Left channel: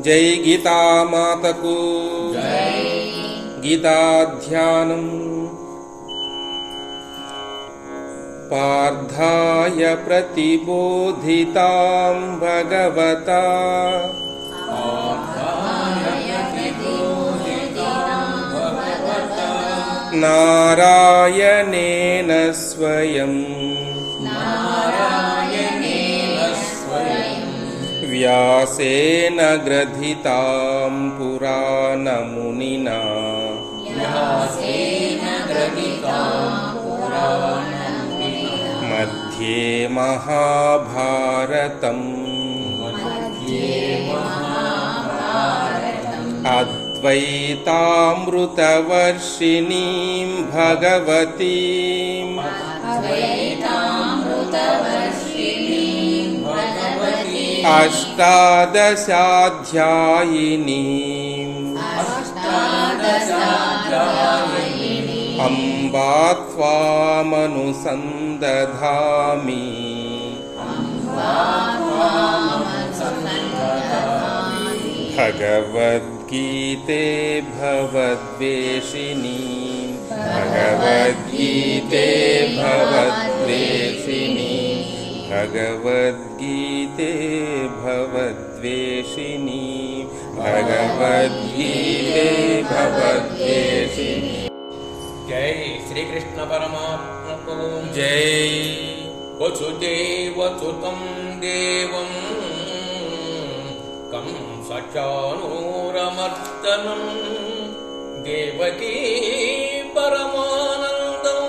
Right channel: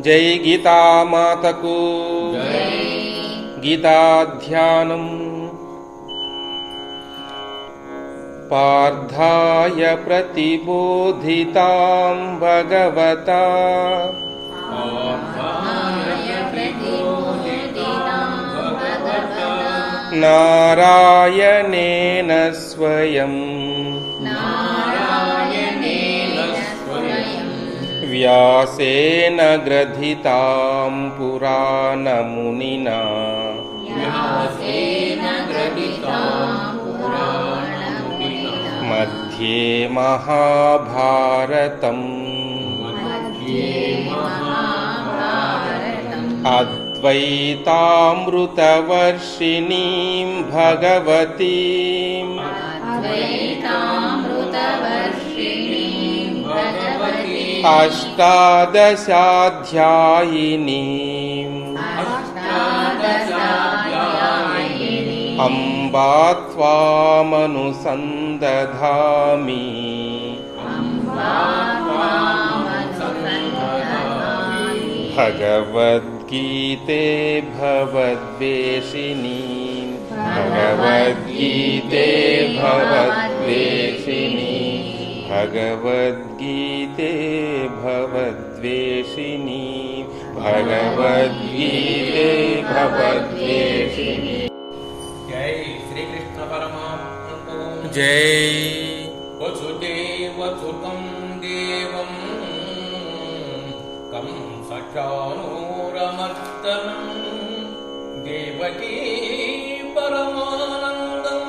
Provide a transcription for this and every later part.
జై గీతామాతకు గీతాధ్యానం. పార్థాయ ప్రతిబోధితాం భగవతా నారాయణేన స్వయం వ్యాసేన గ్రథితాం పురాణమునినా మధ్యే మహాభారతం అద్వైతామృతవర్షిణీం భగవతీం అష్టాదశాధ్యాయినీం అంబా త్వామనుసందధామి. భగవద్గీతే భవద్వేషిణీ భగవద్గీతే భవద్వేషిణీ భగవద్గీతే భవద్వేషిణీ భగవద్గీతే భవద్వేషిణీ. జై శ్రీకృష్ణ పరమాత్మకు జై. వసుదేవసుతం దేవం కంసచానూరమర్దనం దేవకీ పరమానందం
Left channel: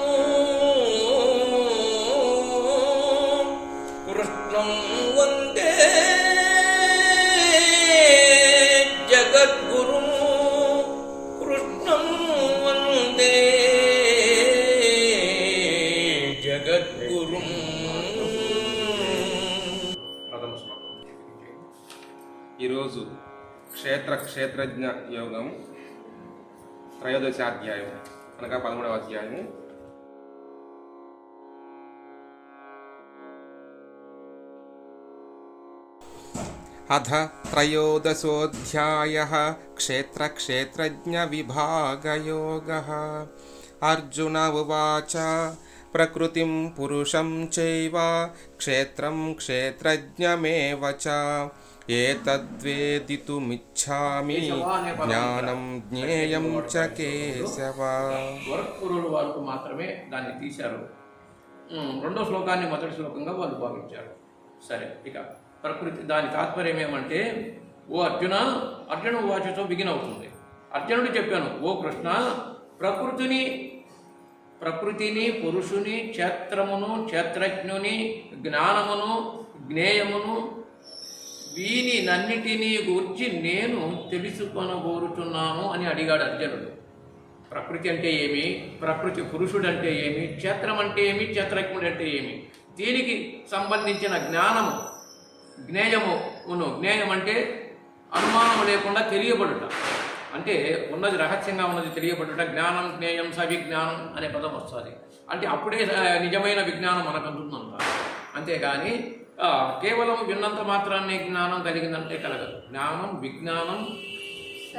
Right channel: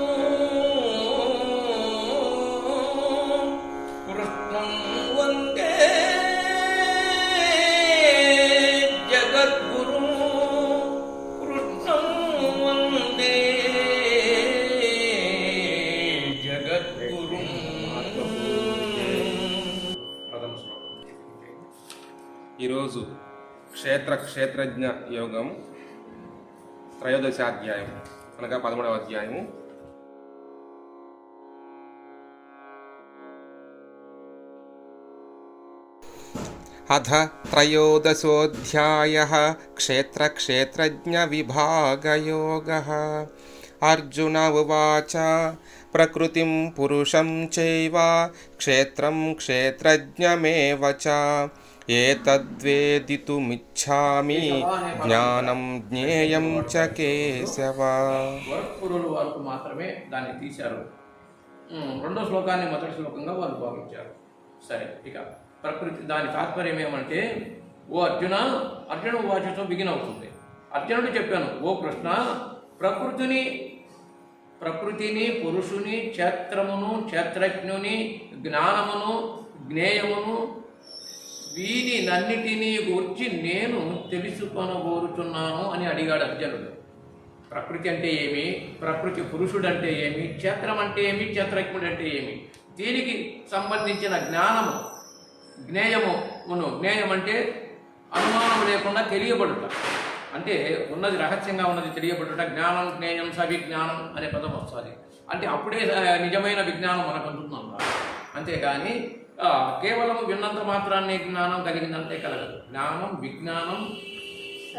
కృష్ణం వందే జగద్గురుం కృష్ణం వందే జగద్గురుం. ప్రథమ శ్లోకం. ఈరోజు క్షేత్రజ్ఞ యోగం 13వ అధ్యాయం అనగా 13వ అధ్యాయము. అథ త్రయోదశోऽధ్యాయః క్షేత్రజ్ఞవిభాగయోగः. అర్జున ఉవాచ ప్రకృతిం పురుషం చైవ క్షేత్రం క్షేత్రజ్ఞమేవ చ ఏతద్వేదితుమిచ్ఛామి జ్ఞానం జ్ఞేయం చ కేశవ. గోరఖ్పూరుల వారికి మాత్రమే దాన్ని తీశారు. రెండో శ్లోకాన్ని మొదటి శ్లోకంగా వాళ్ళు భావించారు. సరే, ఇక ప్రకృతి దాని తాత్పర్యం ఏమంటే, ఓ అర్జున, అర్జున వాచతో బిగిన్ అవుతుంది. అర్జునుడు చెప్పాను, ఓ కృష్ణ, ప్రకృతిని పురుషుని క్షేత్రమును క్షేత్రజ్ఞుని జ్ఞానమును జ్ఞేయమును వీనినన్నిటినీ గూర్చి నేను తెలుసుకొనగోరుచున్నాను అని అడిగాడు అర్జునుడు. ప్రకృతి అంటే ఏమి, ప్రకృతి పురుషుడు అంటే ఏమి, క్షేత్రం అంటే ఏమి, క్షేత్రజ్ఞుడు అంటే ఏమి, దీనికి సంబంధించిన జ్ఞానము జ్ఞేయమును, జ్ఞేయం అంటే అనుమానం లేకుండా తెలియబడుట, అంటే ఉన్నది రహస్యంగా ఉన్నది తెలియబడుట. జ్ఞానం జ్ఞేయం సవిజ్ఞానం అనే పదం వస్తుంది. అంటే అప్పుడే నిజమైన విజ్ఞానం మనకు అందుతుందంట. అంతేగాని కేవలం విన్నంత మాత్రాన్ని జ్ఞానం కలిగిందంటే కలగదు. జ్ఞానం విజ్ఞానం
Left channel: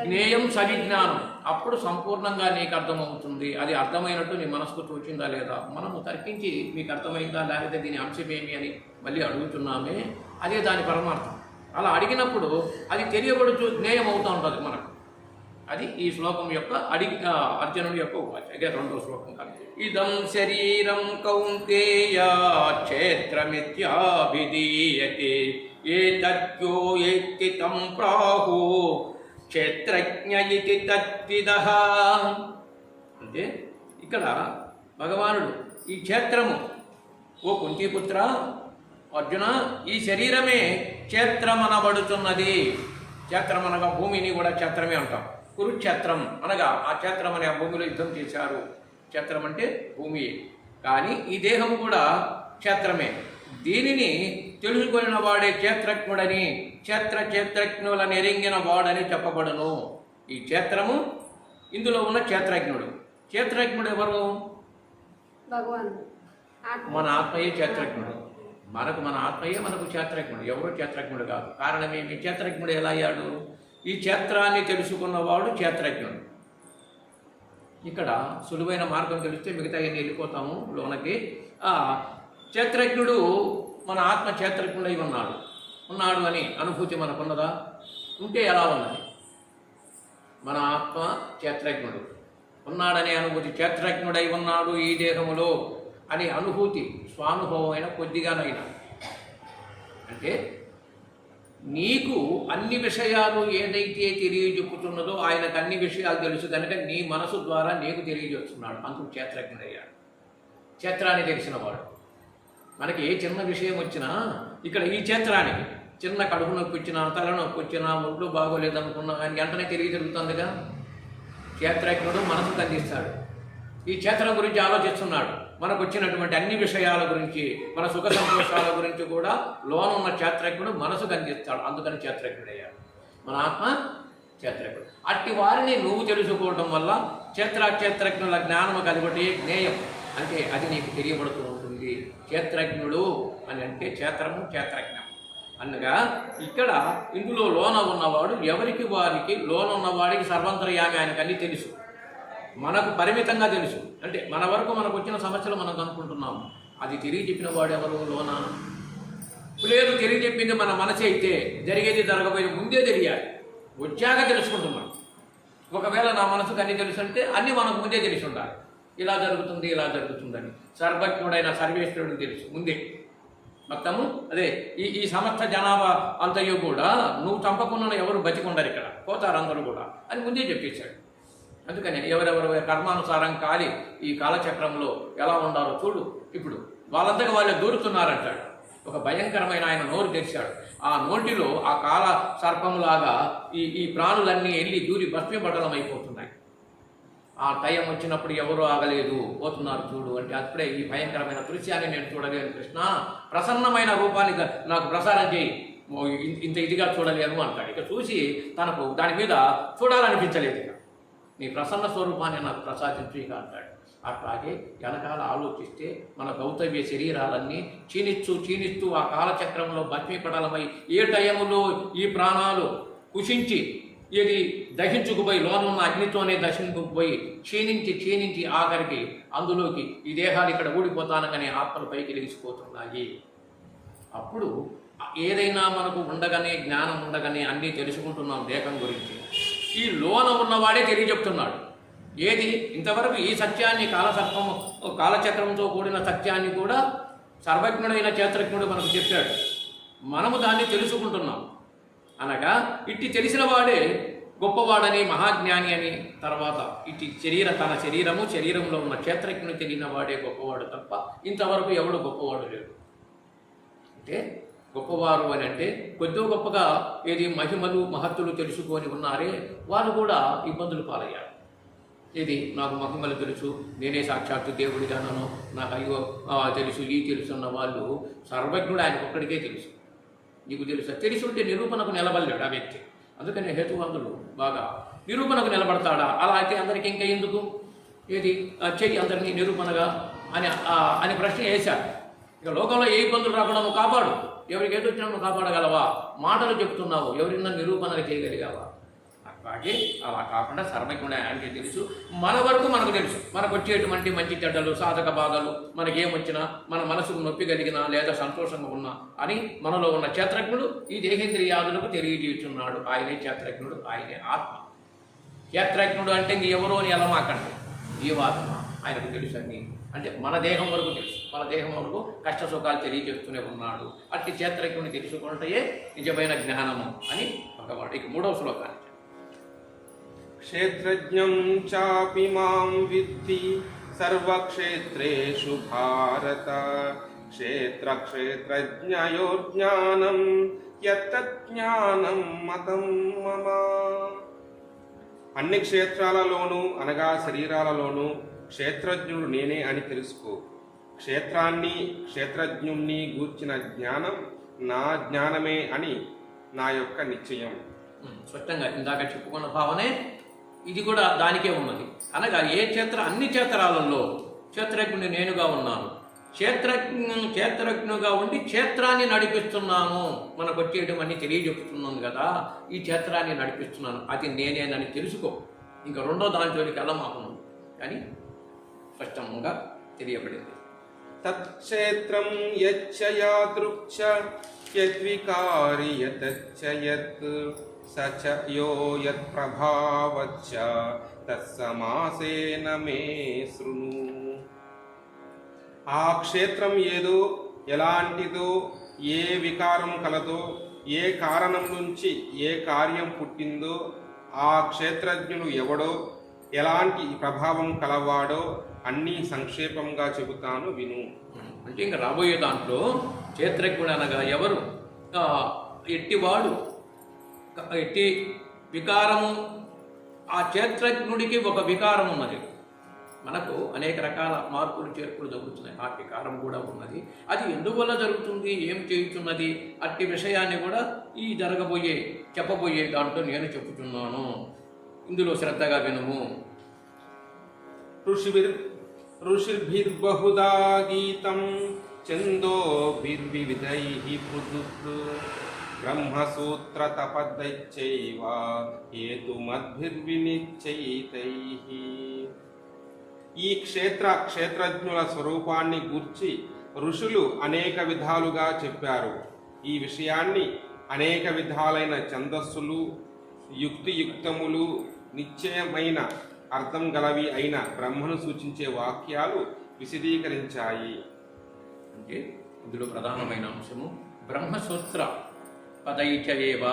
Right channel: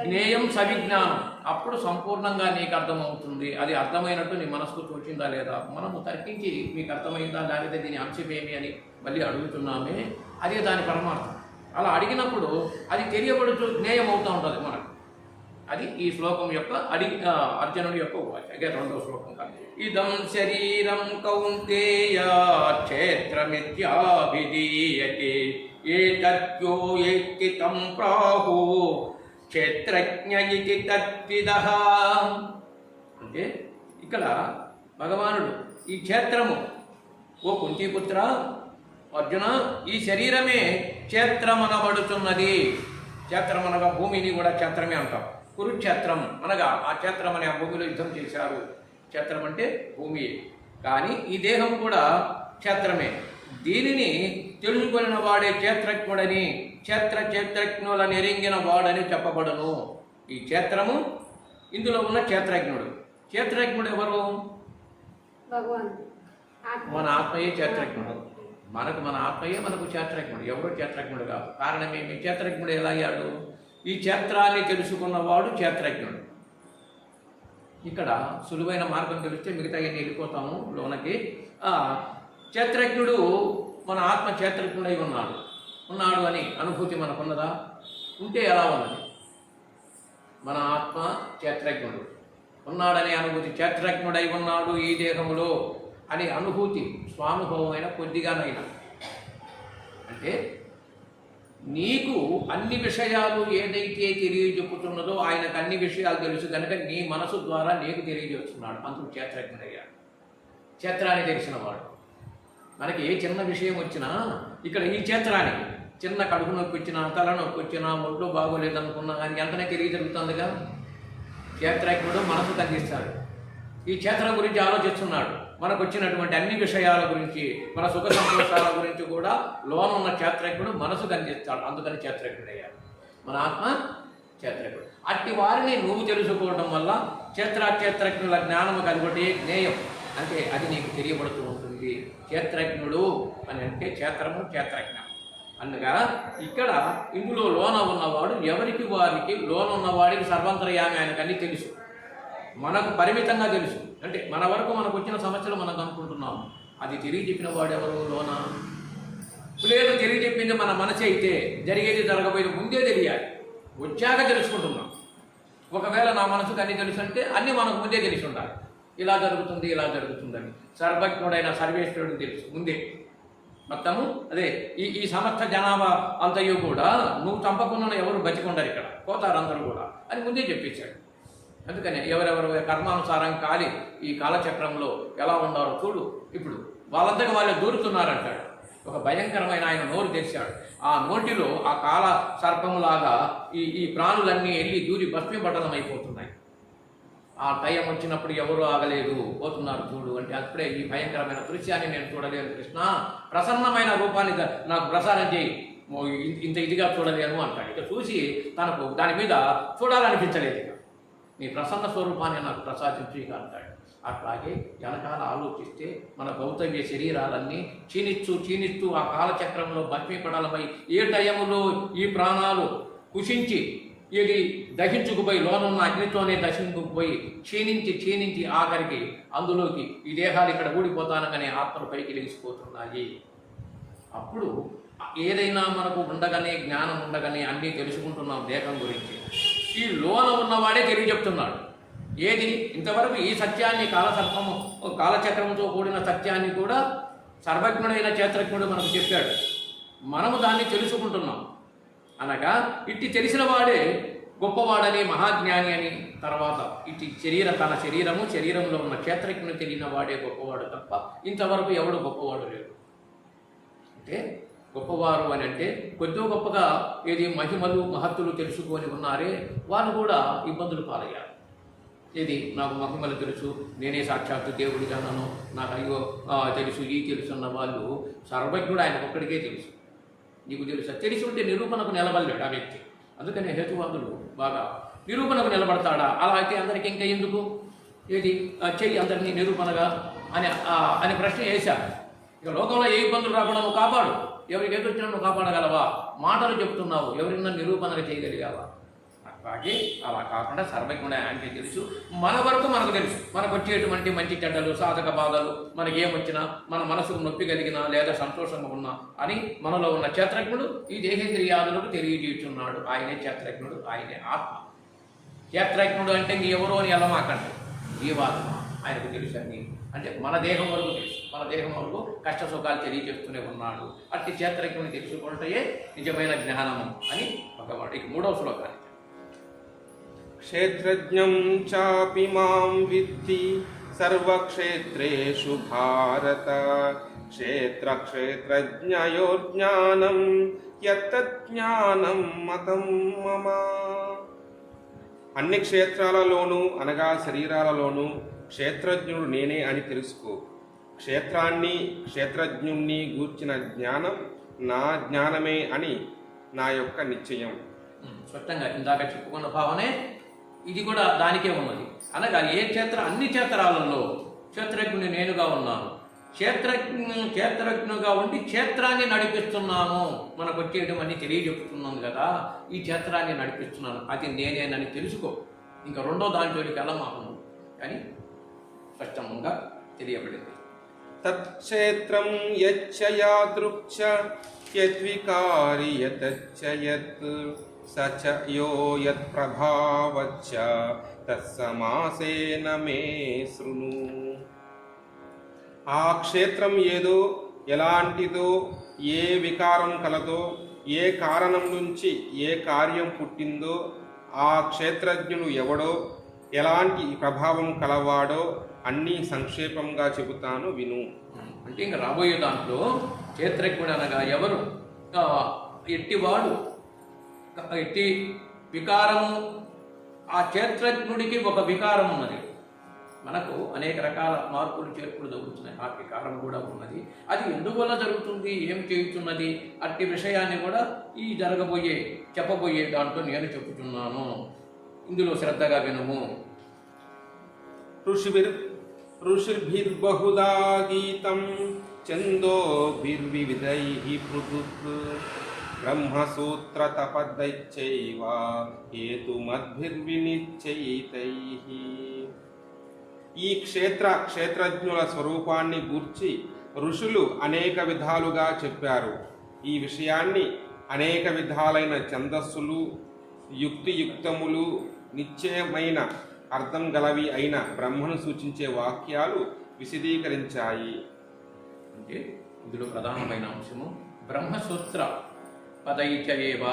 జ్ఞేయం సవిజ్ఞానం, అప్పుడు సంపూర్ణంగా నీకు అర్థమవుతుంది. అది అర్థమైనట్టు నీ మనసుకు తోచిందా లేదా, మనము తర్కించి మీకు అర్థమైందా లేకపోతే దీని అంశమేమి అని మళ్ళీ అడుగుతున్నామే, అదే దాని పరమార్థం. అలా అడిగినప్పుడు అది తెలియబడుచు జ్ఞేయం అవుతూ ఉంటుంది మనకు. అది ఈ శ్లోకం యొక్క అర్జునుడి యొక్క ఉవాచ. అదే రెండో శ్లోకం కానీ, ఇదం శరీరం కౌంతేయ క్షేత్రమిత్యాభిధీయతే ఏతద్యో ఏతి తం ప్రాహు క్షేత్రజ్ఞ ఇతి తద్విదః. అంటే ఇక్కడ భగవానుడు ఈ క్షేత్రము, ఓ కుంతీపుత్ర అర్జున, ఈ శరీరమే క్షేత్రమనబడుతున్నది. క్షేత్రం అనగా భూమిని కూడా క్షేత్రమే అంటాం. కురుక్షేత్రం అనగా ఆ క్షేత్రం అనే ఆ భూమిలో యుద్ధం చేశారు. క్షేత్రం అంటే భూమి. కానీ ఈ దేహం కూడా క్షేత్రమే. దీనిని తెలుసుకొనిన వాడే క్షేత్రజ్ఞుడని, క్షేత్రజ్ఞులను ఎరింగిన వాడని చెప్పబడును. ఈ క్షేత్రము, ఇందులో ఉన్న క్షేత్రజ్ఞుడు. క్షేత్రజ్ఞుడు ఎవరు? భగవాన్. మన ఆత్మయే క్షేత్రజ్ఞుడు. మన ఆత్మయే మనకు క్షేత్రజ్ఞుడు, ఎవరో క్షేత్రజ్ఞుడు కాదు. కారణమేమి? క్షేత్రజ్ఞుడు ఎలా అయ్యాడు? ఈ క్షేత్రాన్ని తెలుసుకున్నవాడు క్షేత్రజ్ఞుడు. ఇక్కడ సులువైన మార్గం తెలిస్తే మిగతా అన్ని వెళ్ళిపోతాము లోనకి. క్షేత్రజ్ఞుడు మన ఆత్మ క్షేత్రజ్ఞుడై ఉన్నాడు అని అనుభూతి మనకున్నదా? ఉంటే ఎలా ఉన్నది? మన ఆత్మ క్షేత్రజ్ఞుడు ఉన్నాడనే అనుభూతి, క్షేత్రజ్ఞుడై ఉన్నాడు ఈ దేహములో అనే అనుభూతి స్వానుభవమైన కొద్దిగానైనా, అంటే నీకు అన్ని విషయాలు ఏదైతే తెలియజెప్పుతున్నదో ఆయనకు అన్ని విషయాలు తెలుసు కనుక నీ మనసు ద్వారా నీకు తెలియజేస్తున్నాడు. అందుకు క్షేత్రజ్ఞుడయ్యాడు, క్షేత్రాన్ని తెలిసినవాడు. మనకి ఏ చిన్న విషయం వచ్చినా ఇక్కడ ఈ క్షేత్రానికి చిన్న కడుపు నొప్పి వచ్చినా, తలనొప్పి వచ్చినా, ఒంట్లో బాగోలేదనుకున్నా కానీ వెంటనే తెలియజరుగుతుందిగా. క్షేత్రజ్ఞుడు మనసు తగ్గిస్తాడు, ఈ క్షేత్రం గురించి ఆలోచిస్తున్నాడు. మనకు వచ్చినటువంటి అన్ని విషయాల గురించి, మన సుఖ సంతోషాల గురించి కూడా లోన ఉన్న క్షేత్రజ్ఞుడు మనసు కనిపిస్తాడు. అందుకని క్షేత్రజ్ఞుడయ్యాడు. మన ఆత్మ క్షేత్రజ్ఞుడు. అట్టి వారిని నువ్వు తెలుసుకోవడం వల్ల క్షేత్రజ్ఞుల జ్ఞానము కలిగొట్టి జ్ఞేయం అంటే అది నీకు తెలియబడుతూ ఉంటుంది. క్షేత్రజ్ఞుడు అని అంటే క్షేత్రము, క్షేత్రజ్ఞం అనగా ఇక్కడ ఇందులో లోన ఉన్నవాడు ఎవరికి వారికి, లోన ఉన్నవాడికి సర్వంతర్యామి, ఆయనకు అన్నీ తెలుసు. మనకు పరిమితంగా తెలుసు, అంటే మన వరకు మనకు వచ్చిన సమస్యలు మనం అనుకుంటున్నాము. అది తెలియజెప్పిన వాడు ఎవరు? లోన లేదు. తెలియజెప్పింది మన మనసే అయితే జరిగేది జరగబోయేది ముందే తెలియాలి, వచ్చాక తెలుసుకుంటున్నాం. ఒకవేళ నా మనసుకు అన్నీ తెలుసు అంటే అన్నీ మనకు ముందే తెలిసి ఉండాలి. ఇలా జరుగుతుంది, ఇలా జరుగుతుందని సర్వజ్ఞుడైన సర్వేశ్వరుడికి తెలుసు ముందే మొత్తము. అదే ఈ సమస్త జనాభా అంతయు కూడా నువ్వు చంపకుండా ఎవరు బతికుండరు, ఇక్కడ పోతారు అందరూ కూడా అని ముందే చెప్పేశాడు. అందుకని ఎవరెవరు కర్మానుసారం కాలి ఈ కాలచక్రంలో ఎలా ఉండాలో చూడు. ఇప్పుడు వాళ్ళంతగా వాళ్ళే దూరుతున్నారంటాడు. ఒక భయంకరమైన ఆయన నోరు తెరిచాడు. ఆ నోటిలో ఆ కాల సర్పములాగా ఈ ప్రాణులన్నీ వెళ్ళి దూరి భస్మీపటలం అయిపోతున్నాయి. ఆ టైం వచ్చినప్పుడు ఎవరు ఆగలేదు, పోతున్నారు చూడు అంటే అప్పుడే ఈ భయంకరమైన దృశ్యాన్ని నేను చూడలేను కృష్ణ, ప్రసన్నమైన రూపాన్ని నాకు ప్రసారం చేయి, ఇంత ఇదిగా చూడలేను అంటాడు. ఇక చూసి తనకు దాని మీద చూడాలనిపించలేదు. ఇక నీ ప్రసన్న స్వరూపాన్ని నాకు ప్రసాదించు ఇక అంటాడు. అట్లాగే వెనకాల ఆలోచిస్తే మన గౌతవ్య శరీరాలన్నీ క్షీణిస్తూ ఆ కాలచక్రంలో భస్మీపటలమై ఏ టైములో ఈ ప్రాణాలు కుషించి ఇది దహించుకుపోయి లోనున్న అగ్నితోనే దహించుకుపోయి క్షీణించి ఆఖరికి అందులోకి ఈ దేహాలు ఇక్కడ ఊడిపోతానగానే ఆత్మలు పైకి లేచిపోతున్నాయి. అప్పుడు ఏదైనా మనకు ఉండగానే, జ్ఞానం ఉండగానే అన్నీ తెలుసుకుంటున్నాం దేహం గురించి. ఈ లోన ఉన్నవాడే తెలియజెప్తున్నాడు. ఏది ఇంతవరకు ఈ సత్యాన్ని కాలచక్రంతో కూడిన సత్యాన్ని కూడా సర్వజ్ఞుడైన క్షేత్రజ్ఞుడు మనకు చెప్పాడు. మనము దాన్ని తెలుసుకుంటున్నాం. అనగా ఇట్టి తెలిసిన వాడే గొప్పవాడని, మహాజ్ఞాని అని, తర్వాత ఇట్టి తన శరీరంలో ఉన్న క్షేత్రజ్ఞుని తెలియని వాడే గొప్పవాడు తప్ప ఇంతవరకు ఎవడు గొప్పవాడు లేడు. అంటే గొప్పవారు అని అంటే కొద్ది గొప్పగా ఏది మహిమలు మహత్తులు తెలుసుకొని ఉన్నారే వాళ్ళు కూడా ఇబ్బందులు పాలయ్యారు. ఇది నాకు మహిమలు తెలుసు, నేనే సాక్షాత్తు దేవుడిగానో, నాకు అయ్యో తెలుసు ఈ తెలుసు అన్న వాళ్ళు సర్వజ్ఞుడు ఆయనకు ఒక్కడికే తెలుసు. నీకు తెలుసా? తెలిసి ఉంటే నిరూపణకు నిలబడలేడు ఆ వ్యక్తి. అందుకని హేతువాదులు బాగా నిరూపణకు నిలబడతాడా? అలా అయితే అందరికీ ఇంకా ఎందుకు ఏది చెయ్యి అందరినీ నిరూపణగా అని ప్రశ్న వేశారు. ఇక లోకంలో ఏ ఇబ్బందులు రాకుండా నువ్వు కాపాడు, ఎవరికి ఏదో వచ్చినా నువ్వు కాపాడగలవా? మాటలు చెప్తున్నావు, ఎవరిన్నా నిరూపణగా చేయగలిగావా? అట్లాగే అలా కాకుండా సర్వజ్ఞుడే ఆయనకే తెలుసు. మన వరకు మనకు తెలుసు, మనకు వచ్చేటువంటి మంచి చెడ్డలు, సాధక బాధలు, మనకేమొచ్చినా, మన మనసుకు నొప్పి కలిగినా లేదా సంతోషంగా ఉన్నా అని మనలో ఉన్న క్షేత్రజ్ఞుడు ఈ దేహేంద్రియాదులకు తెలియజేస్తున్నాడు. ఆయనే క్షేత్రజ్ఞుడు, ఆయనే ఆత్మ. క్షేత్రజ్ఞుడు అంటే ఎవరో అని ఎలమాకండి, జీవాత్మ ఆయనకు తెలుసు అన్ని. అంటే మన దేహం వరకు తెలుసు, మన దేహం వరకు కష్ట సుఖాలు తెలియజేస్తూనే ఉన్నాడు. అట్టి క్షేత్రజ్ఞుని తెలుసుకుంటే నిజమైన జ్ఞానము అని భగవాడు. ఇక 3వ శ్లోకాన్ని క్షేత్రజ్ఞం చాపి మాం విద్ధి సర్వక్షేత్రేషు భారత క్షేత్రజ్ఞయోర్జ్ఞానం యత్తజ్ఞానం మతం మమ. అన్ని క్షేత్రాలలోనూ అనగా శరీరాలలోనూ క్షేత్రజ్ఞుడు నేనే అని తెలుసుకో. క్షేత్రజ్ఞుణ్ణి గూర్చిన జ్ఞానం నా జ్ఞానమే అని నా యొక్క నిశ్చయం. స్పష్టంగా ఇందాక చెప్పుకున్న భావనే ఇది కూడా దానికే ఉన్నది. అనగా అన్ని క్షేత్రాలలో క్షేత్రజ్ఞుని నేనుగా ఉన్నాను, క్షేత్రజ్ఞుగా ఉండి క్షేత్రాన్ని నడిపిస్తున్నాను, మనకు వచ్చేయడం అన్ని తెలియజెప్పుతున్నాను కదా, ఈ క్షేత్రాన్ని నడిపిస్తున్నాను, అది నేనేనని తెలుసుకో. ఇంకా రెండో దాని జోలికి వెళ్ళమాకను అని స్పష్టంగా తెలియబడింది. తత్క్షేత్రం యచ్చయాదృక్ష యద్వికారి యతచ్చయత్ సచ యో యత్ప్రభావచ్చ తత్సమాసేన మే శృణు. ఆ క్షేత్రం ఏదో, ఎలాంటిదో, ఏ వికారం కలదో, ఏ కారణం నుంచి ఏ కార్యం పుట్టిందో, ఆ క్షేత్రజ్ఞుడు ఎవడో, ఎలాంటి ప్రభావం కలవాడో అన్నీ సంక్షేపంగా చెబుతాను విను. అంటే ఇంకా రాబోయే దాంట్లో క్షేత్రజ్ఞుడు అనగా ఎవరు, ఎట్టివాడు, ఎట్టి వికారము. ఆ క్షేత్రజ్ఞుడికి ఒక వికారం ఉన్నది. మనకు అనేక రకాల మార్పులు చేర్పులు జరుగుతున్నాయి, ఆ వికారం కూడా ఉన్నది. అది ఎందువల్ల జరుగుతుంది, ఏం చేయుతున్నది, అట్టి విషయాన్ని కూడా ఈ చెప్పబోయే దాంట్లో నేను చెప్పుతున్నాను. ఇందులో శ్రద్ధగా వినుము. ఋషిర్భిర్బహుదా గీతం ఛందోభిర్వివిధైః పృథుక్ బ్రహ్మసూత్ర తపదైశ్చైవ హేతుమద్భిర్వినిశ్చయితైః. ఈ క్షేత్రజ్ఞుల స్వరూపాన్ని గూర్చి ఋషులు అనేక విధాలుగా చెప్పారు. ఈ విషయాన్ని అనేక విధాలైన ఛందస్సులు, యుక్తియుక్తములు, నిశ్చయమైన అర్థం గలవి అయిన బ్రహ్మను సూచించే వాక్యాలు విశదీకరించాయి. అంటే ఇందులో ప్రధానమైన అంశము బ్రహ్మసూత్ర పదైచయేవ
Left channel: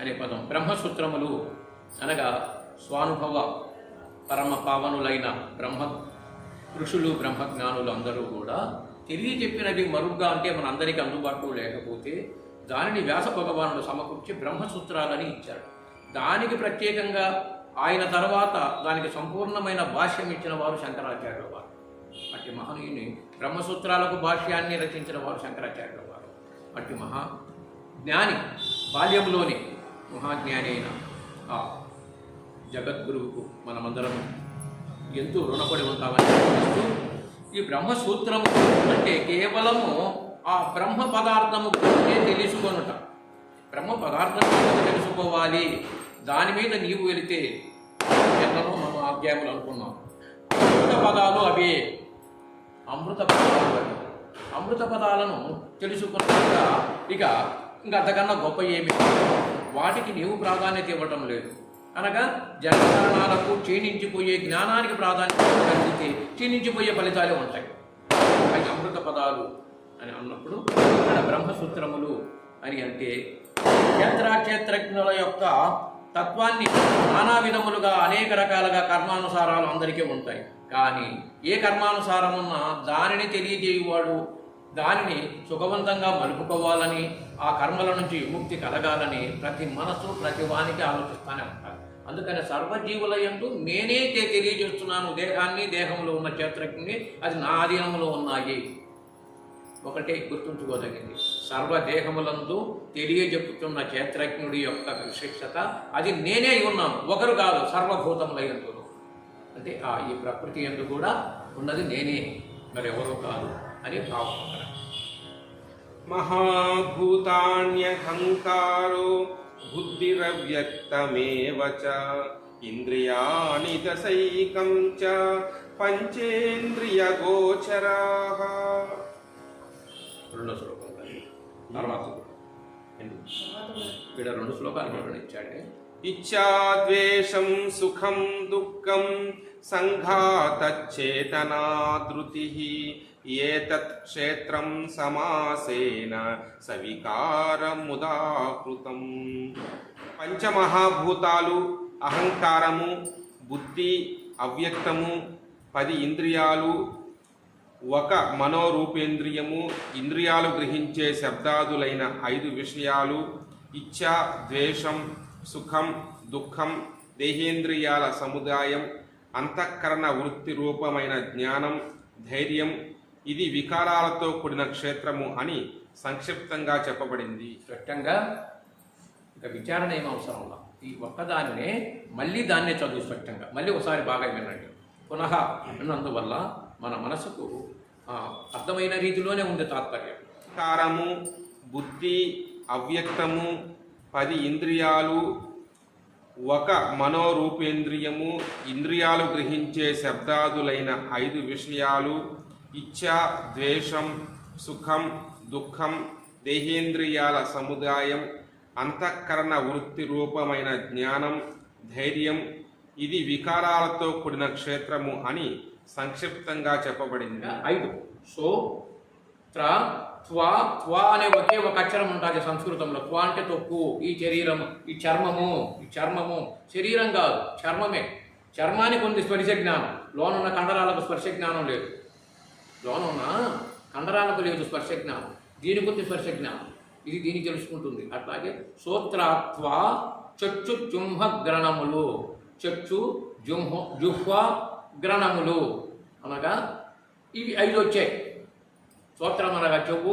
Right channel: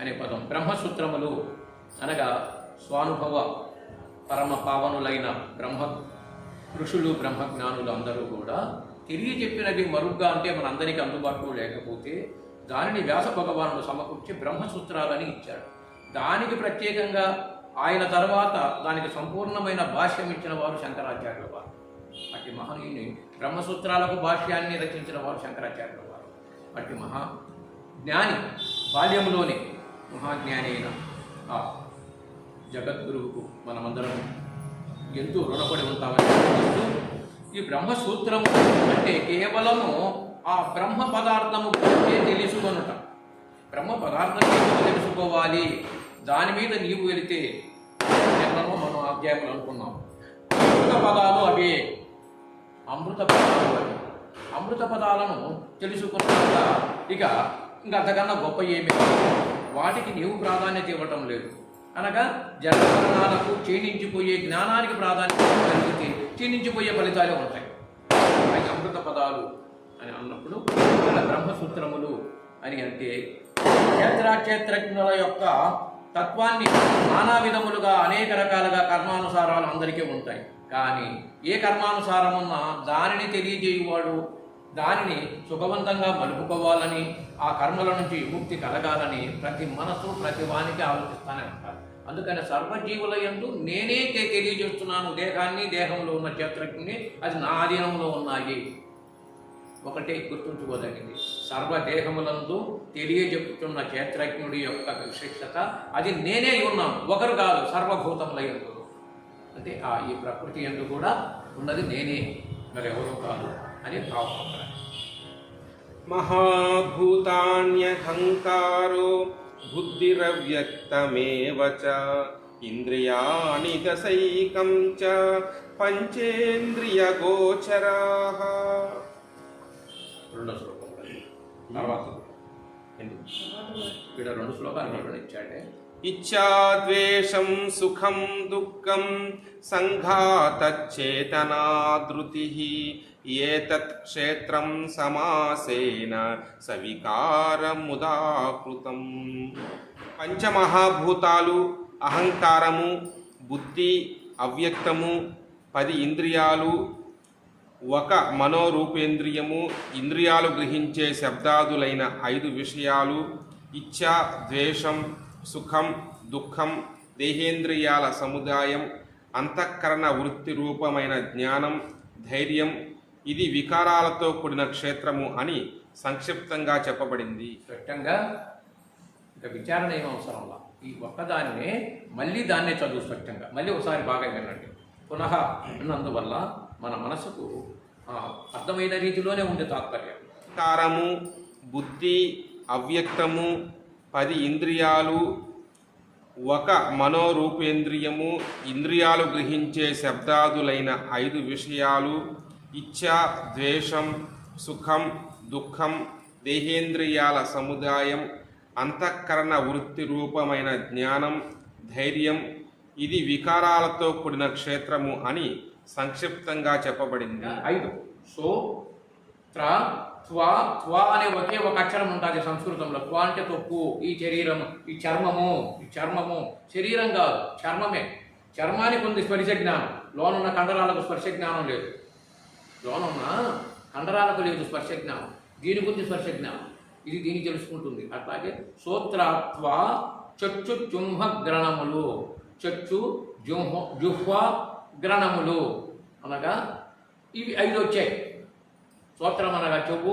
అనే పదం. బ్రహ్మసూత్రములు అనగా స్వానుభవ పరమ పావనులైన ఋషులు, బ్రహ్మజ్ఞానులు అందరూ కూడా తెలియజెప్పినది మరుగ్గా, అంటే మనందరికీ అందుబాటులో లేకపోతే దానిని వ్యాస భగవానుడు సమకూర్చి బ్రహ్మసూత్రాలని ఇచ్చాడు. దానికి ప్రత్యేకంగా ఆయన తర్వాత దానికి సంపూర్ణమైన భాష్యం ఇచ్చిన వారు శంకరాచార్యుల వారు. అట్టి మహనీయుని బ్రహ్మసూత్రాలకు భాష్యాన్ని రచించిన వారు శంకరాచార్యుల వారు. అట్టి మహాజ్ఞాని, బాల్యంలోని మహాజ్ఞాని అయిన ఆ జగద్గురువుకు మనమందరం ఎంతో రుణపడి ఉంటామని చెప్తూ, ఈ బ్రహ్మసూత్రము అంటే కేవలము ఆ బ్రహ్మ పదార్థము గురించే తెలుసుకొనుట. బ్రహ్మ పదార్థం తెలుసుకోవాలి, దాని మీద నీవు వెళితే ఎన్నో మనం అధ్యాయములు అనుకున్నాం. అమృత పదాలు అవే, అమృత పదాలు అవి. అమృత పదాలను తెలుసుకున్నాక ఇంకా అంతకన్నా గొప్ప ఏమి, వాటికి నీవు ప్రాధాన్యత ఇవ్వటం లేదు. అనగా జన్మరణాలకు క్షీణించిపోయే జ్ఞానానికి ప్రాధాన్యత కలిగితే క్షీణించిపోయే ఫలితాలే ఉంటాయి. అవి అమృత పదాలు అని అన్నప్పుడు ఇక్కడ బ్రహ్మసూత్రములు అని అంటే క్షేత్రజ్ఞుల యొక్క తత్వాన్ని నానా విధములుగా అనేక రకాలుగా కర్మానుసారాలు అందరికీ ఉంటాయి. కానీ ఏ కర్మానుసారం ఉన్నా దానిని తెలియజేయువాడు, దానిని సుఖవంతంగా మలుపుకోవాలని, ఆ కర్మల నుంచి విముక్తి కలగాలని ప్రతి మనస్సు, ప్రతి వానికి ఆలోచిస్తూనే ఉంటారు. అందుకని సర్వజీవుల యందు నేనే తెలియజేస్తున్నాను దేహాన్ని, దేహంలో ఉన్న క్షేత్రజ్ఞుని, అది నా ఆధీనంలో ఉన్నాయి. ఒకటే గుర్తుంచుకోదగింది, సర్వదేహములందు తెలియజెప్పుతున్న క్షేత్రజ్ఞుడి యొక్క విశిష్టత అది నేనే ఉన్నాను, ఒకరు కాదు, సర్వభూతముల యందు. అంటే ఈ ప్రకృతి యందు కూడా ఉన్నది నేనే, మరెవరూ కాదు అని భావం. మహాభూతాన్యహంకారో బుద్ధిరవ్యక్తమేవ చ ఇంద్రియాణి దశైకం చ పంచేంద్రియగోచరాః. రెండో శ్లోకం తర్వాత ఇక్కడ 2 శ్లోకాలు వివరణించాడే. ఇచ్ఛాద్వేషం సుఖం దుఃఖం సంఘాతచ్చేతనాధృతిః ఏతత్ క్షేత్రం సమాసేన సవికారముదాహృతం. పంచమహాభూతాలు, అహంకారము, బుద్ధి, అవ్యక్తము, 10 ఇంద్రియాలు, 1 మనోరూపేంద్రియము, ఇంద్రియాలు గ్రహించే శబ్దాదులైన 5 విషయాలు, ఇచ్ఛ, ద్వేషం, సుఖం, దుఃఖం, దేహేంద్రియాల సముదాయం, అంతఃకరణ వృత్తి రూపమైన జ్ఞానం, ధైర్యం, ఇది వికారాలతో కూడిన క్షేత్రము అని సంక్షిప్తంగా చెప్పబడింది. స్పష్టంగా ఇంకా విచారణ ఏం అవసరంలా, ఈ ఒక్కదాన్నే మళ్ళీ దాన్నే చదువు స్పష్టంగా మళ్ళీ ఒకసారి బాగా వినండి. పునః విన్నందువల్ల మన మనసుకు అర్థమైన రీతిలోనే ఉంది తాత్పర్యం. కారము, బుద్ధి, అవ్యక్తము, 10 ఇంద్రియాలు, ఒక మనోరూపేంద్రియము, ఇంద్రియాలు గ్రహించే శబ్దాదులైన 5 విషయాలు, ఇచ్ఛ, ద్వేషం, సుఖం, దుఃఖం, దేహేంద్రియాల సముదాయం, అంతఃకరణ వృత్తి రూపమైన జ్ఞానం, ధైర్యం, ఇది వికారాలతో కూడిన క్షేత్రము అని సంక్షిప్తంగా చెప్పబడింది. 5 సో త్ర త్వా త్వా అనే ఒకే ఒక అక్షరం ఉంటుంది సంస్కృతంలో. త్వా అంటే తొక్కు. ఈ శరీరము, ఈ చర్మము శరీరం కాదు, చర్మమే. చర్మానికి ఉంది స్పర్శ జ్ఞానం, లోనున్న కండరాలకు స్పర్శ జ్ఞానం లేదు. లోనున్న కండరాలకు లేదు స్పర్శ జ్ఞానం, దీనికి ఉంది స్పర్శ జ్ఞానం. ఇది దీనికి తెలుసుకుంటుంది. అట్లాగే సోత్రాత్వ చక్షు జుంహ గ్రణములు, చక్షు జుహ్వ గ్రణములు అనగా ఇవి 5 వచ్చాయి. స్తోత్రం అనగా చెవు,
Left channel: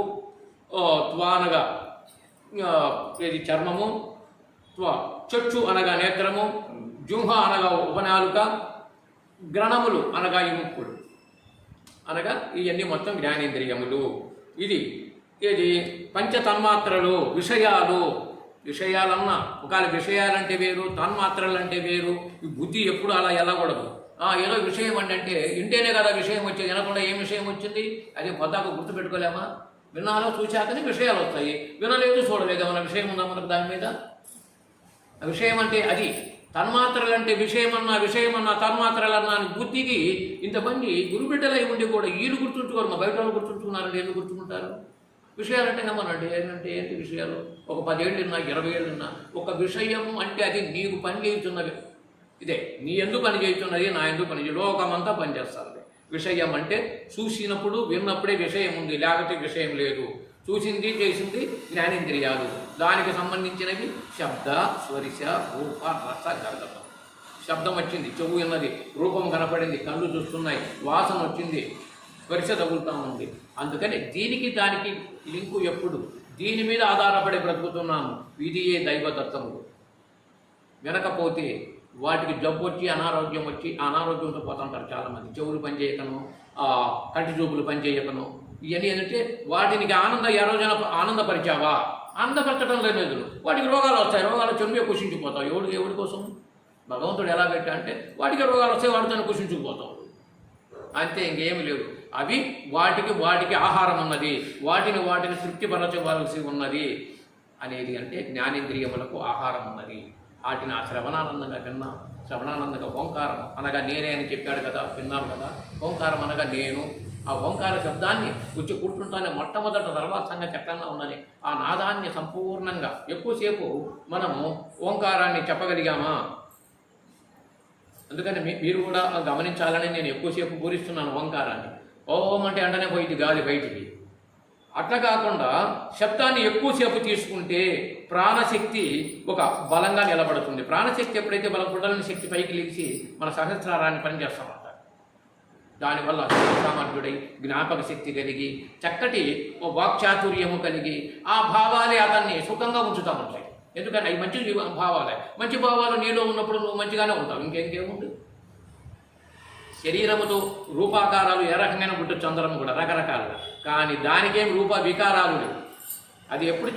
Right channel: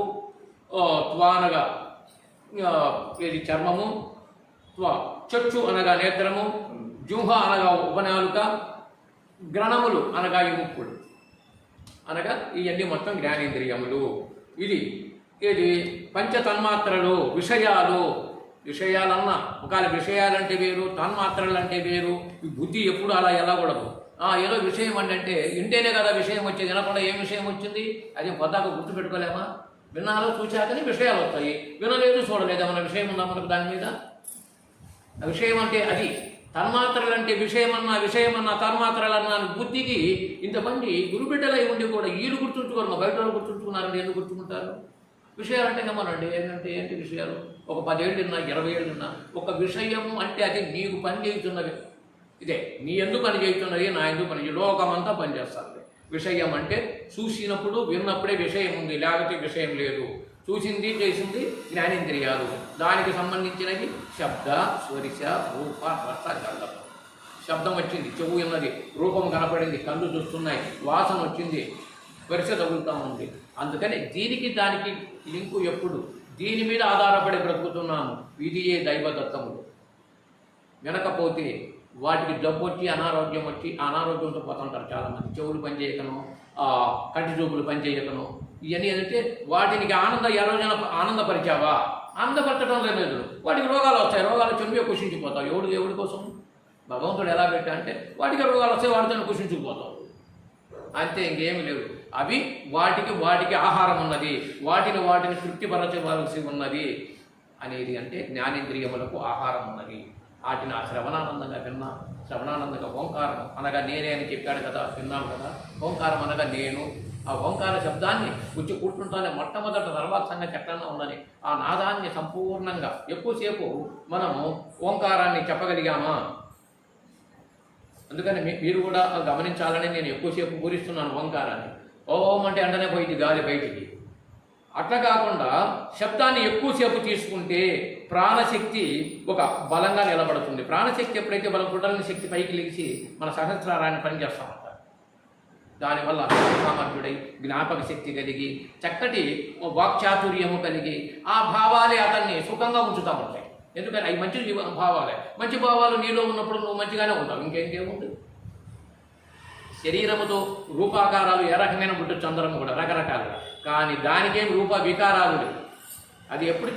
త్వా అనగా ఇది చర్మము, చక్షు అనగా నేత్రము, జుహ అనగా ఉపనాలుక, గ్రణములు అనగా ఈ ముక్కుడు అనగా ఇవన్నీ మొత్తం జ్ఞానేంద్రియములు. ఇది పంచతన్మాత్రలు, విషయాలన్నా ఒకవేళ విషయాలంటే వేరు, తన్మాత్రలు అంటే వేరు. ఈ బుద్ధి ఎప్పుడు అలా వెళ్ళకూడదు. ఏదో విషయం అంటే ఇంటేనే కదా విషయం వచ్చేది, వినకుండా ఏం విషయం వచ్చింది అదే పొద్దాక గుర్తుపెట్టుకోలేమా? విన్నాలో చూశాకనే విషయాలు వస్తాయి, వినలేదు చూడలేదు మన విషయం ఉందా మనకు దాని మీద? విషయం అంటే అది. తన్మాత్రలు అంటే విషయమన్నా తన్మాత్రలన్నా అని బుద్ధికి ఇంతమంది గురుబిడ్డలై ఉండి కూడా వీళ్ళు గుర్తుంచుకోరు, మా బయట వాళ్ళు గుర్తుంచుకున్నారంటే ఎందుకు గుర్తుకుంటారు? విషయాలంటే గమనండి, ఏంటంటే ఏంటి విషయాలు? ఒక 10 ఏళ్ళున్నా 20 ఏళ్ళున్నా ఒక విషయము అంటే అది నీకు పని చేయుతున్నది. ఇదే నీ ఎందుకు పని చేయుతున్నది, నా ఎందుకు పని చేయ, లోకమంతా పనిచేస్తుంది. విషయం అంటే చూసినప్పుడు విన్నప్పుడే విషయం ఉంది, లేకపోతే విషయం లేదు. చూసింది చేసింది జ్ఞానేంద్రియాలు, దానికి సంబంధించినవి శబ్ద, స్పర్శ, రూప, రస, గంధం. శబ్దం వచ్చింది, చెవు విన్నది, రూపం కనపడింది, కళ్ళు చూస్తున్నాయి, వాసన వచ్చింది, స్పర్శ తగులుతూ ఉంది. అందుకని దీనికి దానికి లింకు ఎప్పుడు దీని మీద ఆధారపడి బ్రతుకుతున్నాము. ఇదియే దైవదత్తములు. వినకపోతే వాటికి జబ్బు వచ్చి అనారోగ్యం వచ్చి అనారోగ్యంతో పోతుంటారు చాలామంది. చెవులు పనిచేయకను, కంటి చూపులు పనిచేయకను, ఇవన్నీ ఏంటంటే వాటికి ఏ రోజున ఆనందపరిచావా? ఆనందపరచడం లేదు, వాటికి రోగాలు వస్తాయి. రోగాలు చెంబే కుషించిపోతావు. ఎవడి కోసం భగవంతుడు ఎలా పెట్టా అంటే వాటికి రోగాలు వస్తాయి, వాటితో కుషించుకుపోతావు అంతే, ఇంకేమి లేదు. అవి వాటికి ఆహారం ఉన్నది, వాటిని తృప్తిపరచవలసి ఉన్నది అనేది అంటే జ్ఞానేంద్రియములకు ఆహారం ఉన్నది. వాటిని శ్రవణానందంగా విన్నా, శ్రవణానందంగా ఓంకారం అనగా నేనే అని చెప్పాడు కదా, విన్నాం కదా. ఓంకారం అనగా నేను. ఆ ఓంకార శబ్దాన్ని వచ్చి కూర్చుంటానే మొట్టమొదట తర్వాత సంగతి ఎక్కడన్నా ఉన్నది. ఆ నాదాన్ని సంపూర్ణంగా ఎక్కువసేపు మనము ఓంకారాన్ని చెప్పగలిగామా? అందుకని మీరు కూడా గమనించాలని నేను ఎక్కువసేపు పూరిస్తున్నాను ఓంకారాన్ని. ఓం అంటే అంటనే పోయింది గాలి బయటికి. అట్లా కాకుండా శబ్దాన్ని ఎక్కువసేపు తీసుకుంటే ప్రాణశక్తి ఒక బలంగా నిలబడుతుంది. ప్రాణశక్తి ఎప్పుడైతే బలం కుడలని శక్తి పైకి లేచి మన సహస్రారాన్ని పనిచేస్తామంట. దానివల్ల సామర్థ్యుడై జ్ఞాపక శక్తి కలిగి చక్కటి వాక్చాతుర్యము కలిగి ఆ భావాలే అతన్ని సుఖంగా ఉంచుతూ ఉంటాయి. ఎందుకని అవి మంచి భావాలే. మంచి భావాలు నీలో ఉన్నప్పుడు నువ్వు మంచిగానే ఉంటావు. ఇంకేముంది? శరీరముతో రూపాకారాలు ఏ రకంగా పుట్టచ్చు, అందరం కూడా రకరకాలుగా. కానీ దానికేం రూప వికారాలు లేవు. అది ఎప్పుడు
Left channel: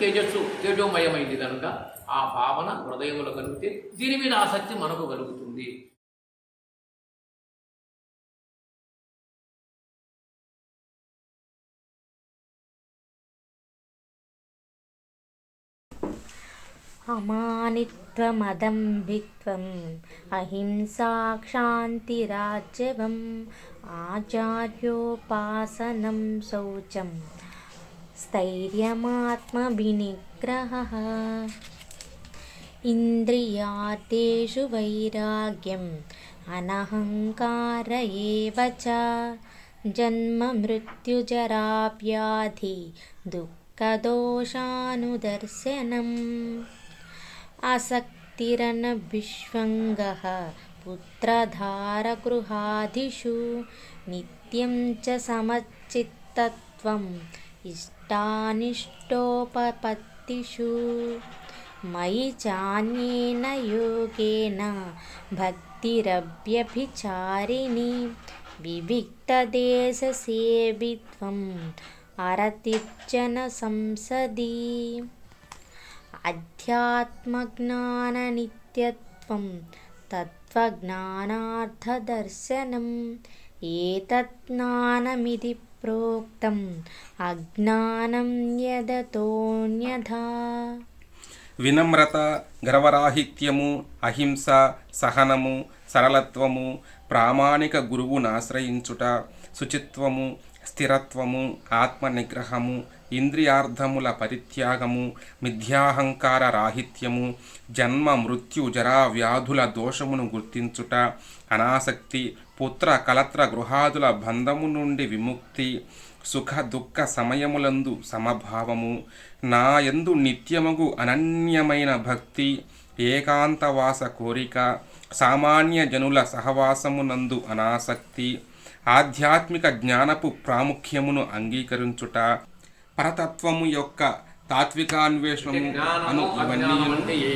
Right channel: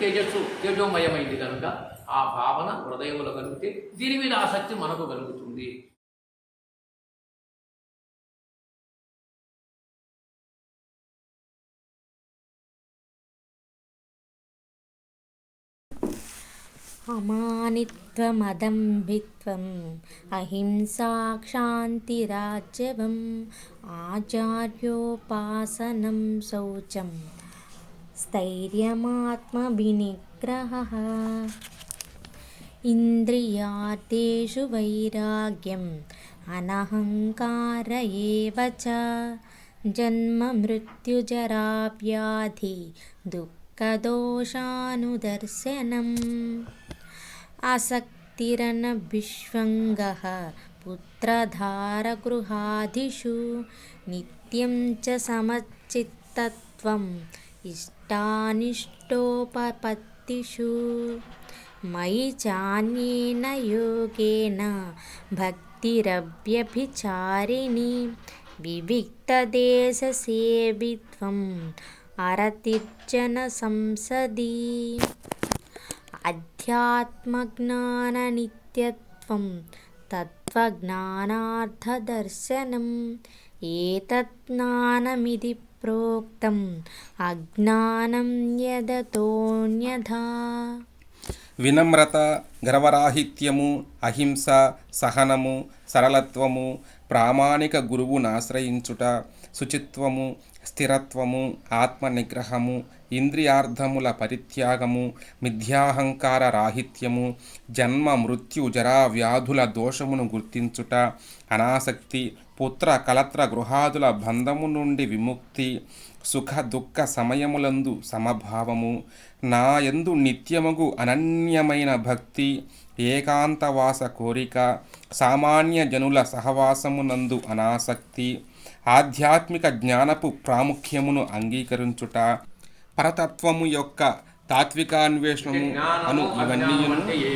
తేజోమయమైంది కనుక ఆ భావన హృదయములో కలిగితే దీని మీద ఆసక్తి మనకు కలుగుతుంది. అమానిత్వమదంభిత్వం అహింసా క్షాంతిరాజ్యవం ఆచార్యోపాసనం శౌచం స్థైర్యమాత్మవినిగ్రహః ఇంద్రియార్థేషు వైరాగ్యం అనహంకార ఏవ చ జన్మ మృత్యుజరా వ్యాధి దుఃఖదోషానుదర్శనం ఆసక్తిరనభిష్వంగః పుత్రధారగృహాదిషు నిత్యం చ సమచిత్తత్వం ఇష్టానిష్టోపపత్తిషు మయి చాన్యేన యోగేన భక్తిరవ్యభిచారిణి వివిక్తదేశసేవిత్వం అరతిర్జన సంసది అధ్యాత్మజ్ఞాననిత్యత్వం తత్వజ్ఞానార్థదర్శనం ఏతత్ జ్ఞానమితి ప్రోక్తం అజ్ఞానం యదతోన్యథా. వినమ్రత, గర్వరాహిత్యము, అహింస, సహనము, సరళత్వము, ప్రామాణిక గురువును ఆశ్రయించుట, శుచిత్వము, స్థిరత్వము, ఆత్మనిగ్రహము, ఇంద్రియార్థముల పరిత్యాగము, మిథ్యాహంకార రాహిత్యము, జన్మ మృత్యు జరా వ్యాధుల దోషమును గుర్తించుట, అనాసక్తి, పుత్ర కలత్ర గృహాదుల బంధము నుండి విముక్తి, సుఖ దుఃఖ సమయములందు సమభావము, నా యందు నిత్యమగు అనన్యమైన భక్తి, ఏకాంతవాస కోరిక, సామాన్య జనుల సహవాసమునందు అనాసక్తి, ఆధ్యాత్మిక జ్ఞానపు ప్రాముఖ్యమును అంగీకరించుట, పరతత్వము యొక్క తాత్వికాన్వేషణము అను ఇవన్నీ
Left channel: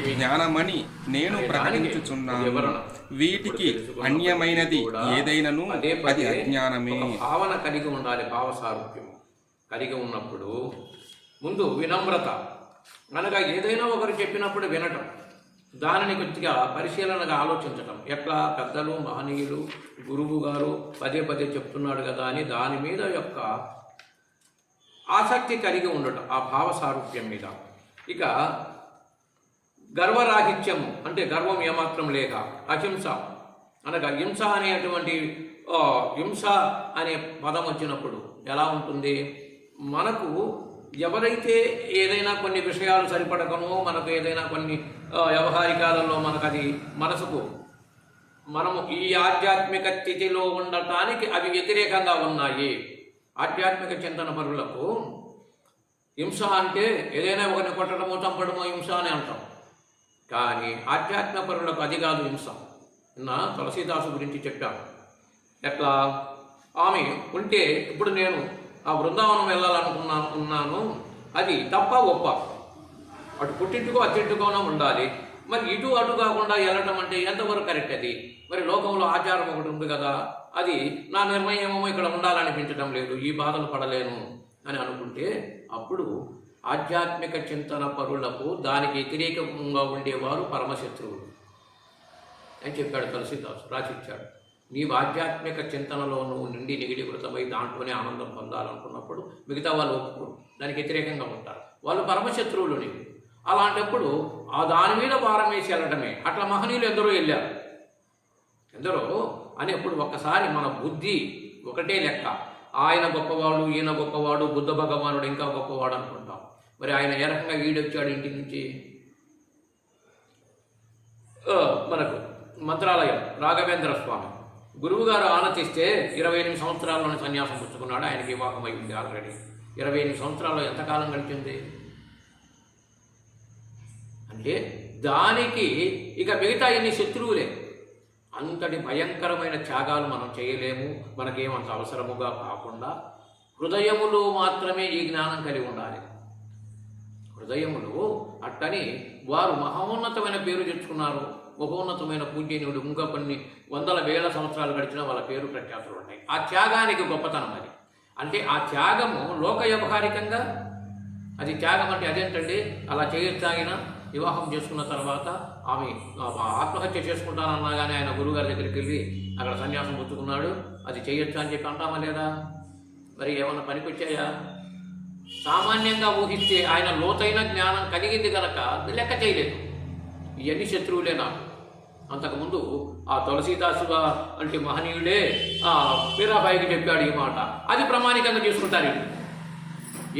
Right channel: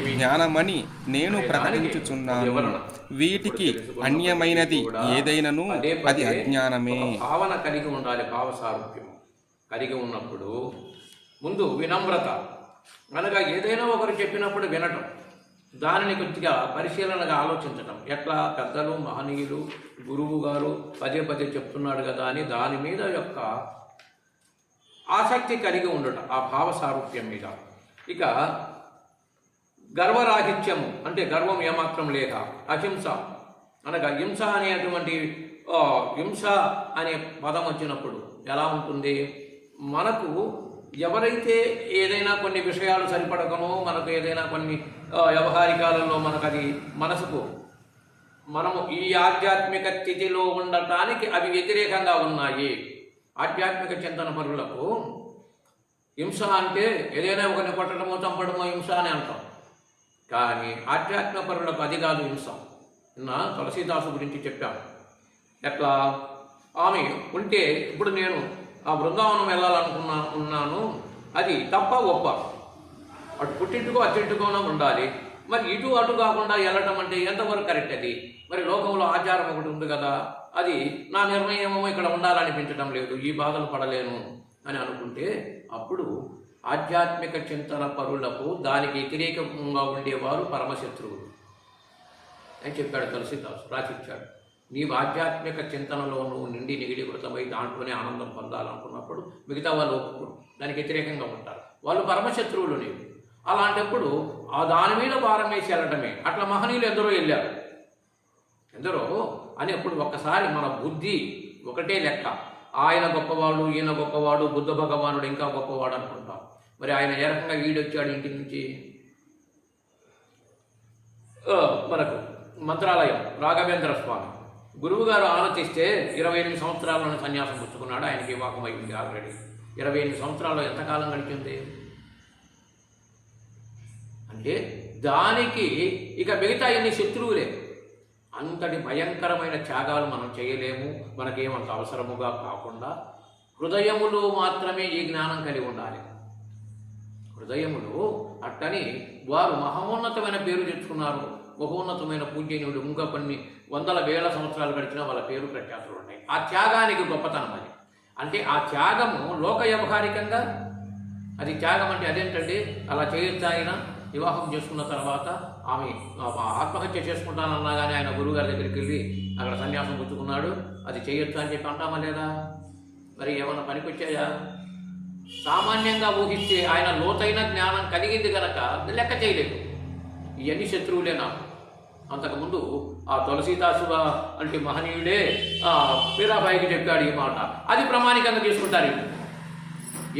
జ్ఞానమని నేను ప్రకటించుచున్నాను. వీటికి అన్యమైనది ఏదైనను అది అజ్ఞానమే. భావన కలిగి ఉండాలి. భావసారూప్యం కలిగి ఉన్నప్పుడు ముందు వినమ్రత అనగా ఏదైనా ఒకరు చెప్పినప్పుడు వినటం, దానిని కొద్దిగా పరిశీలనగా ఆలోచించటం. ఎట్లా పెద్దలు మహనీయులు గురువు గారు పదే పదే చెప్తున్నాడు కదా అని దాని మీద యొక్క ఆసక్తి కలిగి ఉండటం, ఆ భావ సారూప్యం మీద. ఇక గర్వరాహిత్యము అంటే గర్వం ఏమాత్రం లేక, అహింస అనగా హింస అనేటువంటి హింస అనే పదం వచ్చినప్పుడు ఎలా ఉంటుంది? మనకు ఎవరైతే ఏదైనా కొన్ని విషయాలు సరిపడకనో, మనకు ఏదైనా కొన్ని వ్యవహారికాలలో మనకు అది మనసుకు మనము ఈ ఆధ్యాత్మిక స్థితిలో ఉండటానికి అవి వ్యతిరేకంగా ఉన్నాయి. ఆధ్యాత్మిక చింతన పరులకు హింస అంటే ఏదైనా ఒకరిని కొట్టడమో చంపడమో హింస అని అంటాం. కానీ ఆధ్యాత్మిక పరులకు అది కాదు హింస. నిన్న తులసీదాసు గురించి చెప్పాను. ఎట్లా ఆమె ఉంటే ఇప్పుడు నేను ఆ బృందావనం వెళ్ళాలనుకున్నాను, అది తప్ప ఒప్ప, అటు పుట్టింటికో అత్తింటికోనో ఉండాలి. మరి ఇటు అటు కాకుండా వెళ్ళటం అంటే ఎంతవరకు కరెక్ట్? అది మరి లోకంలో ఆచారం ఒకటి ఉంది కదా, అది నా నిర్ణయమో ఇక్కడ ఉండాలనిపించడం లేదు, ఈ బాధలు పడలేను అని అనుకుంటే అప్పుడు ఆధ్యాత్మిక చింతన పరులకు దానికి వ్యతిరేకంగా ఉండేవారు పరమశత్రువులు అని చెప్పాడు తులసీదాసు, రాసిచ్చాడు. నీవు ఆధ్యాత్మిక చింతనలో నువ్వు నిండి నిగిడీకృతమై దాంట్లోనే ఆనందం పొందాలనుకున్నప్పుడు మిగతా వాళ్ళు ఒప్పుకోరు, దానికి వ్యతిరేకంగా ఉంటారు, వాళ్ళు పరమశత్రువులు నీవు. అలాంటప్పుడు ఆ దాని మీద భారం వేసి వెళ్ళటమే. అట్లా మహనీయులు ఎందరో వెళ్ళారు, ఎందరో అని. అప్పుడు ఒక్కసారి మన బుద్ధి ఒకటే లెక్క, ఆయన గొప్పవాడు, ఈయన గొప్పవాడు, బుద్ధ భగవానుడు ఇంకా గొప్పవాడు అనుకుంటాం. మరి ఆయన ఏ రకంగా ఈడొచ్చాడు ఇంటి నుంచి? మనకు మంత్రాలయం రాఘవేంద్ర స్వామి గురువుగారు ఆనతిస్తే 28 సంవత్సరాల్లోనే సన్యాసం పుచ్చుకున్నాడు. ఆయనకి వివాహం అయింది ఆల్రెడీ. 28 సంవత్సరాల్లో ఎంతకాలం గడిచింది అంటే దానికి ఇక మిగతా ఎన్ని శత్రువులే. అంతటి భయంకరమైన త్యాగాలు మనం చేయలేము, మనకేమంత అవసరముగా కాకుండా హృదయములో మాత్రమే ఈ జ్ఞానం కలిగి ఉండాలి. హృదయములు అట్టని వారు మహోన్నతమైన పేరు తెచ్చుకున్నారు, మహోన్నతమైన పూజ్యనుడు. ఇంకా కొన్ని వందల వేల సంవత్సరాలు గడిచినా వాళ్ళ పేరు ప్రఖ్యాతులు ఉన్నాయి. ఆ త్యాగానికి గొప్పతనం అది. అంటే ఆ త్యాగము లోక వ్యవహారికంగా అది త్యాగం అంటే అదేంటండి, అలా చేయొచ్చు. ఆయన వివాహం చేసుకున్న తర్వాత ఆమె ఆత్మహత్య చేసుకుంటానన్నా కానీ ఆయన గురువుగారి దగ్గరికి వెళ్ళి అక్కడ సన్యాసం పుచ్చుకున్నాడు, అది చేయొచ్చు అని చెప్పి అంటామా లేదా? మరి ఏమన్నా పనికొచ్చాయా? సామాన్యంగా ఊహిస్తే ఆయన లోతైన జ్ఞానం కలిగింది కనుక లెక్క చేయలేదు. ఇవన్నీ శత్రువులే నాకు. అంతకుముందు ఆ తులసీదాసు అంటే మహనీయుడే మీరాబాయికి చెప్పాడు ఈ మాట, అది ప్రామాణికంగా తీసుకుంటారు.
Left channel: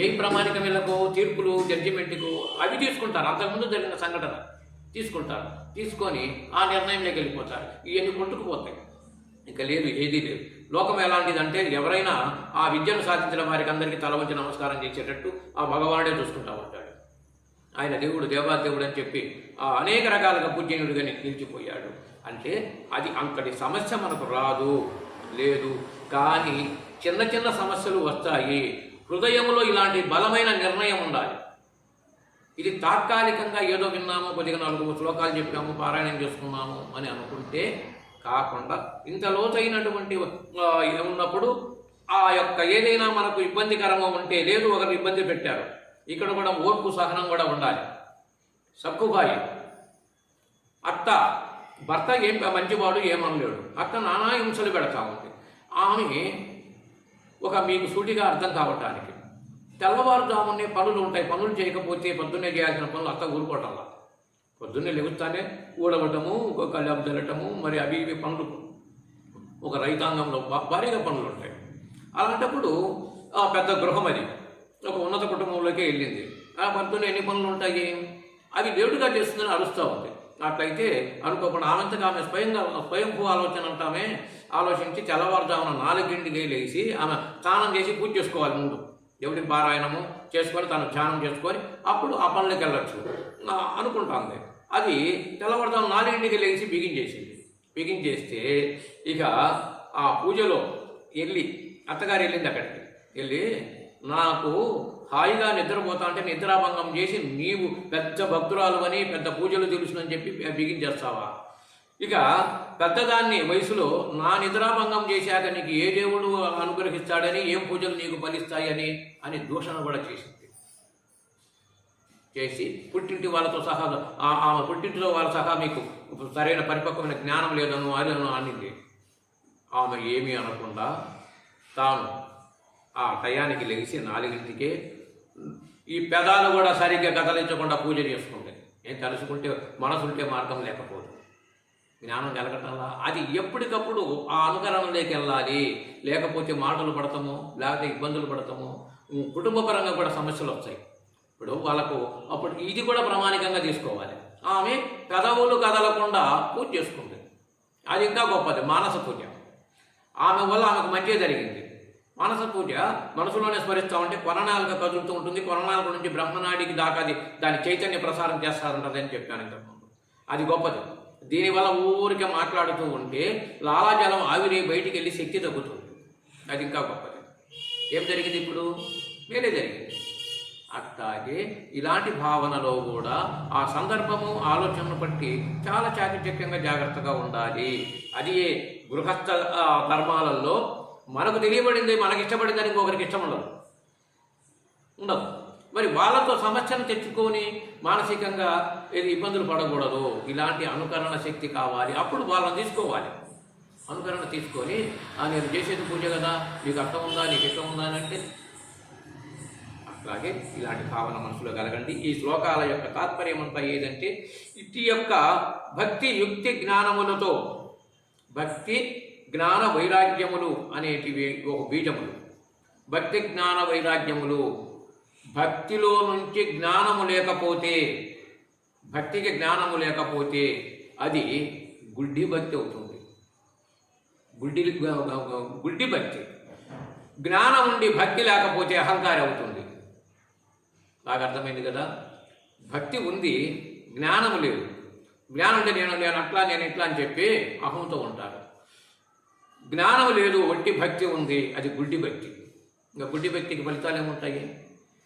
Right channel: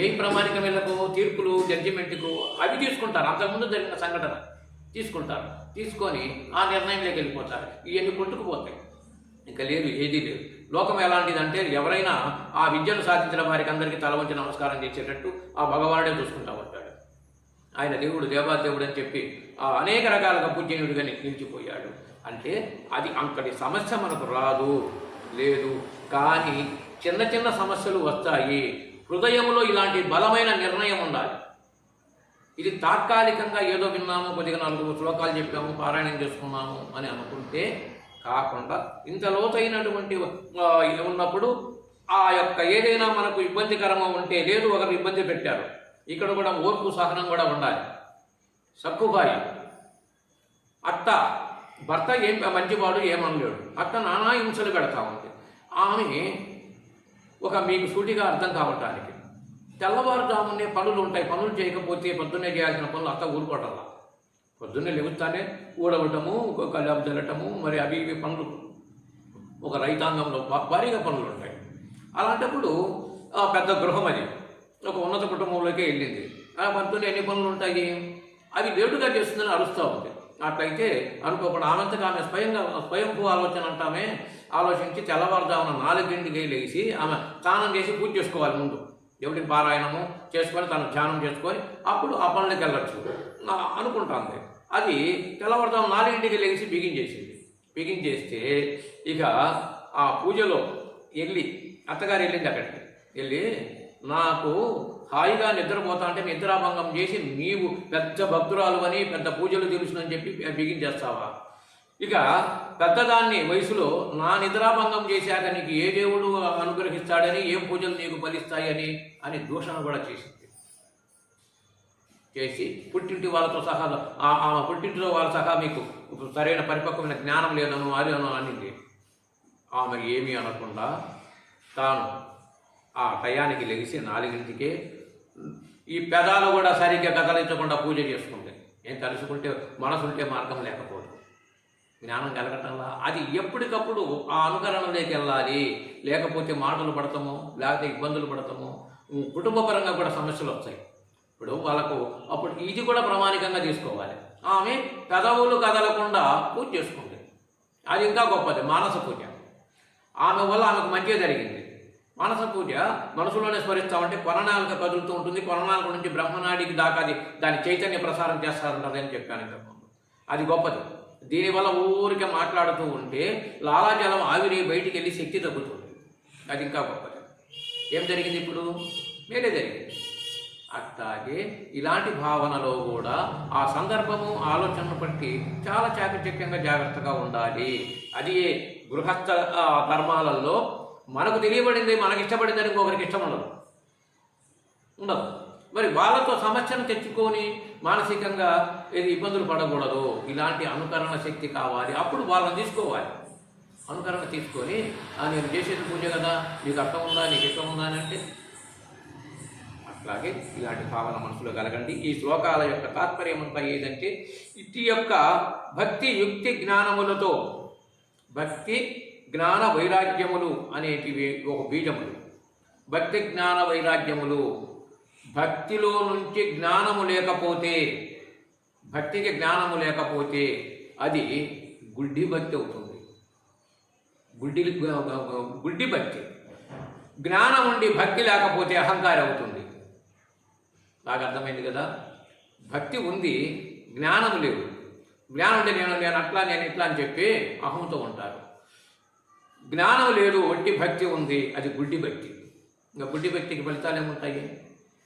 ఏ ప్రామాణికం వీళ్ళకు తీర్పులు జడ్జిమెంట్కు అవి తీసుకుంటారు, అంతకుముందు జరిగిన సంఘటన తీసుకుంటారు, తీసుకొని ఆ నిర్ణయంలోకి వెళ్ళిపోతారు. ఇవన్నీ కొట్టుకుపోతాయి, ఇంకా లేదు, ఏదీ లేదు. లోకం ఎలాంటిదంటే ఎవరైనా ఆ విద్యను సాధించిన వారికి అందరికీ తల వంచి నమస్కారం చేసేటట్టు ఆ భగవానుడే చూసుకుంటూ ఉంటాడు. ఆయన దేవుడు, దేవాదేవుడు అని చెప్పి అనేక రకాలుగా పూజ్యనుడిగా నిలిచిపోయాడు. అంటే అది అంతటి సమస్య మనకు రాదు, లేదు. కానీ చిన్న చిన్న సమస్యలు వస్తాయి. హృదయంలో ఇలాంటి బలమైన నిర్ణయం ఉండాలి. ఇది తాత్కాలికంగా ఏదో విన్నాము, కొద్దిగా 4 శ్లోకాలు చెప్పాము, పారాయణం చేసుకున్నాము అని అనుకుంటే కాకుండా ఇంత లోతైనటువంటి ఉన్నప్పుడు ఆ యొక్క ఏదైనా మనకు ఇబ్బందికరంగా ఉంటే, లేదు ఒకరు ఇబ్బంది పెట్టారు, ఇక్కడ కూడా ఓర్పు సహనం కూడా ఉండాలి. సక్కుబాయి అత్త, భర్త ఏం మంచివాడు ఏమనలేడు, అత్త నానా హింసలు పెడతా ఉంది. ఆమె మీకు సూటిగా అర్థం కావటానికి తెల్లవారుజామునే పనులు ఉంటాయి, పనులు చేయకపోతే పొద్దున్నే చేయాల్సిన పనులు అత్త ఊరుకోవటంలా. పొద్దున్నే లెగుస్తానే ఊడవటము, కళ్యాణం జరగటము, మరి అవి ఇవి పనులు ఒక రైతాంగంలో భారీగా పనులు ఉంటాయి. అలాంటప్పుడు పెద్ద గృహం అది ఒక ఉన్నత కుటుంబంలోకి వెళ్ళింది. పొద్దున్న ఎన్ని పనులు ఉంటాయి, అవి లేటుగా చేస్తుందని అరుస్తూ ఉంది. అట్లయితే అనుకోకుండా ఆమెంతగా ఆమె స్వయంభూ ఆలోచన అంటామే ఆలోచించి తెల్లవారుజామున 4ంటికి లేచి ఆమె స్నానం చేసి పూజ చేసుకోవాలి. ముందు దేవుడికి పారాయణము చేసుకొని తను ధ్యానం చేసుకొని అప్పుడు ఆ పనులకి వెళ్ళచ్చు అనుకుంటుంది. అది తెల్లవారుజామున 4ంటికి లేచి బిగించేసింది. బిగించేస్తే ఇక ఆ పూజలో వెళ్ళి అత్తగారు వెళ్ళింది. అక్కడికి వెళ్ళి నాకు హాయిగా నిద్రపోతా అంటే నిద్రాభంగం చేసి నీవు పెద్ద భక్తురాలు అని పెద్ద పూజలు తెలుసునని చెప్పి బిగించేస్తావా? ఇక పెద్దదాన్ని వయసులో నా నిద్రాభంగం చేశాక నీకు ఏ దేవుడు అనుగ్రహిస్తాడని, ఏం పూజలు నీకు ఫలిస్తాయని అని దూషణ కూడా చేసింది. చేసి పుట్టింటి వాళ్ళతో సహా ఆమె పుట్టింటిలో వాళ్ళ సహా మీకు సరైన పరిపక్వమైన జ్ఞానం లేదను అది అనింది. ఆమె ఏమీ అనకుండా తాను ఆ టయానికి లెగిసి 4ంటికే ఈ పెదాలు కూడా సరిగ్గా కదలించకుండా పూజ చేసుకుంటే, నేను తలుచుకుంటే మనసుంటే మార్గం లేకపోదు, జ్ఞానం కలగటంలా అది ఎప్పటికప్పుడు ఆ అనుకరణలోకి వెళ్ళాలి. లేకపోతే మాటలు పడతామో, లేకపోతే ఇబ్బందులు పడతామో, కుటుంబపరంగా కూడా సమస్యలు వస్తాయి. ఇప్పుడు వాళ్ళకు అప్పుడు ఇది కూడా ప్రామాణికంగా తీసుకోవాలి. ఆమె పెదవులు కదలకుండా పూజ చేసుకుంది, అది ఇంకా గొప్పది. మానస పూజ ఆమె వల్ల ఆమెకు మంచి జరిగింది. మానస పూజ మనసులోనే స్మరిస్తామంటే కొననాలుగా కదులుతూ ఉంటుంది. కొననాలుగు నుంచి బ్రహ్మనాడికి దాకా దాని చైతన్య ప్రసారం చేస్తారంటది అని చెప్పాను ఇంతకుముందు. అది గొప్పది. దీనివల్ల ఊరికే మాట్లాడుతూ ఉంటే లాలాజలం ఆవిరి బయటికి వెళ్ళి శక్తి తగ్గుతుంది. అది ఇంకా గొప్పది. ఏం జరిగింది ఇప్పుడు? మేలే జరిగింది. అట్లాగే ఇలాంటి భావనలో కూడా ఆ సందర్భము ఆలోచనను బట్టి చాలా చాకచక్యంగా జాగ్రత్తగా ఉండాలి. అది గృహస్థ ధర్మాలలో మనకు తెలియబడింది, మనకి ఇష్టపడిందని ఇంకొకరికి ఇష్టం ఉండదు. మరి వాళ్ళతో సమస్యను తెచ్చుకొని మానసికంగా ఏది ఇబ్బందులు పడకూడదు. ఇలాంటి అనుకరణ శక్తి కావాలి. అప్పుడు వాళ్ళని తీసుకోవాలి. అనుకరణ తీసుకొని నేను చేసేది పూజ కదా, నీకు అర్థం ఉందా, నీకు ఇష్టం ఉందా అని అంటే అట్లాగే ఇలాంటి భావన మనసులో కలగండి. ఈ శ్లోకాల యొక్క తాత్పర్యం అంతా ఏదంటే ఇటు యొక్క భక్తి యుక్తి జ్ఞానములతో, భక్తి జ్ఞాన వైరాగ్యములు అనేటివి ఒక బీజములు. భక్తి జ్ఞాన వైరాగ్యములు, భక్తిలో నుంచి జ్ఞానము లేకపోతే, భక్తికి జ్ఞానము లేకపోతే అది గుడ్డి భక్తి అవుతుంది. గుడ్డి భక్తి. జ్ఞానం ఉండి భక్తి లేకపోతే అహంకారం అవుతుంది. నాకు అర్థమైంది కదా. భక్తి ఉంది, జ్ఞానము లేదు. జ్ఞానం అంటే నేను అట్లా నేను ఇట్లా అని చెప్పి అహంతో ఉంటారు. జ్ఞానం లేదు, ఒట్టి భక్తి ఉంది, అది గుడ్డి భక్తి. ఇంకా గుడ్డి భక్తికి ఫలితాలు ఏముంటాయి?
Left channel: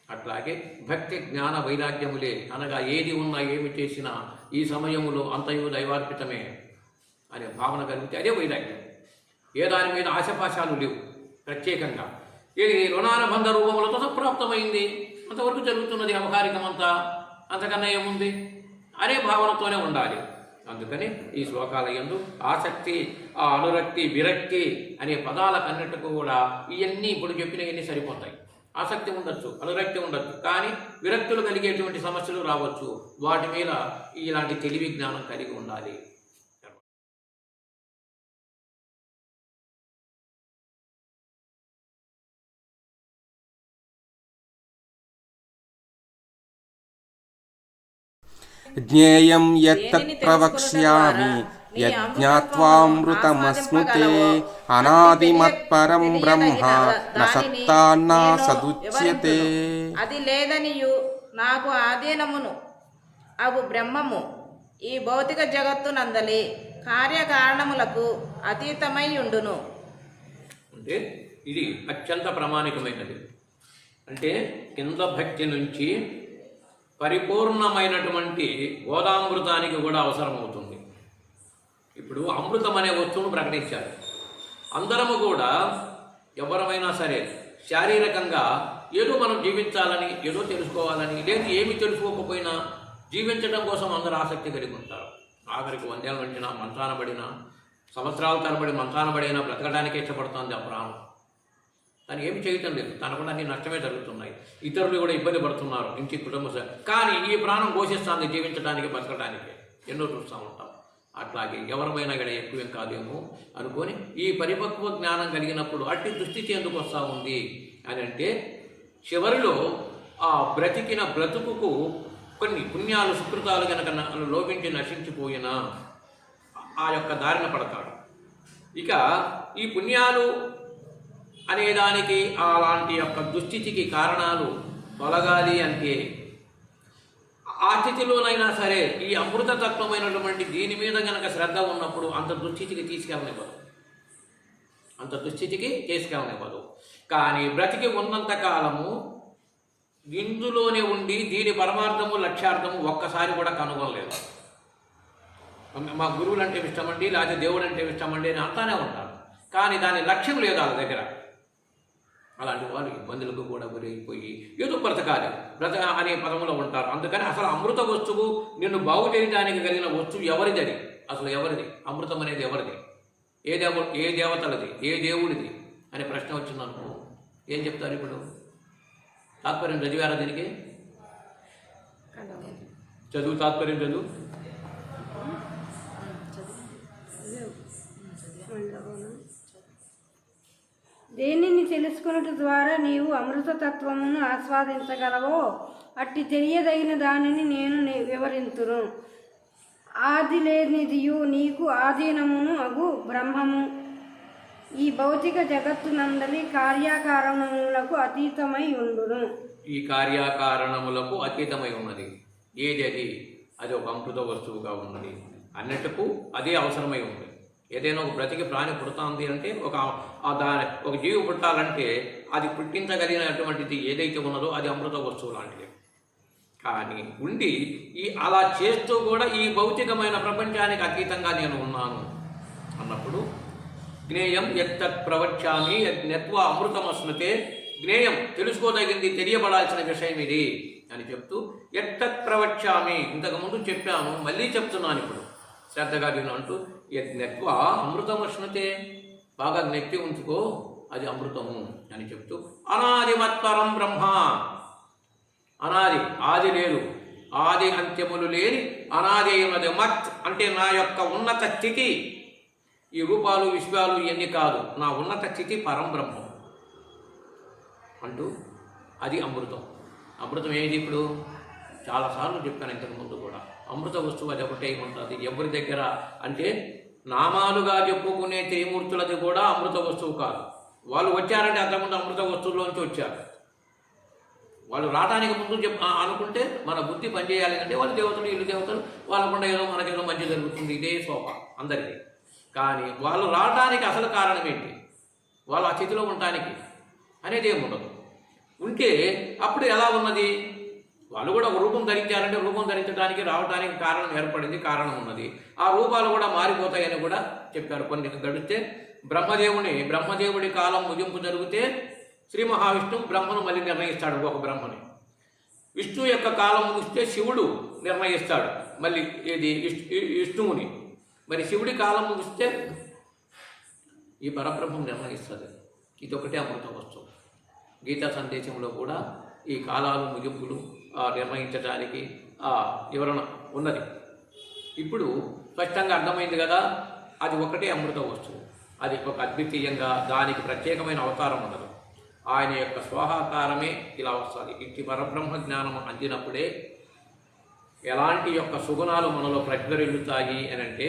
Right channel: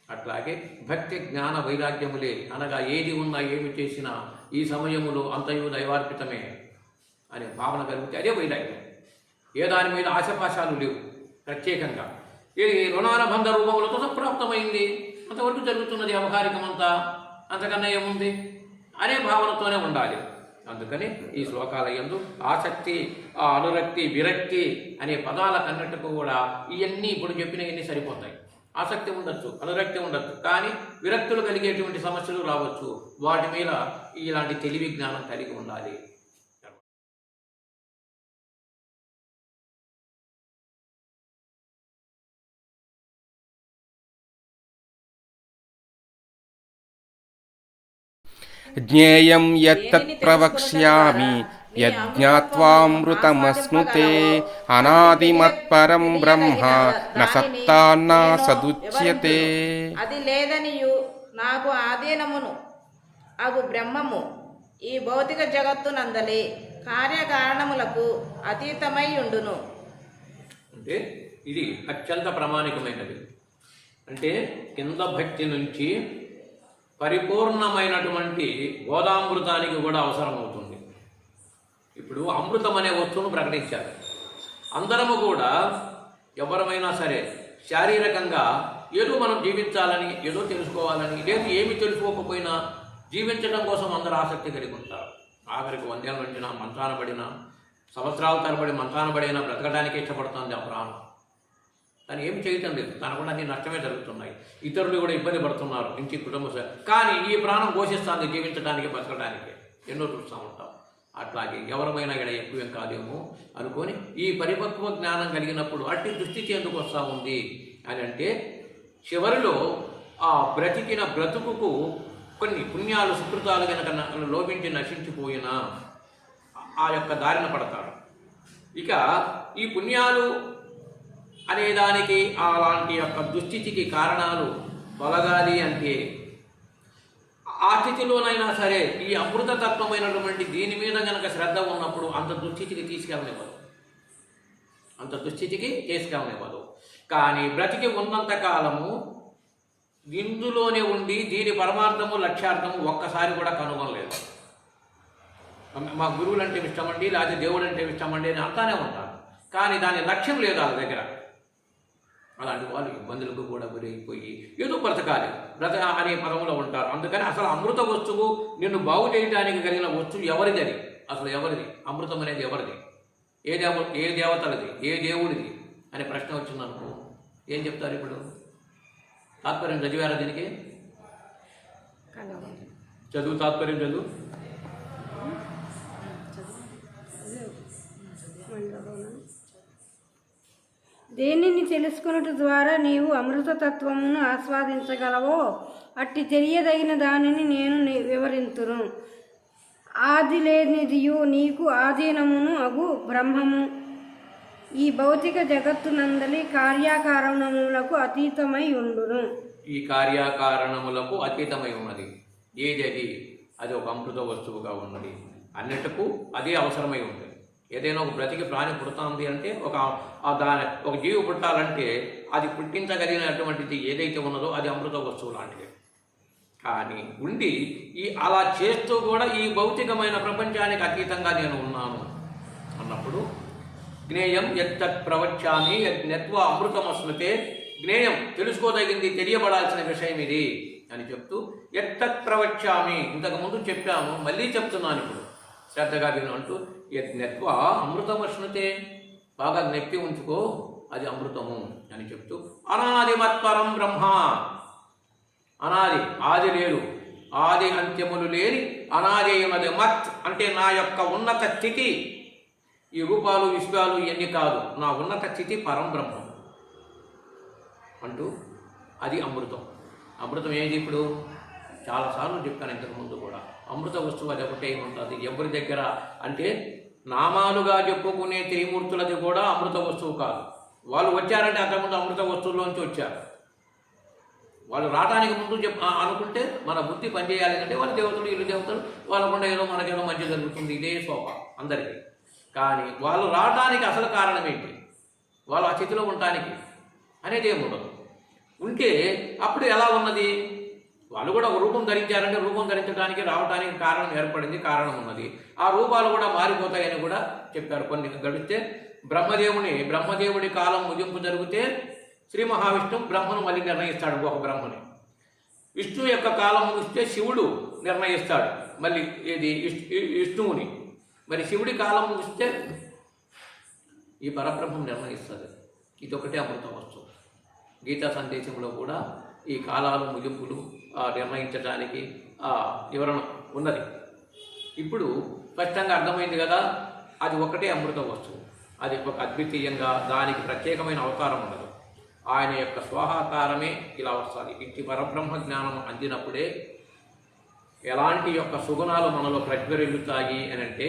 అట్లాగే భక్తి జ్ఞాన వైరాగ్యములే అనగా ఏది ఉన్నా ఏమి చేసినా ఈ సమయములో అంతయు దైవార్పితమే అనే భావన కలిగితే అదే వైరాగ్యం. ఏ దాని మీద ఆశపాశాలు లేవు. ప్రత్యేకంగా ఇది రుణానుబంధ రూపములతో సంప్రాప్తమైంది, అంతవరకు జరుగుతున్నది వ్యవహారికమంతా, అంతకన్నా ఏముంది అనే భావనతోనే ఉండాలి. అందుకని ఈ శ్లోకాల యందు ఆసక్తి, అనురక్తి, విరక్తి అనే పదాలకన్నిటికీ కూడా ఇవన్నీ ఇప్పుడు చెప్పినవన్నీ సరిపోతాయి. ఆసక్తి ఉండొచ్చు, అనురక్తి ఉండొచ్చు, కానీ విరక్తులు కలిగేటువంటి సమస్యలు రావచ్చు. వాటి మీద ఇలాంటి తెలివి జ్ఞానం కలిగి ఉండాలి. జ్ఞేయం యత్తత్ ప్రవక్ష్యామి యజ్ఞాత్వామృతమశ్నుతే అనాదిమత్పరం బ్రహ్మ న సత్తాన్నా సదుచ్యతే. అది లేదనియు నాకు ఆధీనమును అగు బ్రహ్మము ఈ భౌతిక జగత్తునందలి కార్యకారణములకు అతీతమై ఉండును. అంటే ఇది అత్యంత ప్రామాణికమైనది. అంటే కింద భక్తి నుంచి పరిపూర్ణమైనటువంటి గోదామృతానికి కూడా అవసరమవుతుంది. ఇప్పుడు ఇప్పుడు అమృతం అనే వస్తువును ప్రకటించారు. అందరము కూడా ఎవరమైనా సరే శారీరకంగా ఏదో మనం జీవించాలని, ఏదో తెలుసుకోవాలని, లేదు ఏమి తెలుసుకోకపోయినా జీవించడం కోసం అందరూ ఆసక్తి కలిగి ఉంటారు. ఆఖరికి 100 ఏళ్ళ నుంచినా మంచాన పడినా, సంవత్సరాల తరబడి మంచాన పడినా బ్రతకడానికి ఇష్టపడుతుంది ఆ ప్రాణం. తను ఏమి చేయటం లేదు, తనకు కూడా అన్ని నష్టమే జరుగుతున్నాయి, ఇతరులు కూడా ఇబ్బంది పడుతున్నారు, ఇంటి కుటుంబ కానీ ఈ ప్రాణం ఘోషిస్తుంది జీవించడానికి, బతకడానికి. ఎన్నో చూస్తూ ఉంటాం. అట్లాగే ఎవరమైనా ఇక్కడ ఎక్కువేం కాదేమో అనుకొని ఈ పరిపక్వ జ్ఞానం కలిగినప్పుడు అట్టి దుస్థితి ఎందుకు వస్తూ ఉంది అని అంటే, చివరిలో ఆ బ్రతికిన బ్రతుకుకు కొన్ని పుణ్యాలు సుకృతాలు కనుక లోపించి నశించిపోయినా ఆ యొక్క దారిన పడతాడు. ఇక ఈ పుణ్యాలు అనేదానికి అలాంటి యొక్క దుస్థితికి కారణాలు తొలగాలి అంటే ఆ స్థితిలోనైనా సరే ఈ అమృతతత్వమైనటువంటి దీని మీద కనుక శ్రద్ధ ఉన్నప్పుడు అంత దుస్థితికి తీసుకెళ్ళనివ్వదు. కానీ బ్రతికి ఉన్నంత కాలము ఇందులోనే ఉండి దీని పరమార్థము లక్ష్యార్థము ఒక్కసారి కూడా కనుగొనలేదు. మా గురువులు అంటే ఇష్టమండి, లేకపోతే దేవుడు అంటే ఇష్టమండి అని అంటానే ఉంటారు, కానీ దాని లక్ష్యం లేదు వాళ్ళ దగ్గర. అలాంటి వాళ్ళు ఇబ్బందులకు కూడా గురైపోయి ఏదో బ్రతకాలి అనే పదములో ఉంటారు. అందుకని అసలు అమృత వస్తువు నిన్ను బాగు చేయడానికి కలిగిన వస్తువు ఎవరిది? అది అసలు ఎవరిది? అమృతం అనేది ఎవరిది? ఏ దేవతలది? ఏ దేవుడిది అనే ప్రశ్న వచ్చిందనుకో ఏం చెప్తారు? ఇప్పుడు తాత్పర్యం చదివారా దీనికి? చదువు, తాత్పర్యం చదువు. దేనిని తెలుసుకొనుట ద్వారా నీవు అమృతతత్వమును ఆస్వాదించగలవో అట్టి తెలియదగిన దానిని నేను వివరింతును. ఆది లేనిదియు నీకు ఆధీనమును అగు బ్రహ్మము ఈ భౌతిక జగత్తునందలి కార్యకారణములకు అతీతమై ఉండును. ఈ కార్యకారణములకు అతీతమై ఉన్నది ఏది? అది ఒక అమృత వస్తువుగా ఉన్నది. అన్నిటికూ అదే అవసరమై ఉంది. ఏదైనా ఒక బ్రతికి ప్రాణి పుడుతుంది అంటే ఒక జీవి పుట్టాలంటే అది పుట్టించగలిగినటువంటిది ఏదైతే ఉన్నదో అది అమృత వస్తువు లాంటిది. కానీ ఉండి అలా చేస్తూ కూడా ఈ భౌతికమైన ప్రపంచానికి అతీతంగా నేను ఉన్నాను అన్నప్పుడు జ్ఞేయం యత్తత్ ప్రవక్ష్యామి యజ్ఞత్వ అమృతమస్నుతే. జ్ఞేయం తెలుసుకోదగింది, తెలియబడాల్సిన విషయం ఇది అని చెప్తూ యత్తత్ ప్రవక్ష్యామి ఇంతకుముందు చెప్పాను, మళ్ళీ చెప్తున్నాను ఇప్పుడు శ్రద్ధగా విను అంటూ యజ్ఞత్వ అమృతమశ్నుతే, బాగా నెప్పి ఉంచుకో అది అమృతము అని చెప్తూ అనాదిమత్పరం బ్రహ్మ, అనాది ఆది లేదు, ఆది అంత్యములు లేని అనాది అయినది. మత్ అంటే నా యొక్క ఉన్నత స్థితి, ఈ రూపాలు విశ్వాలు ఇవన్నీ కాదు, నా ఉన్నత స్థితి పరం బ్రహ్మం అంటూ అది అమృతం. అమృతం ఏది? ఇప్పుడు చాలాసార్లు చెప్పాను ఇంతకుముందు కూడా, అమృత వస్తువు అది ఒకటే ఉంటుంది. ఎవరి దగ్గర అంటే నామాలుగా చెప్పుకునే త్రిమూర్తులది కూడా అమృత వస్తువు కాదు. వాళ్ళు వచ్చారంటే అంతకుముందు అమృత వస్తువుల్లోంచి వచ్చారు. వాళ్ళు రావడానికి ముందు అనుకుంటే మన బుద్ధి పనిచేయాలి అంటే వాళ్ళు దేవతలు, ఇల్లు దేవతలు, వాళ్ళకుండా ఏదో మనకేదో మంచి జరుగుతుంది, ఇదే శోభ అందరికీ. కానీ వాళ్ళు రావడానికి అసలు కారణం ఏంటి? వాళ్ళు ఆ స్థితిలో ఉండటానికి అనేది ఏమి ఉండదు. ఉంటే అప్పుడు ఎలా ఉన్నది? వాళ్ళు కూడా ఒక రూపం ధరించారంటే రూపం ధరించడానికి రావడానికి కారణం ఏర్పడింది, కారణం ఉన్నది. ఆ రూపాలు కూడా మారిపోతాయని కూడా చెప్పారు. కొన్ని గడిస్తే బ్రహ్మదేవుడి కాలం ముగింపు జరిగితే శ్రీ మహావిష్ణువు బ్రహ్మను మళ్ళీ నిర్ణయిస్తాడు, ఒక బ్రహ్మని. విష్ణువు యొక్క కాలం ముగిస్తే శివుడు నిర్ణయిస్తాడు మళ్ళీ ఏది విష్ణువుని. మరి శివుడి కాలం ముగిస్తే ఈ పరబ్రహ్మం నిర్ణయిస్తుంది. ఇదొకటే అమృత వస్తువు. గీతా సందేశంలో కూడా ఈ కాలాలు ముగింపులు నిర్ణయించడానికి వివరణ ఉన్నది. ఇప్పుడు స్పష్టంగా అర్థమైంది కదా, అది ఒకటే అమృత వస్తువు. అది ఒక అద్వితీయంగా దానికి ప్రత్యేకమైన అవతారం ఉండదు. ఆయన యొక్క స్వాహాకారమే ఇలా వస్తుంది. ఇట్టి పరబ్రహ్మ జ్ఞానం అందినప్పుడే ఎలాంటి యొక్క సుగుణాలు మనలో ప్రజ్వరిల్లుతాయి అని అంటే,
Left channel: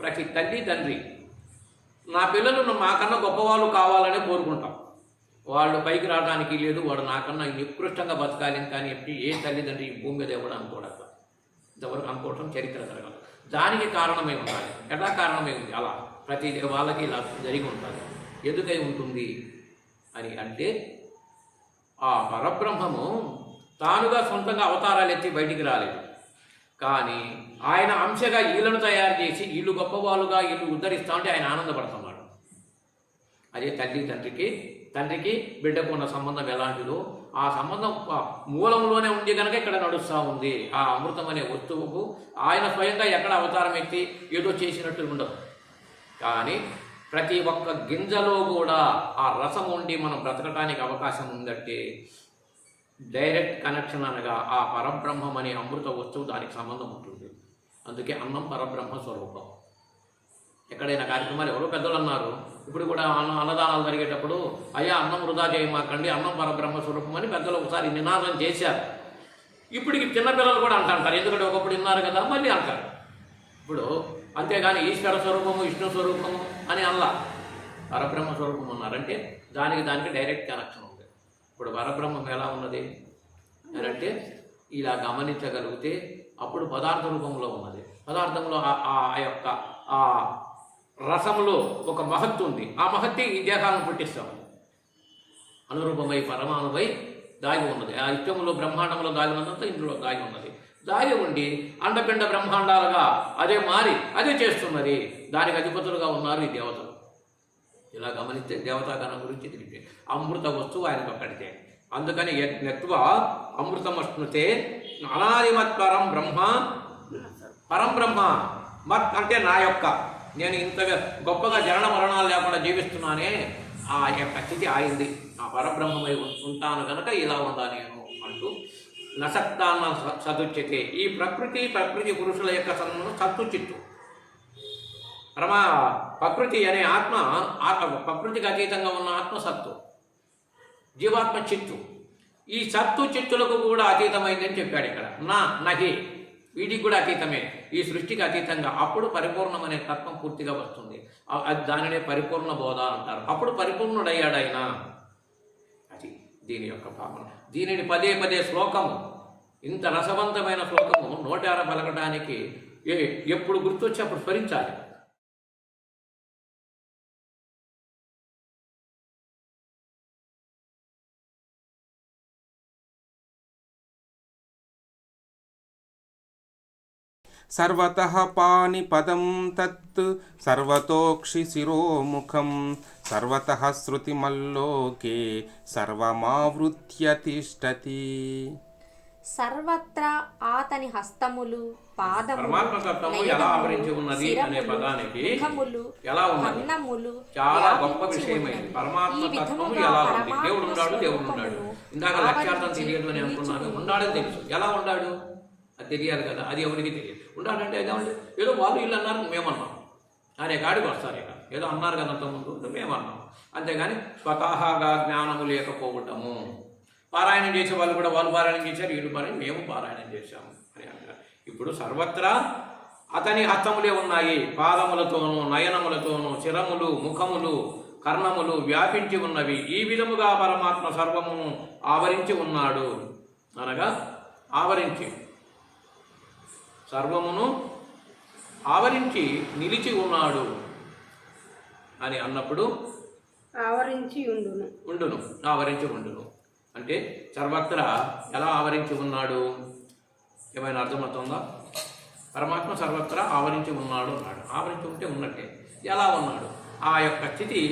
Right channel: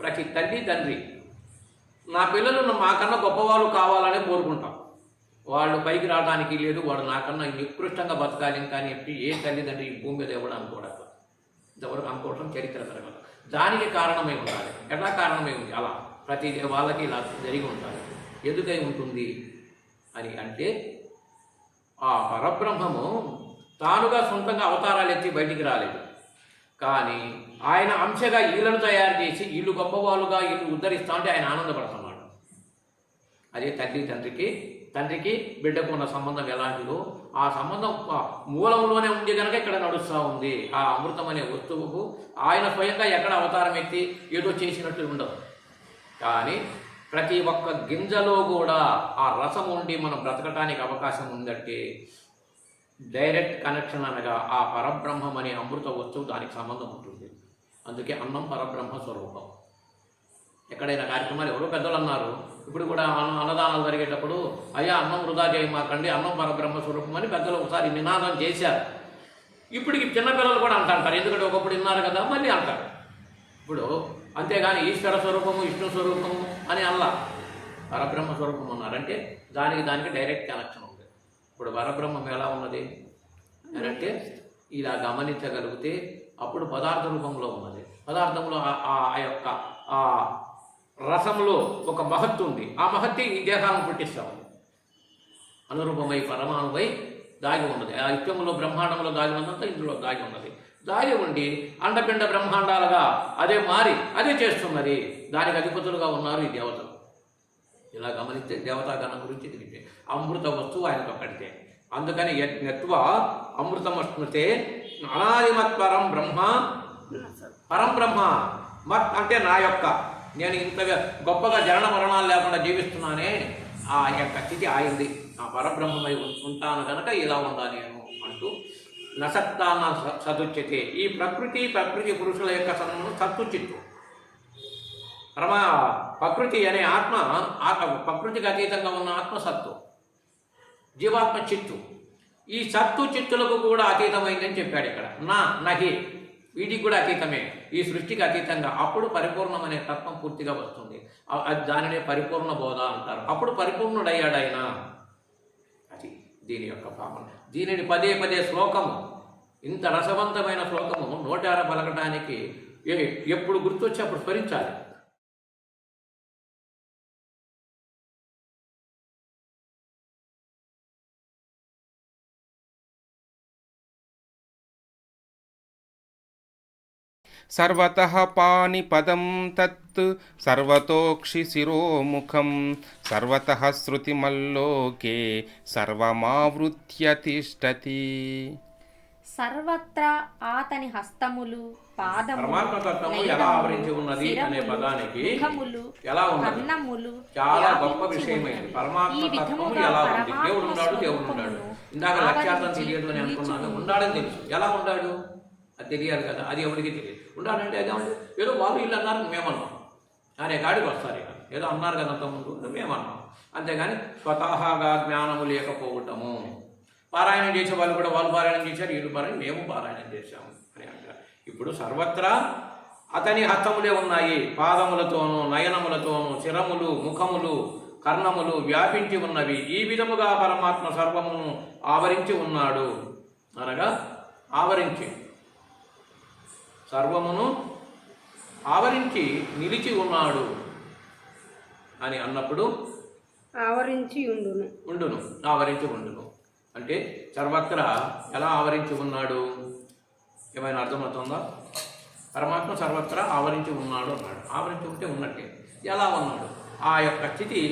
ప్రతి తల్లి తండ్రి నా పిల్లలు మాకన్నా గొప్పవాళ్ళు కావాలని కోరుకుంటాం. వాళ్ళు పైకి రావడానికి లేదు, వాడు నాకన్నా నికృష్టంగా బతకాలి కానీ ఏ తల్లిదండ్రి ఈ భూమి మీద ఎవడు అనుకోవడం, ఇంతవరకు అనుకోవడం చరిత్ర జరగదు. దానికి కారణమై ఉండాలి. ఎలా కారణమై ఉంది? అలా ప్రతి వాళ్ళకి ఇలా జరిగి ఉండాలి. ఎందుకై ఉంటుంది అని అంటే, ఆ పరబ్రహ్మము తానుగా సొంతంగా అవతారాలు ఎత్తి బయటికి రాలేదు. కానీ ఆయన అంశగా వీళ్ళను తయారు చేసి వీళ్ళు గొప్పవాళ్ళుగా వీళ్ళు ఉద్ధరిస్తా ఉంటే ఆయన ఆనందపడుతున్నాడు. అదే తండ్రికి బిడ్డకు ఉన్న సంబంధం ఎలాంటిదో ఆ సంబంధం మూలంలోనే ఉంది కనుక ఇక్కడ నడుస్తూ ఉంది. ఆ అమృతం అనే వస్తువుకు ఆయన స్వయంగా ఎక్కడ అవతారం ఎత్తి ఏదో చేసినట్టు ఉండదు. కానీ ప్రతి ఒక్క గింజలో కూడా ఆ రసం ఉండి మనం బ్రతకటానికి అవకాశం ఉందంటే డైరెక్ట్ కనెక్షన్ అనగా ఆ పరబ్రహ్మం అనే అమృత వస్తువు దానికి సంబంధం ఉంటుంది. అందుకే అన్నం పరబ్రహ్మ స్వరూపం. ఎక్కడైనా కార్యక్రమాలు ఎవరో పెద్దలు అన్నారు, ఇప్పుడు కూడా అన్నదానాలు జరిగేటప్పుడు అయ్యా అన్నం వృధా చేయమాకండి, అన్నం పరబ్రహ్మ స్వరూపం అని పెద్దలు ఒకసారి నినాదం చేశారు. ఇప్పటికి చిన్నపిల్లలు కూడా అంటారు, ఎందుకంటే ఒకప్పుడు విన్నారు కదా మళ్ళీ అంటారు. ఇప్పుడు అంతేగాని ఈశ్వర స్వరూపము విష్ణు స్వరూపము అని అల్లా పరబ్రహ్మ స్వరూపం ఉన్నారంటే దానికి డైరెక్ట్ కనెక్షన్ ఉంది. ఇప్పుడు పరబ్రహ్మం ఎలా ఉన్నది అని అంటే ఇలా గమనించగలిగితే అప్పుడు పదార్థ రూపంలో ఉన్నది. పదార్థంలో ఆ యొక్క ఆ రసంలో ఒక మహత్తు ఉంది. ఆ మహత్తి ఈ దేహాలను పుట్టిస్తామని అనురూపమై పరమాణువై దాగి ఉన్నది. ఆ ఇష్టంలో బ్రహ్మాండంలో దాగి ఉన్నదంతా ఇందులో దాగి ఉన్నది. దాగి ఉండి అండపిండ బ్రహ్మాండాలుగా అదే మారి అదే చేస్తున్నది. దానికి అధిపతులుగా ఉన్నారు ఈ దేవతలు. ఇలా గమనిస్తే దేవతాగణం గురించి తెలిపే అమృత వస్తువు ఆయనతో కడితే. అందుకని యత్వ అమృతమశ్నుతే అనాదిమత్ పరం బ్రహ్మ మత్ అంటే నా యొక్క, నేను ఇంతగా గొప్పగా జరణ మరణాలు లేకుండా జీవిస్తున్నానే ఆ యొక్క స్థితి ఆయింది. ఆ పరబ్రహ్మమై ఉంటాను కనుక ఇలా ఉందా నేను అంటూ నసక్తాన్న సదుచ్యతే. ఈ ప్రకృతి పురుషుల యొక్క సంబంధం సత్తు చిత్తు. ప్రకృతి అనే ఆత్మ ప్రకృతికి అతీతంగా ఉన్న ఆత్మ సత్తు, జీవాత్మ చిత్తు. ఈ సత్తు చిత్తులకు కూడా అతీతమైందని చెప్పాడు ఇక్కడ. నహి వీటికి కూడా అతీతమే, ఈ సృష్టికి అతీతంగా. అప్పుడు పరిపూర్ణమనే తత్వం పూర్తిగా వస్తుంది. దానినే పరిపూర్ణ బోధ అంటారు. అప్పుడు పరిపూర్ణుడయ్యాడు ఆయన. అది దీని యొక్క భావన. దీనిని పదే శ్లోకము, ఇంత రసవంతమైన శ్లోకము నోటార పలకడానికి ఎప్పుడు గుర్తొచ్చి అప్పుడు స్మరించాలి. సర్వతః పాణిపదం తత్ సర్వతోక్షి శిరోముఖం సర్వతః శృతిమల్లోకే సర్వమావృత్య తిష్టతి. సర్వత్రా ఆతని హస్తములు పరమాత్మ తత్వము ఎలా ఆవరించి ఉన్నది అనే పదానికి ఎలా ఉన్నది కర్ణములు చాలా గొప్ప విషయమైంది. పరమాత్మ తత్వము ఎలా ఉంది? దేవుడు ఉన్నాడు. ఇందాక లక్ష్యార్థం తెలియదు అని అనుకున్నాను. ఉన్నాడని తెలుసు. ఎలా ఉన్నాడు అది తెలియాలి కదా. అది ఎవరికి తెలియదు. ఉండాలంటే అదేమంటే ఏదో వాళ్ళు వీళ్ళు అన్నారు మేమన్నాం అనే గాడికి వస్తారు. ఇక ఏదో అన్నారు కదా అంతకుముందు మేమన్నాం. అంతేగాని స్వతహాగా జ్ఞానము లేకపోవటము. పారాయణం చేసే వాళ్ళు కూడా వాళ్ళు పారాయణం చేశారు, వీళ్ళు పారాయణం మేము పారాయణం చేశాము అని అంటారు. ఇప్పుడు సర్వత్రా అతని హస్తములే ఉన్నాయి. పాదములతోనూ నయనములతోనూ శిరములు ముఖములు కర్ణములు వ్యాపించి ఉన్నవి. ఈ విధముగా పరమాత్మ సర్వమును ఆవరించి ఉన్నాడు. అనగా ఆవరించి సర్వమును ఆవరించి నిలిచి ఉన్నాడు అని అన్నప్పుడు ఆవరించి ఉండును అంటే సర్వత్రా ఎలా ఆవరించి ఉన్నాడు? ఏమైనా అర్థమవుతుందా? పరమాత్మ సర్వత్రా ఆవరించి ఉన్నాడు అన్నాడు. ఆవరించి ఉంటే ఉన్నట్టే. ఎలా ఉన్నాడు? ఆ యొక్క స్థితి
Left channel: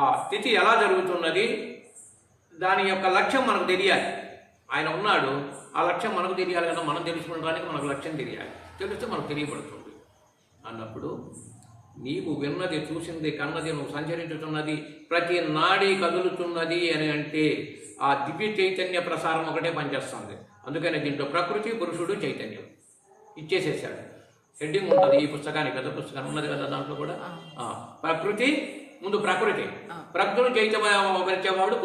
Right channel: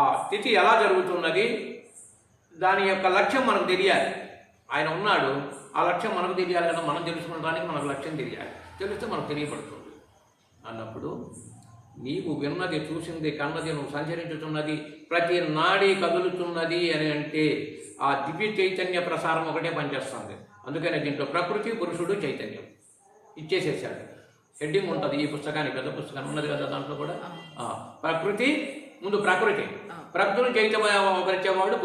ఆ స్థితి ఎలా జరుగుతున్నది? దాని యొక్క లక్ష్యం మనకు తెలియాలి. ఆయన ఉన్నాడు, ఆ లక్ష్యం మనకు తెలియాలి కదా. మనం తెలుసుకోవడానికి మనకు లక్ష్యం తెలియాలి. తెలిస్తే మనకు తెలియబడుతుంది. అన్నప్పుడు నీవు విన్నది చూసింది కన్నది నువ్వు సంచరించుతున్నది ప్రతి నాడీ కదులుతున్నది అని అంటే ఆ దివ్య చైతన్య ప్రసారం ఒకటే పనిచేస్తుంది. అందుకనే దీంట్లో ప్రకృతి పురుషుడు చైతన్యం ఇచ్చేసేసాడు. హెడ్డింగ్ ఉంటుంది ఈ పుస్తకానికి, పెద్ద పుస్తకాన్ని ఉన్నది కదా. దాంట్లో కూడా ప్రకృతి ముందు ప్రకృతిని చైతన్యపరిచేవాడు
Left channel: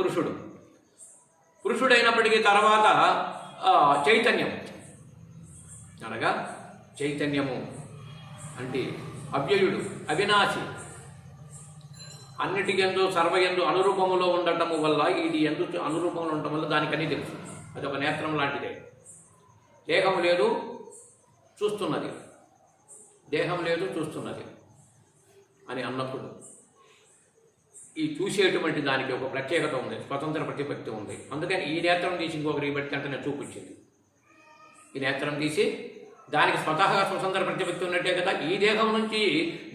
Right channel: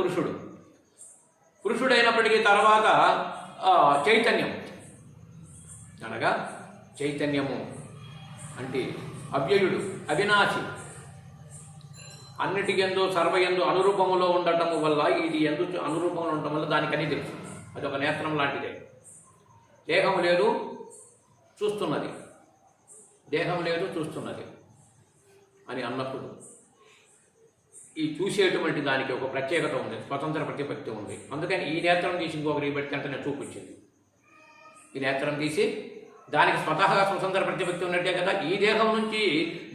పురుషుడైనప్పటికీ తర్వాత చైతన్యం అనగా చైతన్యము అంటే అవ్యయుడు అవినాశి, అన్నిటికెందు సర్వయందు అనురూపములో ఉండటము వల్ల ఇది ఎందుకు అనురూపంలో ఉండటం వల్ల దానికని తెలుసు. అది ఒక నేత్రం లాంటిదే. దేహం లేదు చూస్తున్నది అని అన్నప్పుడు ఈ చూసేటువంటి దానికి ఒక ప్రత్యేకత ఉంది, స్వతంత్ర ప్రతిపత్తి ఉంది. అందుకని ఈ నేత్రం తీసి ఇంకొకరికి పెడితే అంటే చూపించింది. ఈ నేత్రం తీసి దానికి స్వతహాగా స్వతంత్ర ప్రతిపత్తి ఉన్నట్టే కదా. ఈ దేహం నుంచి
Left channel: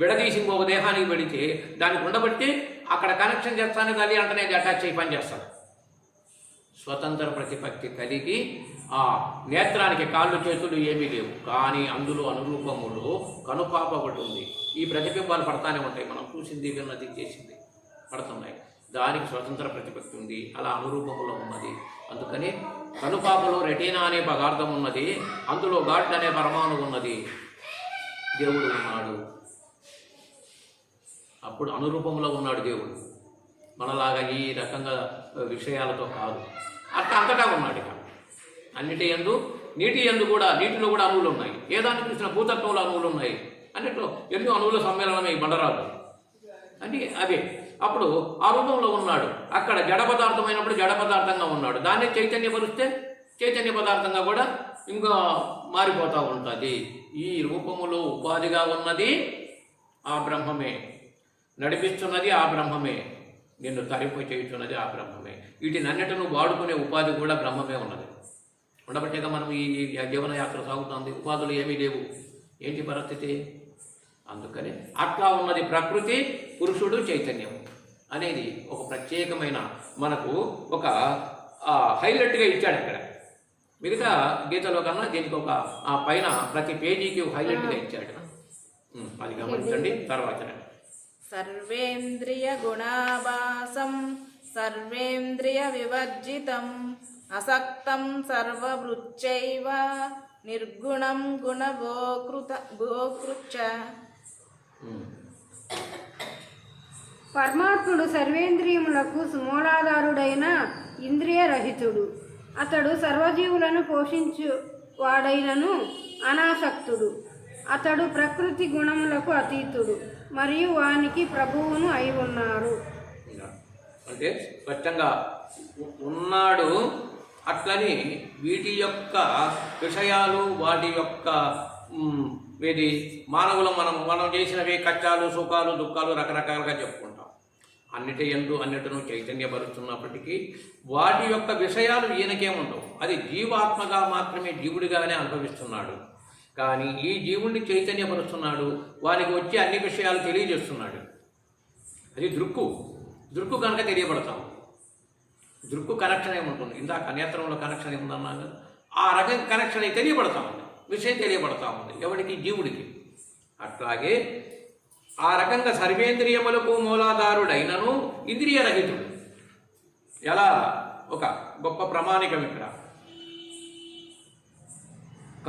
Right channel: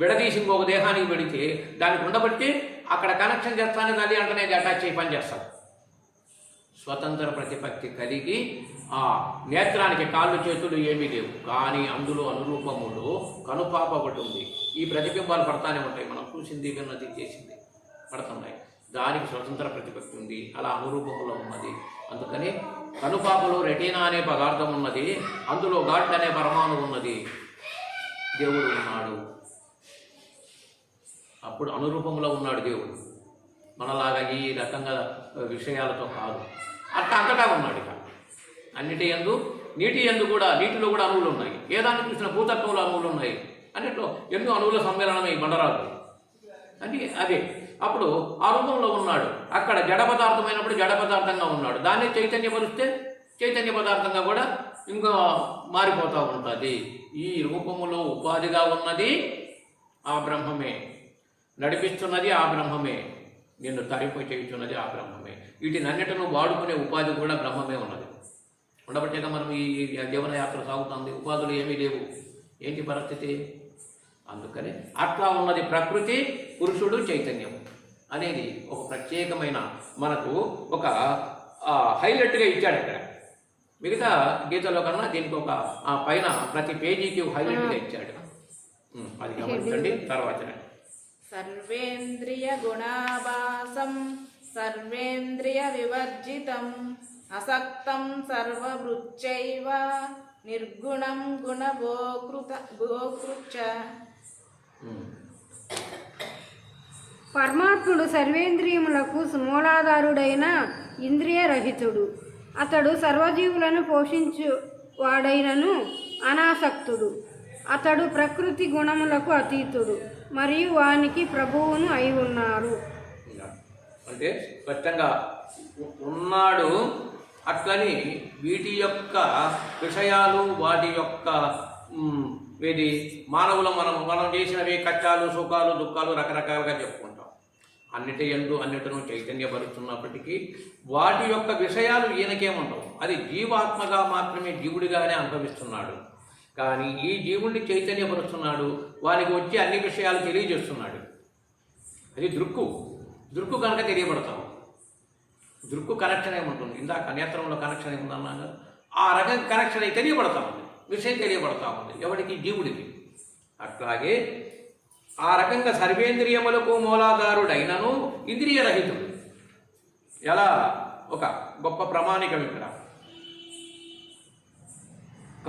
విడదీసి ఇంకొక దేహానికి పెడితే దానికి ఉండబట్టి అక్కడ కనెక్షన్ చేస్తాను అది అంటనే అటాచ్ అయ్యి పని చేస్తాడు. స్వతంత్ర ప్రతిపత్తి కలిగి ఆ నేత్రానికి కాళ్ళు చేతులు ఏమీ లేవు, కానీ అందులో అనురూపములో కనుపాప ఒకటి ఉంది. ఈ ప్రతిబింబాలు పడతానే ఉంటాయి, మనం చూసింది విన్నది చేసింది పడుతున్నాయి. దానికి స్వతంత్ర ప్రతిపత్తి ఉంది, అలా అనురూపములో ఉన్నది. అందుకని కనుపాపలో రెటీనా అనే పదార్థం ఉన్నది, అందులో గాడ్ అనే పరమాణు ఉన్నది, దేవుడు ఉన్నాడు. అప్పుడు అనురూపంలో ఉన్నాడు దేవుడు, మనలాగా ఈ రకంగా విషయాలతో కాదు. అట్లా అంతటా ఉన్నాడు. ఇక అన్నిటి యందు, నీటి యందు కూడా, నీటిలో కూడా అణువులు ఉన్నాయి. ఏ దాన్ని చూసిన భూతత్వంలో అణువులు ఉన్నాయి, అన్నిట్లో ఎన్నో అణువుల సమ్మేళనమే ఈ బండరాలు అని అవే. అప్పుడు ఆ రూపంలో ఉన్నాడు. అక్కడ జడ పదార్థమైనప్పుడు జడ పదార్థంగా ఉన్నాడు. దాన్ని చైతన్యపరిస్తే చైతన్య పదార్థంగా కూడా ఇంకా మారిపోతూ ఉంటుంది. ఈ రూపములో ఉపాధిగా ఉన్నది ఆ బ్రహ్మమే, నడిపిస్తున్నది ఆ బ్రహ్మమే, నిన్ను తరింపు చేయుచున్నది ఆ బ్రహ్మమే. వీటినన్నిటిని వాడుకునే ఉపాధి కూడా బ్రహ్మమే ఉన్నది. ఉండబట్టేగా మనం ఈ జీవనయాత్ర సాగుతుంది, ఉపాధులు ఏమీ లేవు. ఏంటి పరిస్థితి? అందుకని అట్లా ఉన్నది ప్రకృతి, పురుషుడు, చైతన్యం అనేది ఒక ప్రత్యేకమైన మనకు ఒక హైలైట్గా ఇచ్చాడు ఇక్కడ. మిగతా గీతలో కన్నా దీనికి ఒక పైన ప్రతి పేజీకి ఒక హైలైట్గా ఇచ్చాడు. అది గమనించండి. తర్వాత సర్వేంద్రియ గుణాభాసం సర్వేంద్రియ వివర్జితం అసక్తం సర్వవృచ్చైవ నిర్గుణం గుణభోకృత. పరమాత్ముడు సర్వేంద్రియములకు మూలాధారుడైన ఇంద్రియరహితుడు. అతడు సర్వజీవులను పోషించువాడైనను అనాసక్తుడు. అతడు ప్రకృతి గుణములకు అతీతుడు మరియు వానికి ప్రభువును అయి ఉన్నారు. అంటే స్పష్టంగా ఉన్నాడు. అట్లని వీటి యొక్క విషయాలు, వాటి యొక్క ఇది మానవులు మనం చేసినవి కష్టాలు, సుఖాలు, దుఃఖాలు రకరకాలుగా చెప్పుకుంటాం. అన్నిటి యందు అన్నిటిను చైతన్యపరుస్తున్నప్పటికీ వాటి యొక్క విషయాలు ఈయనకేముండవు. అది జీవాత్మగా మాత్రమే జీవుడిగానే అనుభవిస్తున్నాడు. కానీ ఈ జీవుడిని చైతన్యపరుస్తున్నాడు, వానికి వచ్చి అన్ని విషయాలు తెలియజేస్తున్నాడు. అది దృక్కు కనుక తెలియబడతాము. దృక్కు కనెక్షన్ ఏముంటుంది, ఇందాక నేత్రంలో కనెక్షన్ ఏముందన్నా కదా, ఆ రకం కనెక్షన్ అయి తెలియబడతా ఉంది, విషయం తెలియబడతా ఉంది ఎవరికి? జీవుడికి. అట్లాగే ఆ రకంగా సర్వేంద్రియములకు మూలాధారుడైనను ఇంద్రియరహితుడు. ఎలా ఒక గొప్ప ప్రమాణికం ఇక్కడ.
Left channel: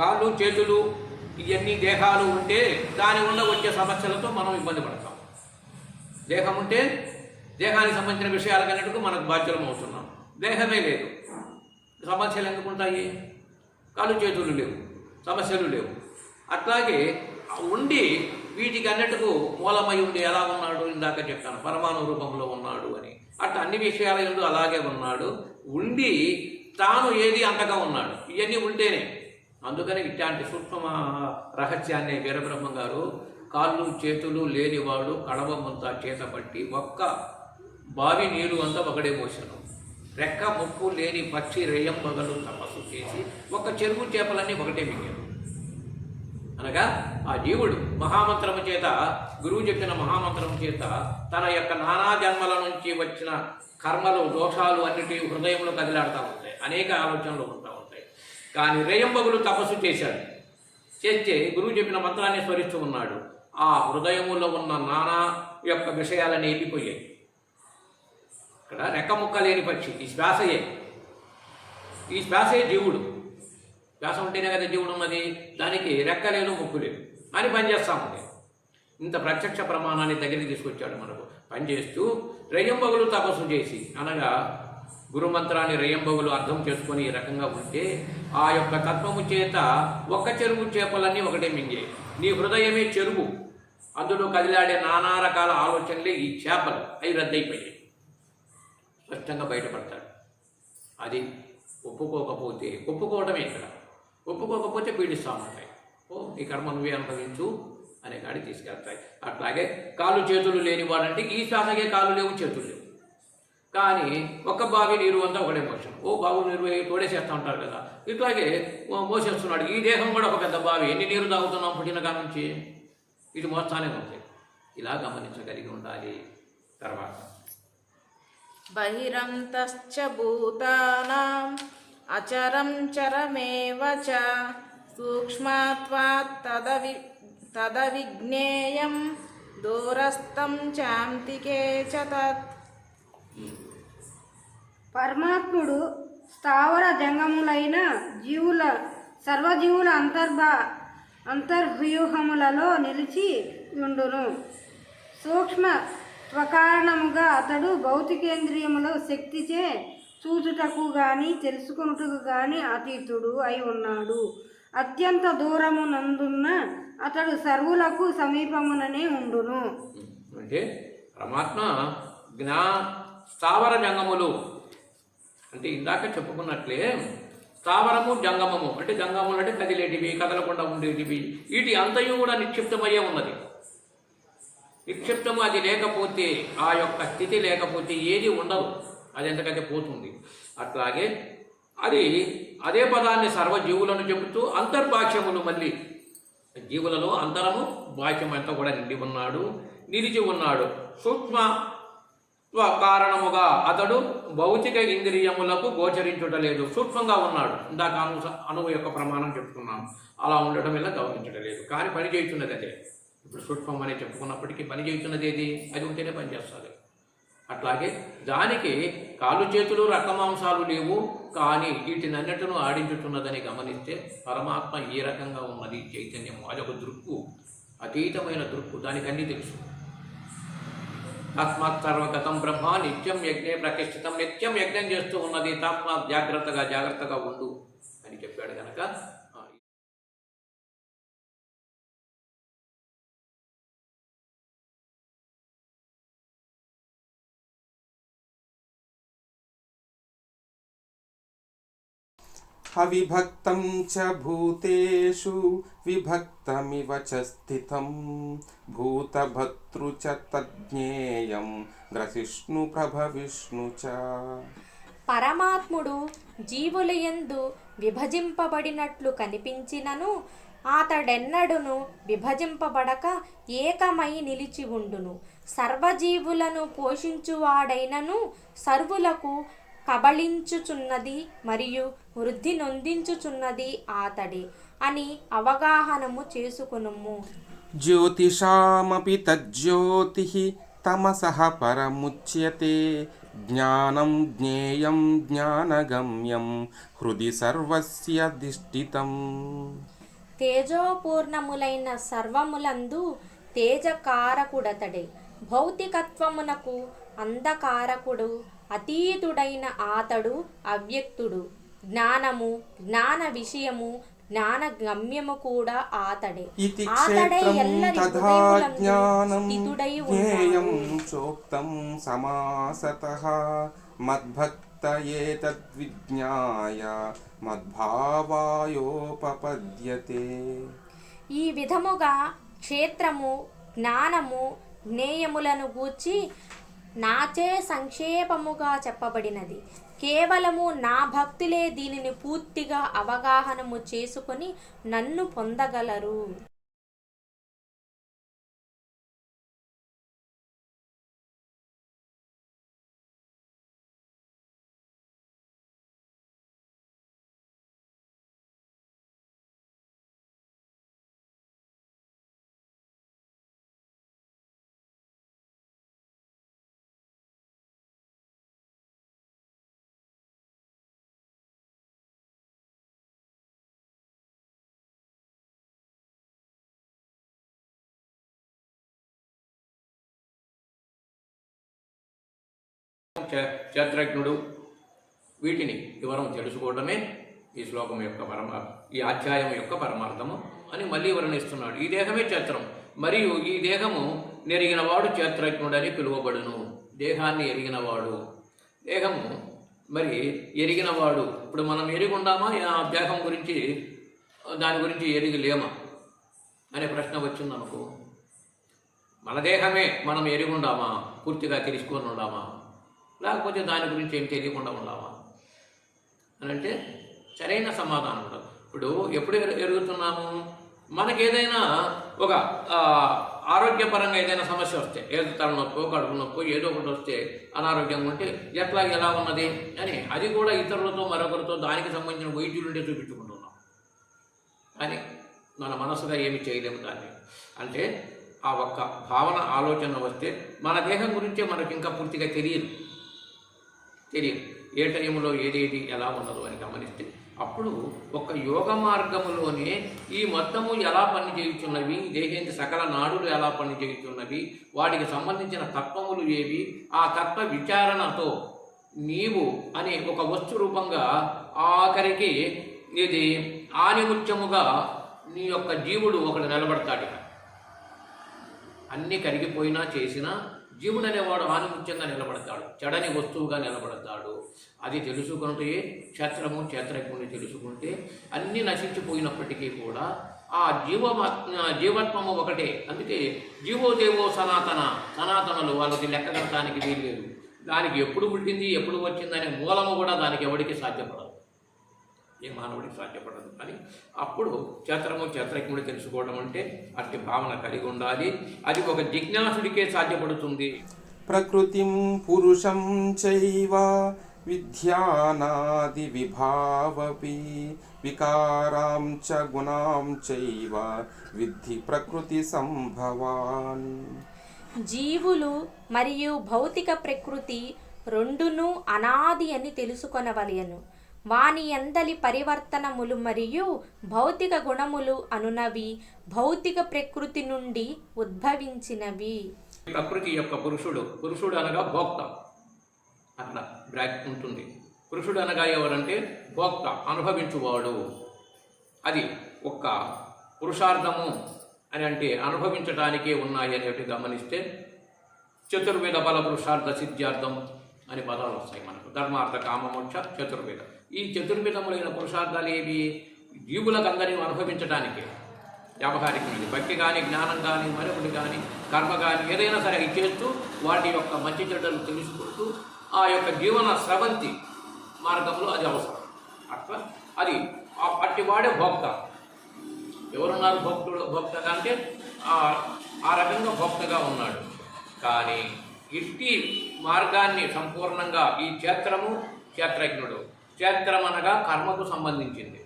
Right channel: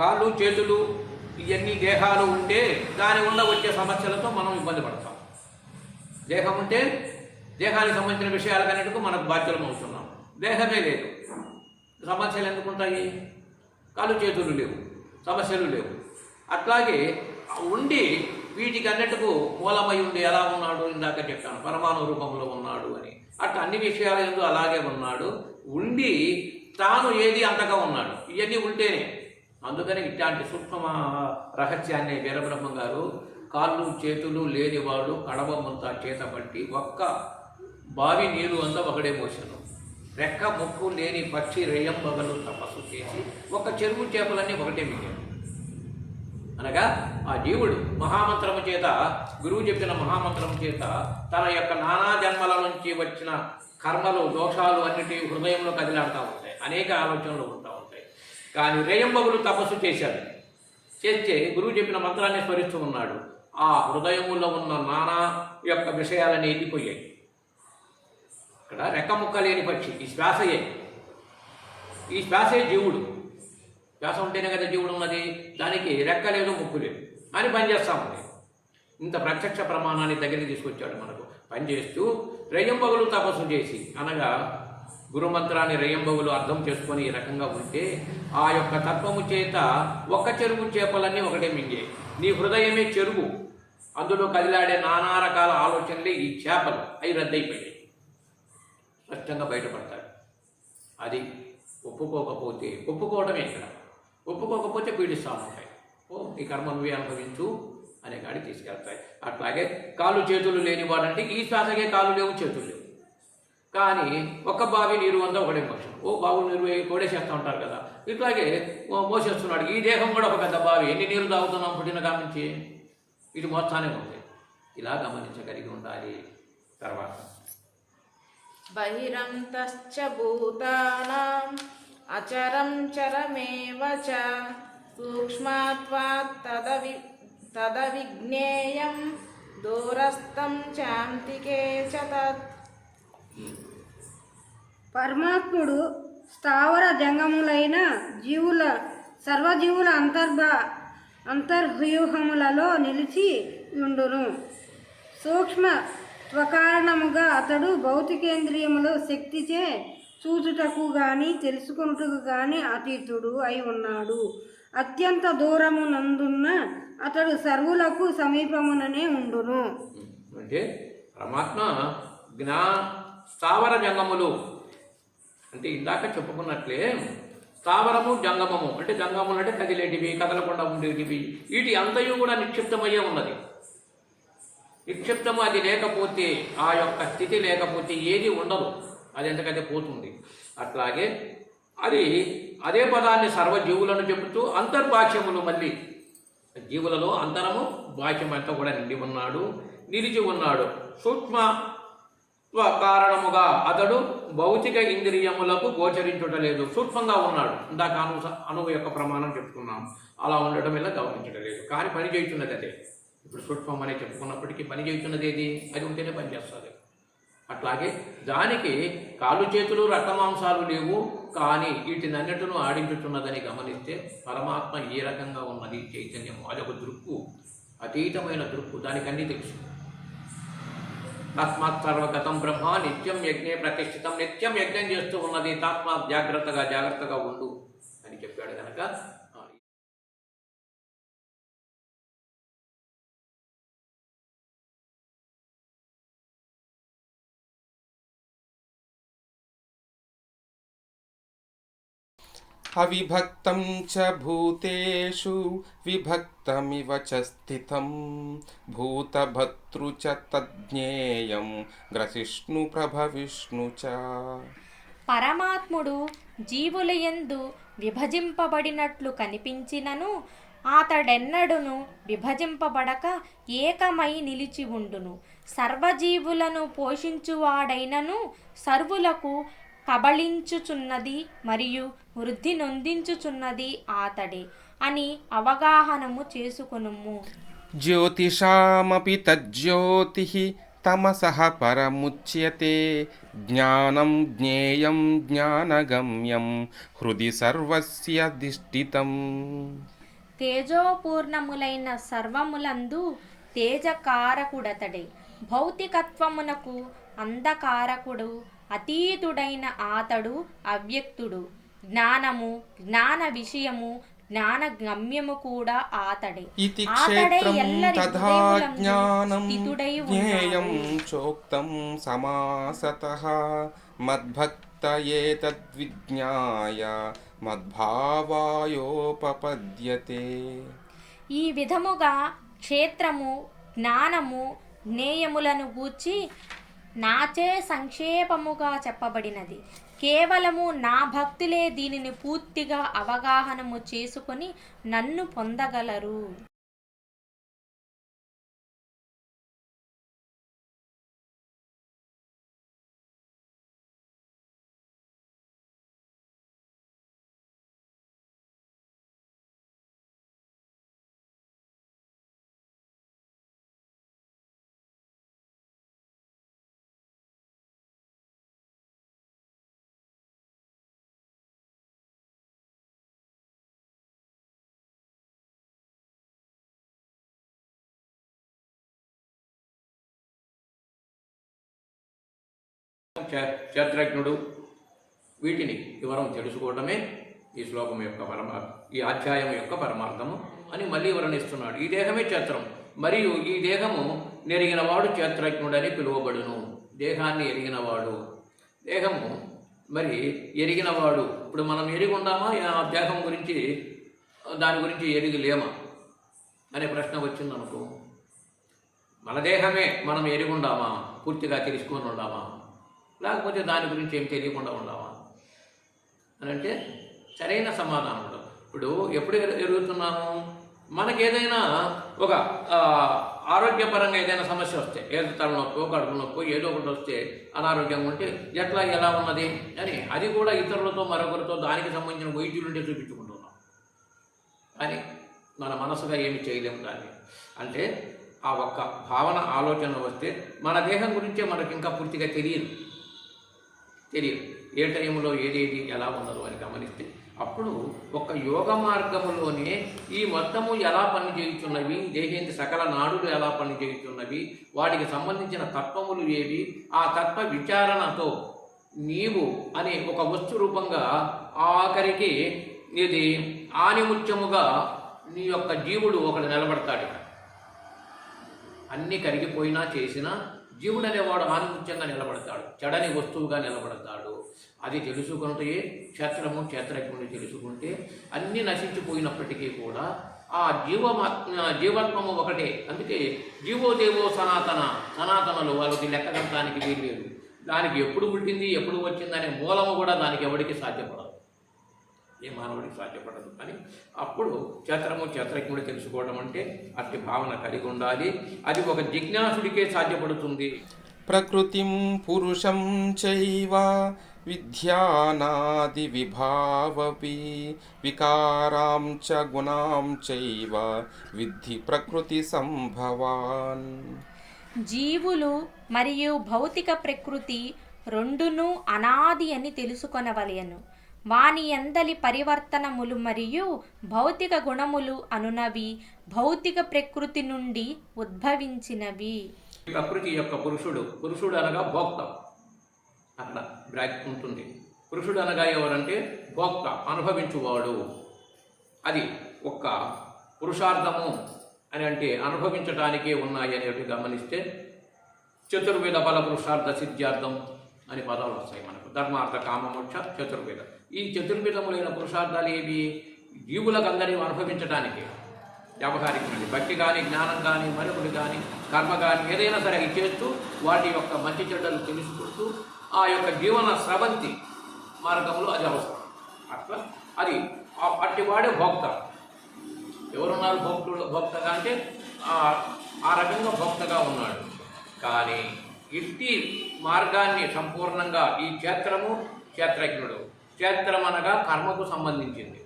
కాళ్ళు, చేతులు, ఇవన్నీ దేహాలు ఉంటే దాని వల్ల వచ్చే సమస్యలతో మనం ఇబ్బంది పడతాం. దేహం ఉంటే దేహానికి సంబంధించిన విషయాలకన్నిటికీ మనకు బాధ్యులం అవుతున్నాం. దేహమే లేదు, సమస్యలు ఎందుకు ఉంటాయి? కాళ్ళు చేతులు లేవు, సమస్యలు లేవు. అట్లాగే ఉండి వీటికి అన్నిటికూ మూలమై ఉండి ఎలా ఉన్నాడు? ఇందాక చెప్పాను, పరమాణు రూపంలో ఉన్నాడు అని. అట్లా అన్ని విషయాల యందు అలాగే ఉన్నాడు. ఉండి తాను ఏది అంతగా ఉన్నాడు. ఇవన్నీ ఉంటేనే. అందుకని ఇట్లాంటి సూక్ష్మ రహస్యాన్ని వీరబ్రహ్మం గారు కాళ్ళు చేతులు లేనివాడు కడవమంతా చేతపట్టి ఒక్క బావి నీరు అంతా ఒకడే మోసను, రెక్క ముక్కు లేని పక్షి రేయంబగలు తపస్సు చేసి ఒక చెరువు చేపలన్నీ ఒకటే మింగాడు. అనగా ఆ జీవుడు మహామంత్రము చేత, గురువు చెప్పిన మహామంత్రము చేత తన యొక్క నానా జన్మల నుంచి వచ్చిన కర్మలు, దోషాలు అన్నిటి హృదయంలో కదిలాడుతూ ఉంటాయి, అనేక ఆలోచనలు ఉంటా ఉంటాయి. కానీ రేయంబగులు తపస్సు చేశాడు. చేస్తే గురువు చెప్పిన మంత్రాన్ని స్మరిస్తూ ఉన్నాడు. ఆ హృదయములో ఉన్న నానా యొక్క విషయాలని వెళ్ళిపోయాయి. ఇక్కడ రెక్క ముక్క లేని పక్షి, ఈ శ్వాసే జీవుడు. శ్వాస ఉంటేనే కదా జీవుడు ఉన్నది. దానికి రెక్క లేదు, ముక్కు లేదు అని పనిచేస్తామండి. ఇంత ప్రత్యక్ష ప్రమాణాన్ని దగ్గరికి తీసుకొచ్చాడు మనకు. పనిచేస్తూ రేయంబగులు తపస్సు చేసి, అనగా గురుమంత్రాన్ని రేయంబగులు అర్థం చేసుకొని ఈ రకంగా ఉంటే ఆ యొక్క తత్వము చేత ఒక్క చెరువు చేపలన్నీ ఒకటే మింగే. నీ హృదయమే చెరువు, అందులో కదిలాడే నానా రకాల ఆలోచనలే ఈ చేపలు, అవి రద్దయిపోయాయి. స్పష్టంగా బయటపడతాడు. అది ఒప్పుకోవటమే ఇక్కడ. ఒప్పుకోకపోతే పీడిస్తూ ఉంటాయి. ఈ కర్మ నువ్వే అనుభవించు అనే కాడికి తీసుకెళ్తాయి. అట్లాగే కాళ్ళు చేతులు లేనివాడంటే ఈ శ్వాసకే కాళ్ళు లేవు, చేతులు లేవు. కానీ ఒక్క బావి నీరు అంతా ఒకటే మోషన్. బావులు నీరు తోడేసేస్తూ ఉంటారు కదా, ఇట్లాగే మోసేస్తున్నాడు. ఈ దేహం కూడా ఒక పెద్ద బావి, ఎన్ని నీరు తాగుతున్నాం పుట్టిన కానుంచి, ఇది మోస్తానే ఉంది. ఇలా గమనించగలిగి ఉండాలి. తర్వాత బహిరంతశ్చ భూతానాం అచరం చరమేవ చ సూక్ష్మాత్వాత్ తదవిజ్ఞేయం దూరస్థం చాంతికే చ తత్. పరమాత్ముడు స్థావర జంగములైన జీవుల సర్వజీవుల అంతర్వ్యూహములలో నిలిచి ఉండును. సూక్ష్మ స్వకారణముగా అతడు భౌతికేంద్రియములు శక్తిచే చూచుటకు గాని తెలుసుకొనుటకు గాని అతీతుడు అయి ఉన్నాడు. అత్యంత దూరమునందున్న అతడు సర్వులకు సమీపముననే ఉండును. అంటే పరమాత్మ స్థావర జంగములు అంటే ఇందాక చెప్పుకున్నట్లే స్థావరము జంగమము అంటే జంగములు అంటే కదిలేటివి, కదలకుండా ఉండేటివి, వీటి అంతయు కూడా నిక్షిప్తమయ్యే ఉన్నది. నిక్షిప్తము అది లేకపోతే, ఆ యొక్క స్థితి లేకపోతే ఏది ఉండదు, అది ఎందుకంటే పోతుంది. అట్లాగే అది అదే పదాన్ని సర్వజీవులను చెబుతూ అంతర్భాష్యములు, మళ్ళీ జీవులలో అంతరము భాష్యం అంతా కూడా నిండి ఉన్నాడు, నిలిచి ఉన్నాడు. సూక్ష్మ కారణముగా అతడు భౌతిక ఇంద్రియములకు గోచరించుటలేదు, సూక్ష్మంగా ఉన్నాడు. ఇందాక అణువు యొక్క ప్రమాణం చెప్పుకున్నాం, అలా ఉండటం వల్ల గమనించడం లేదు. కానీ పని చేస్తున్నది అదే. ఇప్పుడు సూక్ష్మం అనే చెప్పుకున్నప్పటికీ పని చేస్తున్నది ఏది, అది ఉంటేనే పనిచేస్తుంది. అట్లాగే దానికి కాళ్ళు చేతులు రక్తమాంసాలు లేవు, కానీ వీటినన్నిటిను ఆడించుతున్నదని గమనిస్తే పరమాత్మ ఏ రకంగా ఉన్నది చైతన్యము, అదొక దృక్కు, అతీతమైన దృక్కు, దానికి అన్నీ తెలుసు. తస్మాత్ సర్వగతం బ్రహ్మ నిత్యం యజ్ఞే ప్రతిష్ఠితం, నిత్యం యజ్ఞం చేస్తూ ఉన్నది, తస్మాత్ జాగ్రత్తగా ఉండు అని చెప్పాడు కనుక అవిభక్తం చ భూతేషు విభక్తమివ చ స్థితం భూతభర్తృ చ తజ్ఞేయం గ్రసిష్ణు ప్రభవిష్ణు చ. పరమాత్ముడు జీవులయందు విభజింపబడినట్లు కనిపించినను అతడెన్నడును విభజింపబడక ఏకమై నిలిచి ఉండును. సర్వజీవులను పోషించువాడైనను సర్వులకు కబళించుచున్నది మరియు వృద్ధి నొందించుచున్నది ఆతడే అని అవగాహనము చేసుకొనుము. జ్యోతిషామపి తజ్జ్యోతిః తమసః పరముచ్యతే జ్ఞానం జ్ఞేయం జ్ఞానగమ్యం హృది సర్వస్య దిష్టితం. తేజోపూర్ణములైన సర్వములందు తేజకారకుడతడే. భౌతికత్వమునకు అంధకారకుడు అతీతుడైన ఆతడు అవ్యక్తుడు. జ్ఞానము, జ్ఞాన విషయము, జ్ఞాన గమ్యము కూడా ఆతడే. ఆతడే ఎల్లరి హృదయములందు స్థితుడై ఉన్నాడు. చోక్తం సమాసతః మద్భక్త ఏతద్విజ్ఞాయ మద్భావాయోపపద్యతే. ఈ విధముగా క్షేత్రము, జ్ఞానము, జ్ఞేయములను గూర్చి నాచే సంక్షేపముగా చెప్పబడినది. కేవలము నా భక్తులే దీనిని పూర్తిగా అవగాహనము చేసుకొని నన్ను పొందగలరు. క్షేత్రజ్ఞుడు, వీటిని వివరం తెలుసుకోవడమే ఈ శ్లోకం యొక్క ఈ అధ్యాయం యొక్క పరమార్థము అని మళ్ళీ వర్ణిస్తున్నాడు. ఈ దేహమే క్షేత్రం, మరియు ఈ దేహము నెరిగినవాడు క్షేత్రజ్ఞుడని పిలువబడును. దేహాన్ని ఎరిగినవాడు, దేహము మరి ఎరిగినవాడు. ఇప్పుడు మనం ఎరిగి ఉండామా, ఆ దేహం గురించి దాని గురించి ఎరిగి లేమా అనే ప్రశ్న వచ్చిందనుకో, మన దేహమే మనం ఎరిగి ఉండామా, పూర్తిగా తెలుసుకొని ఉండామా, లేకపోతే దాని గురించి ఏం తెలియకుండా ఉండామా అని అంటే సరైన సమాధానం ఉండదు. ఇప్పుడు ఎప్పుడు ఎరుగుతున్నాము, మనకి ఏదైనా ఒక ఆరోగ్యపరంగా ఏదైనా సమస్య వస్తే, ఏదో తలనొప్పో కడుపు నొప్పో ఏదో ఒకటి వస్తే, అనారోగ్యంగా ఉంటే ఎలా ఉన్నది అని అది కూడా ఇతరులతో మరొకరితో దానికి సంబంధించిన వైద్యులుంటే చూపించుకుంటున్నాం. అని మన మనసుగా ఏమి చేయలేము దాన్ని. అంటే ఆ ఒక్క భావన ఆలోచన వస్తే మన దేహం గురించే మనకి ఇంకా పూర్తిగా తెలియదు. ఏ టైంలో ఏదేది ఎలా ఉన్నదో అని గమనిస్తే అప్పుడు ఒక యోగ మార్గములోనే ఈ మొత్తము ఎలా పనిచేయుచున్నవి, దేహేంద్ర సకల నాడులు ఎలా పనిచేయుచున్నవి, వాటికి సంబంధించిన తత్వములు ఏవి, ఆ తత్వ విచారణతో నీవు అనే ఒక వస్తు రూపంగా ఆఖరికి ఇది ఆనిముత్యముగా నీ యొక్క జీవుడు ఒకడు నిలబడతాడు. అన్నీ కరిగిపోయినా చేసినా జీవుడు అనేవాడు ఆనిముత్యంగా నిలబడతాడు, చెడని వస్తువుగా నిలబడతాడు. అది తెలుసుకుంటే క్షేత్రము క్షేత్రజ్ఞుని తెలుసుకుంటే అన్నీ నశించిపోయినప్పటికీ కూడా ఆ జీవత్వము ఒకటే. అందుకే జీవోదేవో సనాతనలు వాళ్ళకి లెక్కగట్టడానికి వీల్లేదు. దానికి ఎప్పుడు పుట్టింది ఎప్పుడు వచ్చిందనే మూలము కూడా దానికి ఎవరికి సాధ్యపడదు, ఏ మానవుడికి సాధ్యపడదు. అని అప్పుడు క్షేత్రము క్షేత్రజ్ఞుడు తెలుసుకోవడం అంటే అట్టి భావన కలిగి ఉండాలి. అది ఒక జిజ్ఞాసుడికే సాధ్యపడుతుంది. ప్రకృతిం పురుషం చైవ విద్యానాది విభావపి వికారాం చ గుణాం చైవ విద్ధి ప్రకృతి సంభవాన్. జీవులు మరియు భౌతిక ప్రకృతి రెండును అనాది అని తెలుసుకొనవలెను. వాని యందలి పరివర్తనములు మరియు భౌతిక గుణములు అనునవి భౌతిక ప్రకృతి నుండి ఉద్భవించినవి. ప్రకృతి యొక్క పురుషుడు అనగా భోక్త, అక్కడ బ్రాకెట్ ఉంటుంది. పురుషుడు అనగా ఎవరంటే భోక్త, అనుభవించువాడు. అది ఒక్క పురుషార్థము అని అంటే అనుభవించటానికే ఉన్నాయి అనేవి గమనిస్తే చతుర్వేద బల పురుషార్థ సిద్ధ్యార్థం అని పదాలు వస్తాయి మనకు. ధర్మార్థ కామమోక్ష చతుర్వేద. ఈ చతుర్విధములైన పురుషార్థాలు ఏవి? జీవులకు అందరినీ అనుభవించడానికే. వ్యావహారికమైనది భక్తి కానీ, జ్ఞానం కానీ, మరొకటి కానీ, కర్మ కానీ ఏదైనా సరే అవి చేస్తూ వాటి యొక్క మంచి చెడ్డలు తెలుసుకుంటూ ఆ యొక్క జీవన స్రవంతి మార్గంలో అది అవసరం. అట్లా అది అట్టివాడే భోక్త. ఎవరున్నారు భోక్తగా అంటే ఆ రకంగా భోక్తగా ఉన్నాడు. కానీ ఇట్టి మార్గాన్ని సంపూర్ణంగా ఈ క్షేత్రము క్షేత్రజ్ఞుడు. క్షేత్రం అనగా కర్మకు సంబంధించింది,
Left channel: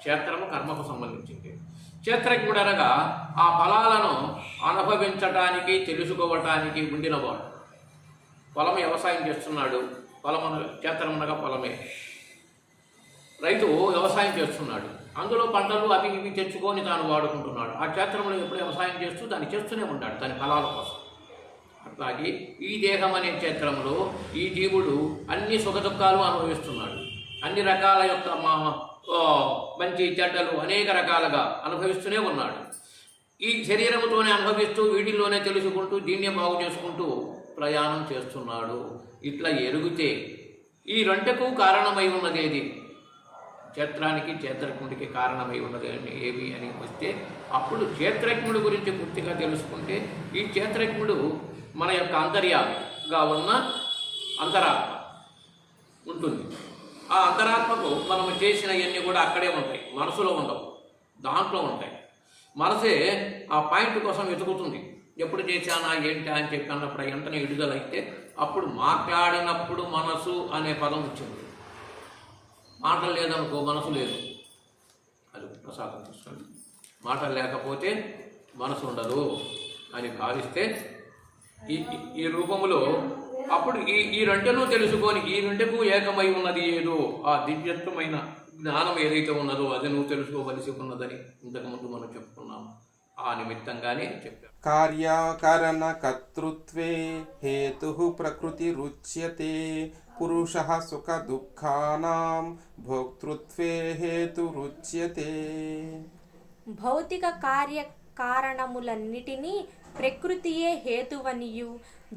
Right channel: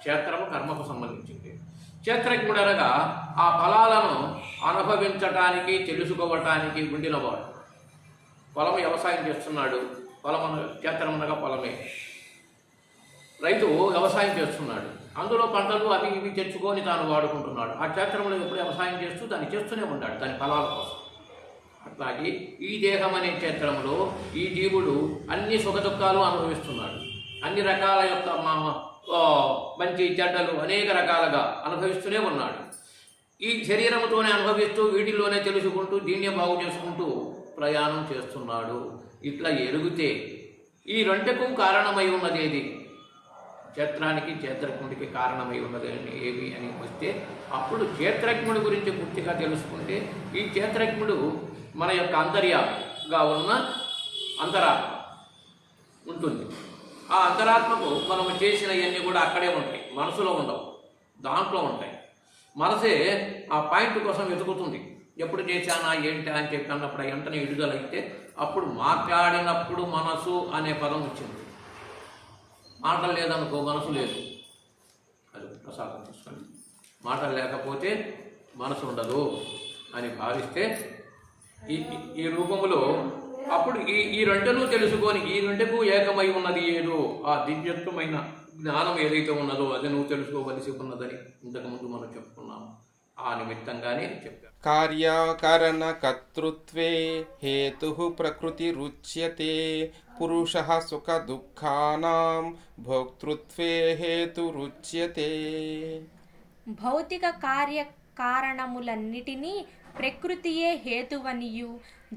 క్షేత్రము కర్మకు సంబంధించింది. క్షేత్రజ్ఞుడు అనగా ఆ ఫలాలను అనుభవించటానికి తెలుసుకోవటానికి ఉండినవాడు. పొలం వ్యవసాయం చేస్తున్నాడు, క్షేత్రం అనగా పొలమే. రైతు వ్యవసాయం చేస్తున్నాడు, అందులో పంటలు అవి ఇవి తెచ్చుకొని తాను వాడుకుంటున్నాడు. ఆ క్షేత్రంలో ఎప్పుడు వ్యవసాయం చేస్తూ దాన్ని చేస్తూనే ఉన్నాడు దాని ఫలాల కోసం. అట్లాగే ఈ దేహం అనే క్షేత్రంలో ఈ జీవుడు అన్ని సుఖదుఖాలు అనుభవిస్తున్నాడు. అన్ని రకాల యొక్క మంచి చెడ్డలు అనేక రకాలుగా అనుభవిస్తూనే ఉన్నాడు. ఈ శరీరంతోనే అనుభవిస్తూ వీటిల్లోనే తెలుసుకుంటూ దీన్నే బాగు చేసుకుంటూ ప్రయాణం చేస్తున్నాడు. ఇట్లా ఎరుగుతే ఈ రెంటకు కారణమై ఉన్నది ఏది? క్షేత్రానికి క్షేత్రజ్ఞుడికి కారణమై ఉన్నది ఏవి అని వస్తే అప్పుడు క్షేత్రజ్ఞుడి గురించి పూర్తిగా తెలుసుకుంటే ఈ క్షేత్రజ్ఞుడు మన యొక్క అంతర్యామిగా ఉన్న అంతరాత్మ ఉంటుంది. ఆ అంతరాత్మకు మనం చేసినవన్నీ కూడా అక్కడే ఉంటాయి, మనసులో ఉండవు, దాంట్లో ఉంటాయి. మనసే ఆ పాయింట్ కోసం వెతుకుతుంది. ఎప్పుడు చేశానా ఏంటా అని చెప్పి అన్నప్పుడు వెంటనే విడుదలైతే అప్పుడు మాట్లాడినప్పుడు మనసు అనే పదం వచ్చింది. మాటలు లేదనుకో మనసు లేదు. అది ప్రసాదం తీసుకోండి. మాటలు లేకపోతే మనసు ఉండదు అని భావిస్తే ఈ రూపంలో అప్పుడు ఈ రెండును తెలుసుకొని ఈ రెండుకు ఏకమై ఉన్నది ఏదో ఆ దివ్యత్వమైన జ్ఞానం ఏదైతే ఉన్నదో అది నువ్వు తెలుసుకోవలసి ఉన్నదని ఇంతకుముందు మనం చెప్పుకున్నాము. ఆ నిమిత్తంగానే చెప్పారు. కార్యకరణ కర్తృత్వే హేతు ప్రకృతి రుచ్యతే పురుషః సుఖ దుఃఖానాం భోక్తృత్వే హేతు రుచ్యతే. భౌతిక కార్యకారణములన్నిటినీ ప్రకృతియే హేతువనియు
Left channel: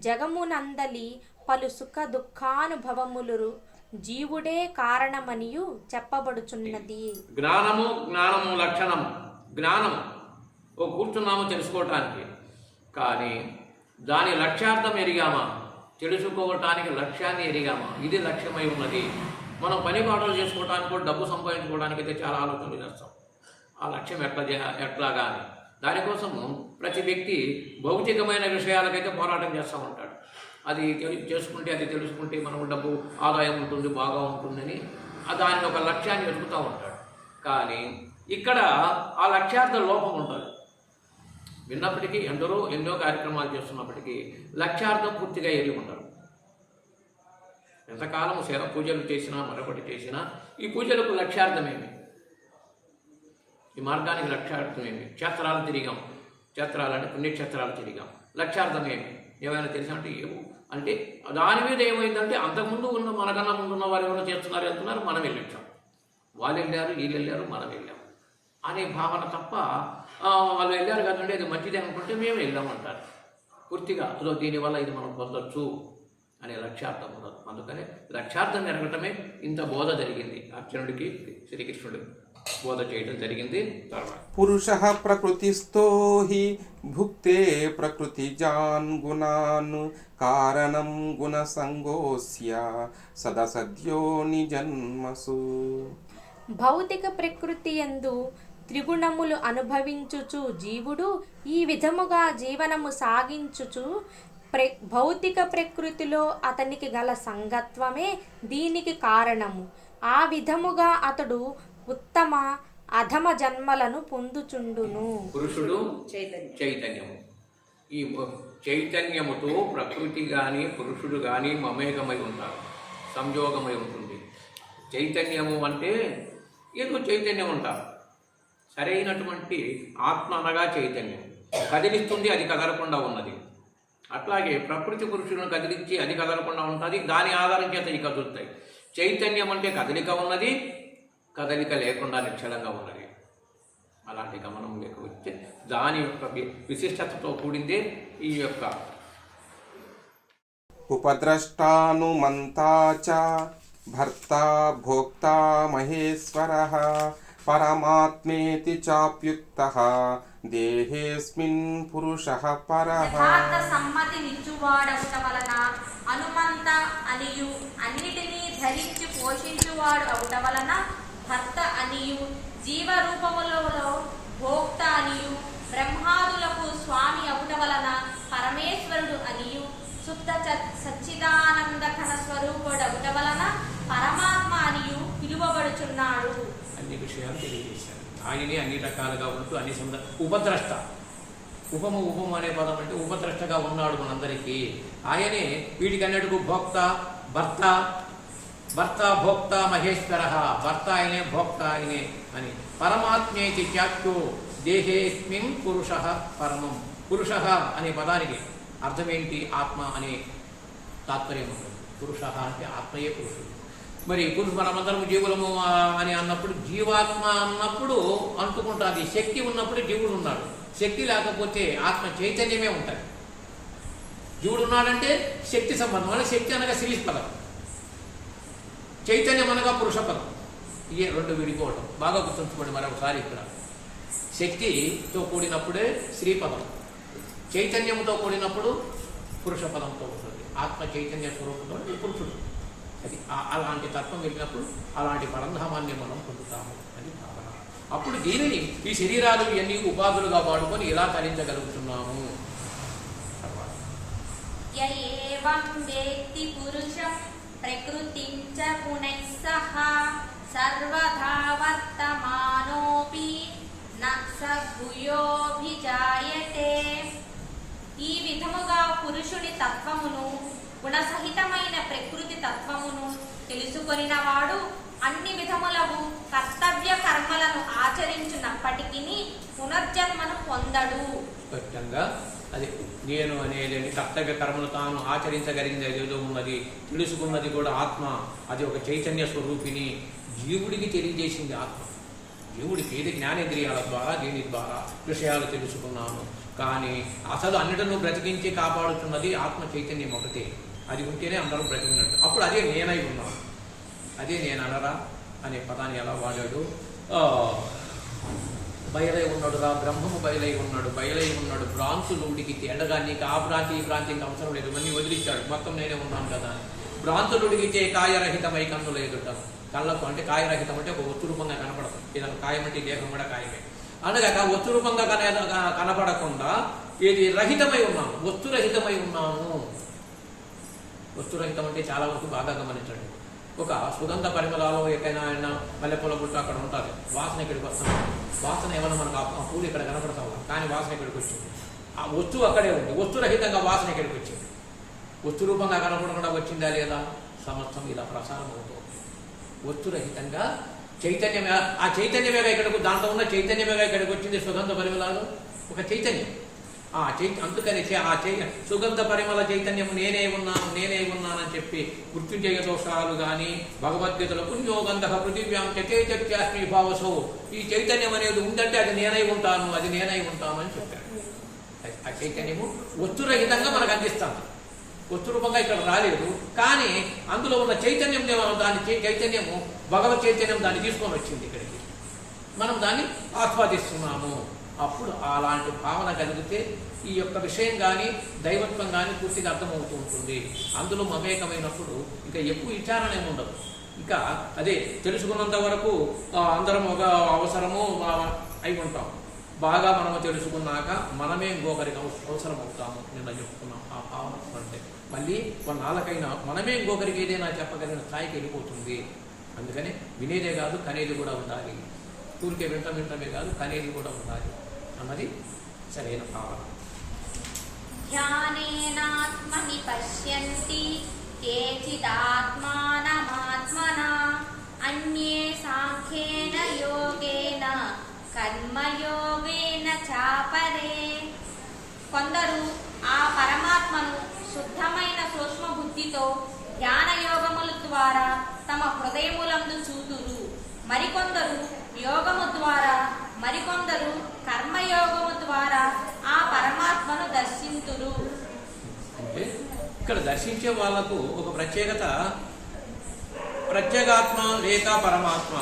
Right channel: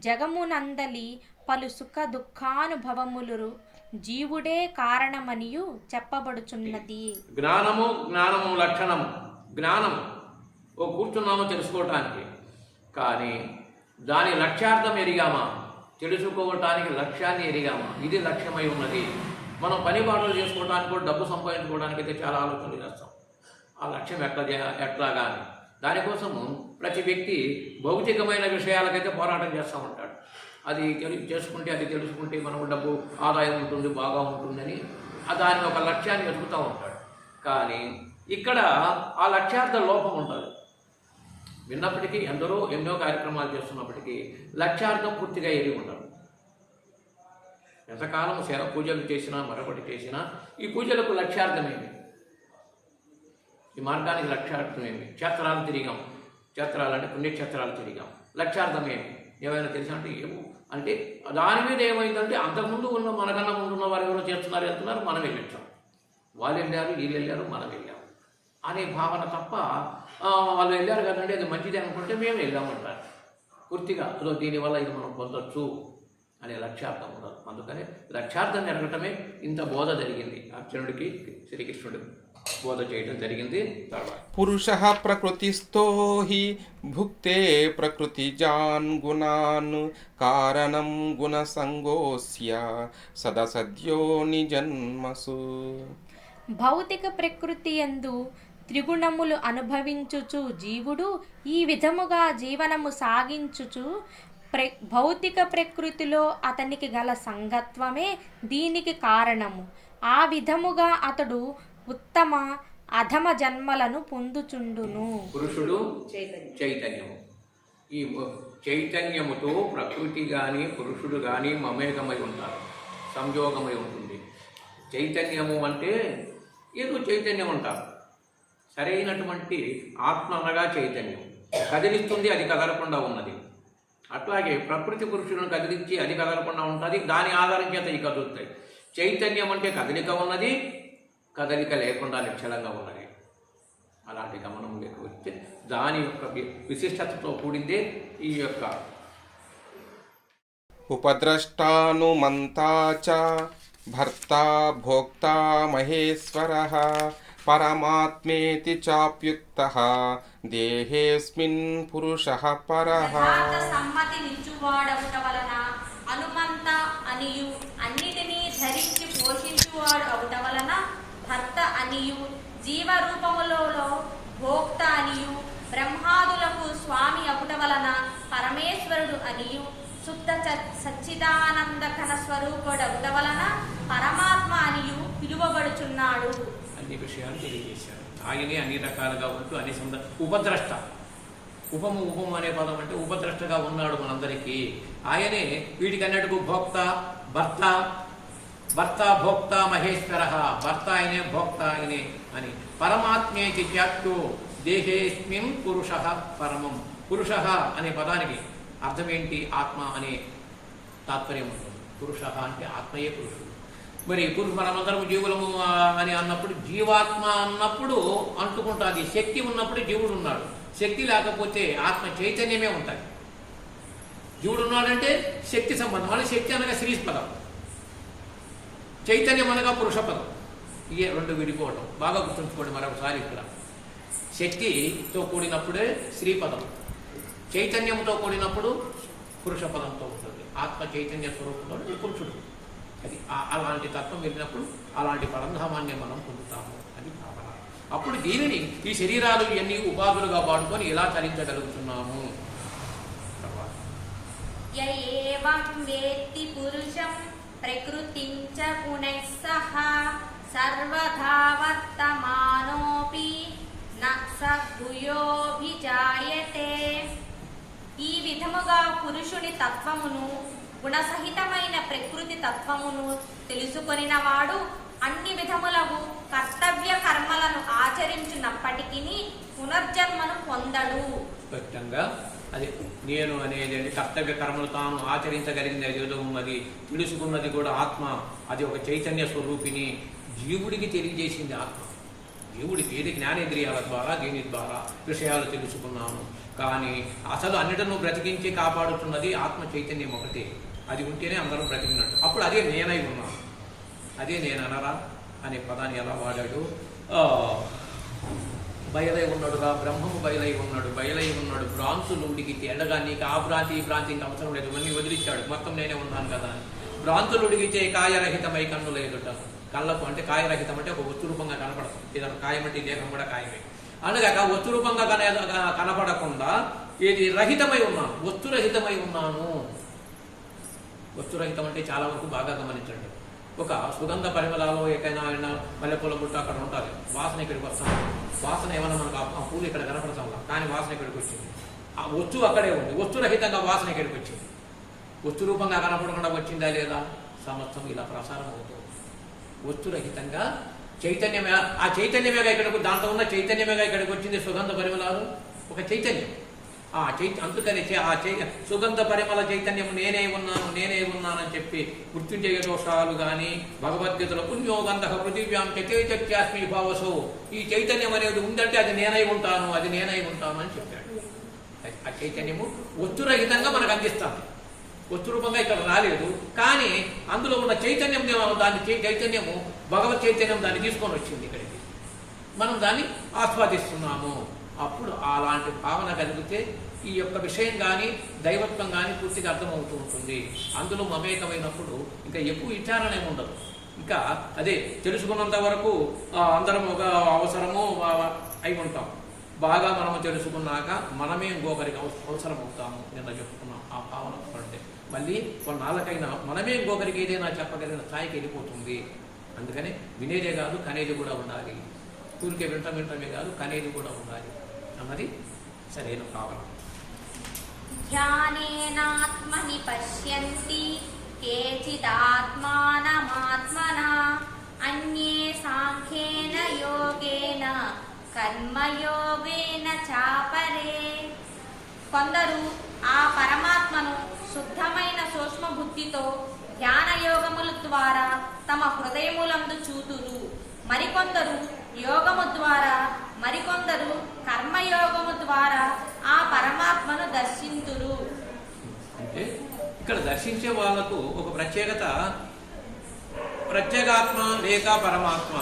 జగమునందలి పలు సుఖ దుఃఖానుభవములు జీవుడే కారణమనియు చెప్పబడుచున్నది. జ్ఞానము లక్షణము. జ్ఞానము కూర్చున్నాము తెలుసుకోవటానికి, కానీ దాని లక్ష్యార్థం ఎరిగామా? తెలుసుకోవటానికి లక్ష్యాన్ని ఎరిగామా? ఇది లక్ష్యమై ఉన్నది. మనం పని పాటలు చేసుకోవడానికి కూడా డబ్బు సంపాదించుకోవడానికి అయితే చాలా ఆలోచనలు చేస్తాం. ఆ లక్ష్యం ఎట్లాగా అని. దానికోసము ప్రతి వ్యక్తి భౌతికమైన విషయాలకైతే పోరాటం చేస్తూ ఉంటాడు. అది తెలుసుకుంటే మనకు డబ్బు ఆదాయం ఉంటుంది, బాగా ఉంటుందని దాని ఒక లక్ష్యాన్ని వెతుకుతూ ఉంటాడు. కానీ ఇక్కడ ఆ లక్ష్యార్థ లోపం ఉంటుంది. విన్నప్పటికీ ఎన్నో కార్యక్రమాలు చేస్తున్నప్పటికీ లక్ష్యార్థం పూర్తిగా ఎరిగి ఉండరు. ఎంతకాలం పూజలు చేసినా మరొకటి చేసినా ఈ పూజలకు లక్ష్యార్థమేమి, ఈ మార్గానికి లక్ష్యార్థమేమి? క్షేత్రాలు తిరిగాం, క్షేత్రాలు అంటే పుణ్యక్షేత్రాలు తిరిగాం, లక్ష్యార్థమేమి? ఏమైనా తెలిసా అంటే ఏమో. అంటే దాని మీద ఏమైందంటే అంతకుముందు ఉన్న మనకన్నా ముందున్న వారు ఎవరో చేస్తున్నారు, వెళ్తున్నారు, మనం వెళ్ళొచ్చాం. వాళ్ళు వెళ్ళారు, వీళ్ళు వెళ్ళారు, మనం వెళ్ళాం అనే భావన తప్ప వాళ్ళు వెళ్ళారు కదండి అది మంచిదే అనుకుంటే మేము వెళ్ళామంటారు. పూర్తిగా దీనివల్ల ఇది మనం పొందొచ్చు అనే లక్ష్యార్థం ఉండదు. అందుకనే లక్ష్యార్థం ఎరగటమే ఇంత బోధ జరిగింది. అర్జునుడికి శ్రీకృష్ణుడు బోధ చేయడం జరిగింది. తర్వాత పురుషః ప్రకృతిస్థో హి భుక్తే ప్రకృతిజాన్ గుణాన్ కారణం గుణసంగోస్య సదసద్యో నిజన్మసు. భౌతిక ప్రకృతి యందు త్రిగుణములు అనుభవించుచు జీవుడు ఈ విధముగా జీవనము సాగించుచు భౌతిక ప్రకృతిలో అతనికి గల సంగత్వమే దీనికి కారణము. ఆ విధముగా అతడు ఉత్తమ అధమ జన్మలను పొందుచుండును. పురుషుడు చైతన్యము. ఈ చైతన్యముతో ప్రకృతి కానీ పురుషుడు కానీ మమేకమై ఉంటారు, సంయోగమై ఉంటుంది. చైతన్యము అంటే ఏదో చైతన్యం అంటారు. సరైనటువంటి ఆత్మ అనగా చైతన్యం కదిలిస్తుంది, అది కదలకుండా ఉన్నది. అట్లాగే ప్రకృతి పురుషులను కదిలించి అది కదలకుండా ఉంటుంది, దాని ఆధారం చేత ఇవి కదులుతాయి. చైతన్యం అంటే కదలిక ఉన్నది, కదలిక లేకుండా నిశ్చలంగా ఉన్నది. అలాంటి గమనం లేకపోతే దాని యొక్క విశిష్టతతో కూడిందే ఈ యొక్క ఉపద్రష్టానుమంతా చ భర్త భోక్తా మహేశ్వరః పరమాత్మేతి చాప్యుక్తః దేహేస్మిన్ పురుషః పరః. యథార్థ సమ్మతి నిచ్చువాడవుట వలన హనుమంత అనియు అన్నిటినీ ధరించి పోషించువాడు అవుట వలన భర్త అనియు జీవరూపములో భోక్త అనియు బ్రహ్మాదులకు స్వామి అవుట వలన పరమేశ్వరుడు అనియు శుద్ధ సచ్చిదానంద ఘన స్వరూపుడవుట వలన పరమాత్మ అనియు పిలువబడుచున్నాడు. అన్ని విషయాలు తెలియజేశారు. ఆయనే అన్ని రకాలుగా ఉంటూ అన్ని ఉపద్రష్ట. ఉపము అనే పదం అంటే ఉపద్రష్టగా ఉన్నాడు మనందరికీ. ఆయనే వీటికన్నట్టుకు భోక్త, భర్త భోక్త మహేశ్వర. భర్త ఆయనే, భోక్త ఆయనే అని. పరమాత్మేతి చాప్యో దేహేస్మిన్ పురుష పరమం. పురుష అనే పదానికి అర్థం ఏంటి? ఆత్మ అనే తాత్పర్యం ఉంటుంది. పురుష అంటే ఆత్మయే పురుషుడు. మరి మనమందరము జీవులము అని అన్నప్పుడు జీవాత్మ అన్నప్పుడు అంటుకుంటుంది. శక్తి ఉన్నప్పుడు జీవుడు ఉన్నాడు, శక్తి లేకపోతే ఆత్మ చైతన్యమే ఉంటుంది. జీవుడు ఉన్నాడంటే శక్తి సంబంధం. అంటే శక్తి అనగా స్త్రీ పదం, చైతన్యం అనగా పురుష పదం. ఇవే రెండు విడిపోవటం బాగా గుర్తుంచుకోండి. మరొకసారి ఇక్కడ శక్తితో కూడినప్పుడే స్త్రీ పదం, చైతన్యంతో కూడినప్పుడు పురుష పదంతో ఉంటుంది. ఆత్మ చైతన్య స్వరూపంతో పురుషుడు. అది అలాంటి తత్వం వెళ్ళినప్పుడు అలాంటి పరంధామాన్ని మనం పొందుతాము అని భావన. అప్పుడు దీనిని ఈ శరీరాలు ఇవన్నీ ఉపాధులుగా వాడుకొని ఇలా తరించగలుగుతున్నాము. ఏవం వేత్తి పురుషం ప్రకృతిం చ గుణైః సహ సర్వదా వర్తమానోపి న స భూయోభిజాయతే. ఈ విధముగా పురుషుని తత్వమును గుణసహితమైన ప్రకృతి తత్వమును తెలుసుకొనినవాడు అన్ని విధములకు కర్తవ్య కర్మలను ఆచరించున్నప్పటికీ పునర్జన్మను పొందడు. స్పష్టంగా అది నేను అనేది కర్తవ్య కర్మలు తాను ఆచరించగలిగింది ఏదో ఉన్నది, తెలుసుకున్నది కూడా ఆత్మ. అది ఒక చైతన్య స్వరూపిణి జీవుడికి తెలియజేసింది ఆత్మ. జీవుడికి ఏది జ్ఞానేంద్రియాల ద్వారా దీని ద్వారా విషయాలు తెలుసుకున్నాను. కానీ అసలు అన్నిటినూ బ్రతికించి కాపాడుతున్నది ఆత్మ చైతన్యం ఒకటే. అది ఉంటేనే అందరం బ్రతికినట్టు. అప్పుడు అదే నేనై ఉన్నాను. అదే నేను అనరా అనే పదాన్ని ఎలా వాడాడు? బయలై ఉన్నాడుగా, బ్రహ్మము బయలై ఉన్నాడు. భ్రాంతులు ఉడికి తేడగా నీకు ఆ భ్రాంతి ఈ భ్రాంతి ఇంకా అవసరం లేదు, ఇవన్నీ వదిలిచ్చాడు. మొత్తం నేనే ఉన్నాను కదా అని. భ్రాంతులు ఉడిగితే కాయరహితమై కన్నుల ఎదుట. కళ్ళకు అంటే కాయరహితం అంటే ఒక వస్తు రూపంగా కనపడదు. ఏదైనా కాయం అంటే దేహం కూడా కాయమే. అనగా వస్తు రూపంగా కనపడకుండా ఏది రహితమై ఉన్నాను, వస్తురహితమై ఉన్నాను. వస్తురహితం అంటే చాలా వరకు బాగా గమనించండి. ఒక సుగంధ పరిమళాలు ఎక్కడైనా ఆయన మల్లెపూల బుట్ట అక్కడ ఉంటుంది, వాసన ఇక్కడికి వస్తాం. వాసన ఏమైనా మనకు ఆ పూలు ఇక్కడ కనపడతాం కానీ వాసన ఇక్కడికి వచ్చింది. ఆ వస్తువు అక్కడే ఉంది, వస్తురహితంగా వాసన ఇక్కడికి వచ్చింది. వస్తు రూపంగా కనపడకుండా వచ్చిందా లేదా? సమస్తం ఇలా ప్రసారం అవుతూ వస్తురహితంగా చైతన్యమే. ఆ చైతన్యమేగా ఇక్కడికి, దాంట్లో ఉన్న చైతన్యమేగా ఇక్కడికి వచ్చింది. సుగంధ పరిమళాలు ఒక చైతన్యం. అందుకని సుగంధ పరిమళ చైతన్యం నేనే ఉన్నానని చెప్పి మృత్యుంజయ దోషాలు కానీ భగవద్గీతలో పుణ్యోగంధ పృథివ్యాం చకేత్యాస్మి భావసో, ఈ చైతన్యం అనేది ఉందంటే అది నేనై ఉంటాను అని చెప్పాడు. ఆ చైతన్యము వస్తురహితంగా మనకు అందిస్తాను. వస్తు రూపంగా ఇక్కడ రాలేదు కానీ అందులో ఉన్న చైతన్యం, చైతన్యము భగవత్ చైతన్యం దాన్ని తీసుకొని వచ్చింది ఇక్కడికి. మనం దాన్ని ఆస్వాదిస్తున్నాము. అప్పుడు అలాంటి భావన కలిగితే ఈ యొక్క విషయం కానీ దైవత్వం కానీ పూర్తిగా అర్థమవుతూ ఉంటుంది. అందులో మమేకమైనప్పుడు ఇంకా ఎక్కువ విచారణ ఏమి ఉండదు. ఇంకా అదే తెలుసుకున్నంత వరకు అందరం ఒక అవసరము అయి ఉంటాం. బాగా మనము తెలుసుకున్నాక మనమే ఇంకొకరికి అవసరం అవుతాము. నిన్న చెప్పుకున్నాం ఆ భావన పడితే మళ్ళీ కొన్నాళ్ళకైనా మనమే ఇంకొకరికి ఏదైనా చెప్పగలిగిన స్థాయికి వెళ్ళిపోతుంది. అందుకని వినేదే కాదు కనేది కూడా ఉండాలి. ఊరికే వింటమే కాదు కనేది కూడా ఉండాలి అన్నది సరైన భావన. జ్ఞానేనాత్మని పశ్యంతి కేచిదాత్మానమాత్మనా అన్యే సాంఖ్యేన యోగేన కర్మయోగేన చాపరే. కొందరు ఆ పరమాత్మను శుద్ధమైన సూక్ష్మ బుద్ధితో ధ్యానయోగముల ద్వారా తమ హృదయములందు చూతురు. మరికొందరు యోగము ద్వారా, మరికొందరు కర్మయోగము ద్వారా ఆ పరమాత్మను దర్శింతురు. అంటే ఇక్కడ దర్శించే వాళ్లకు ఒక ప్రత్యేగాత్మ లేక పరమాత్మ.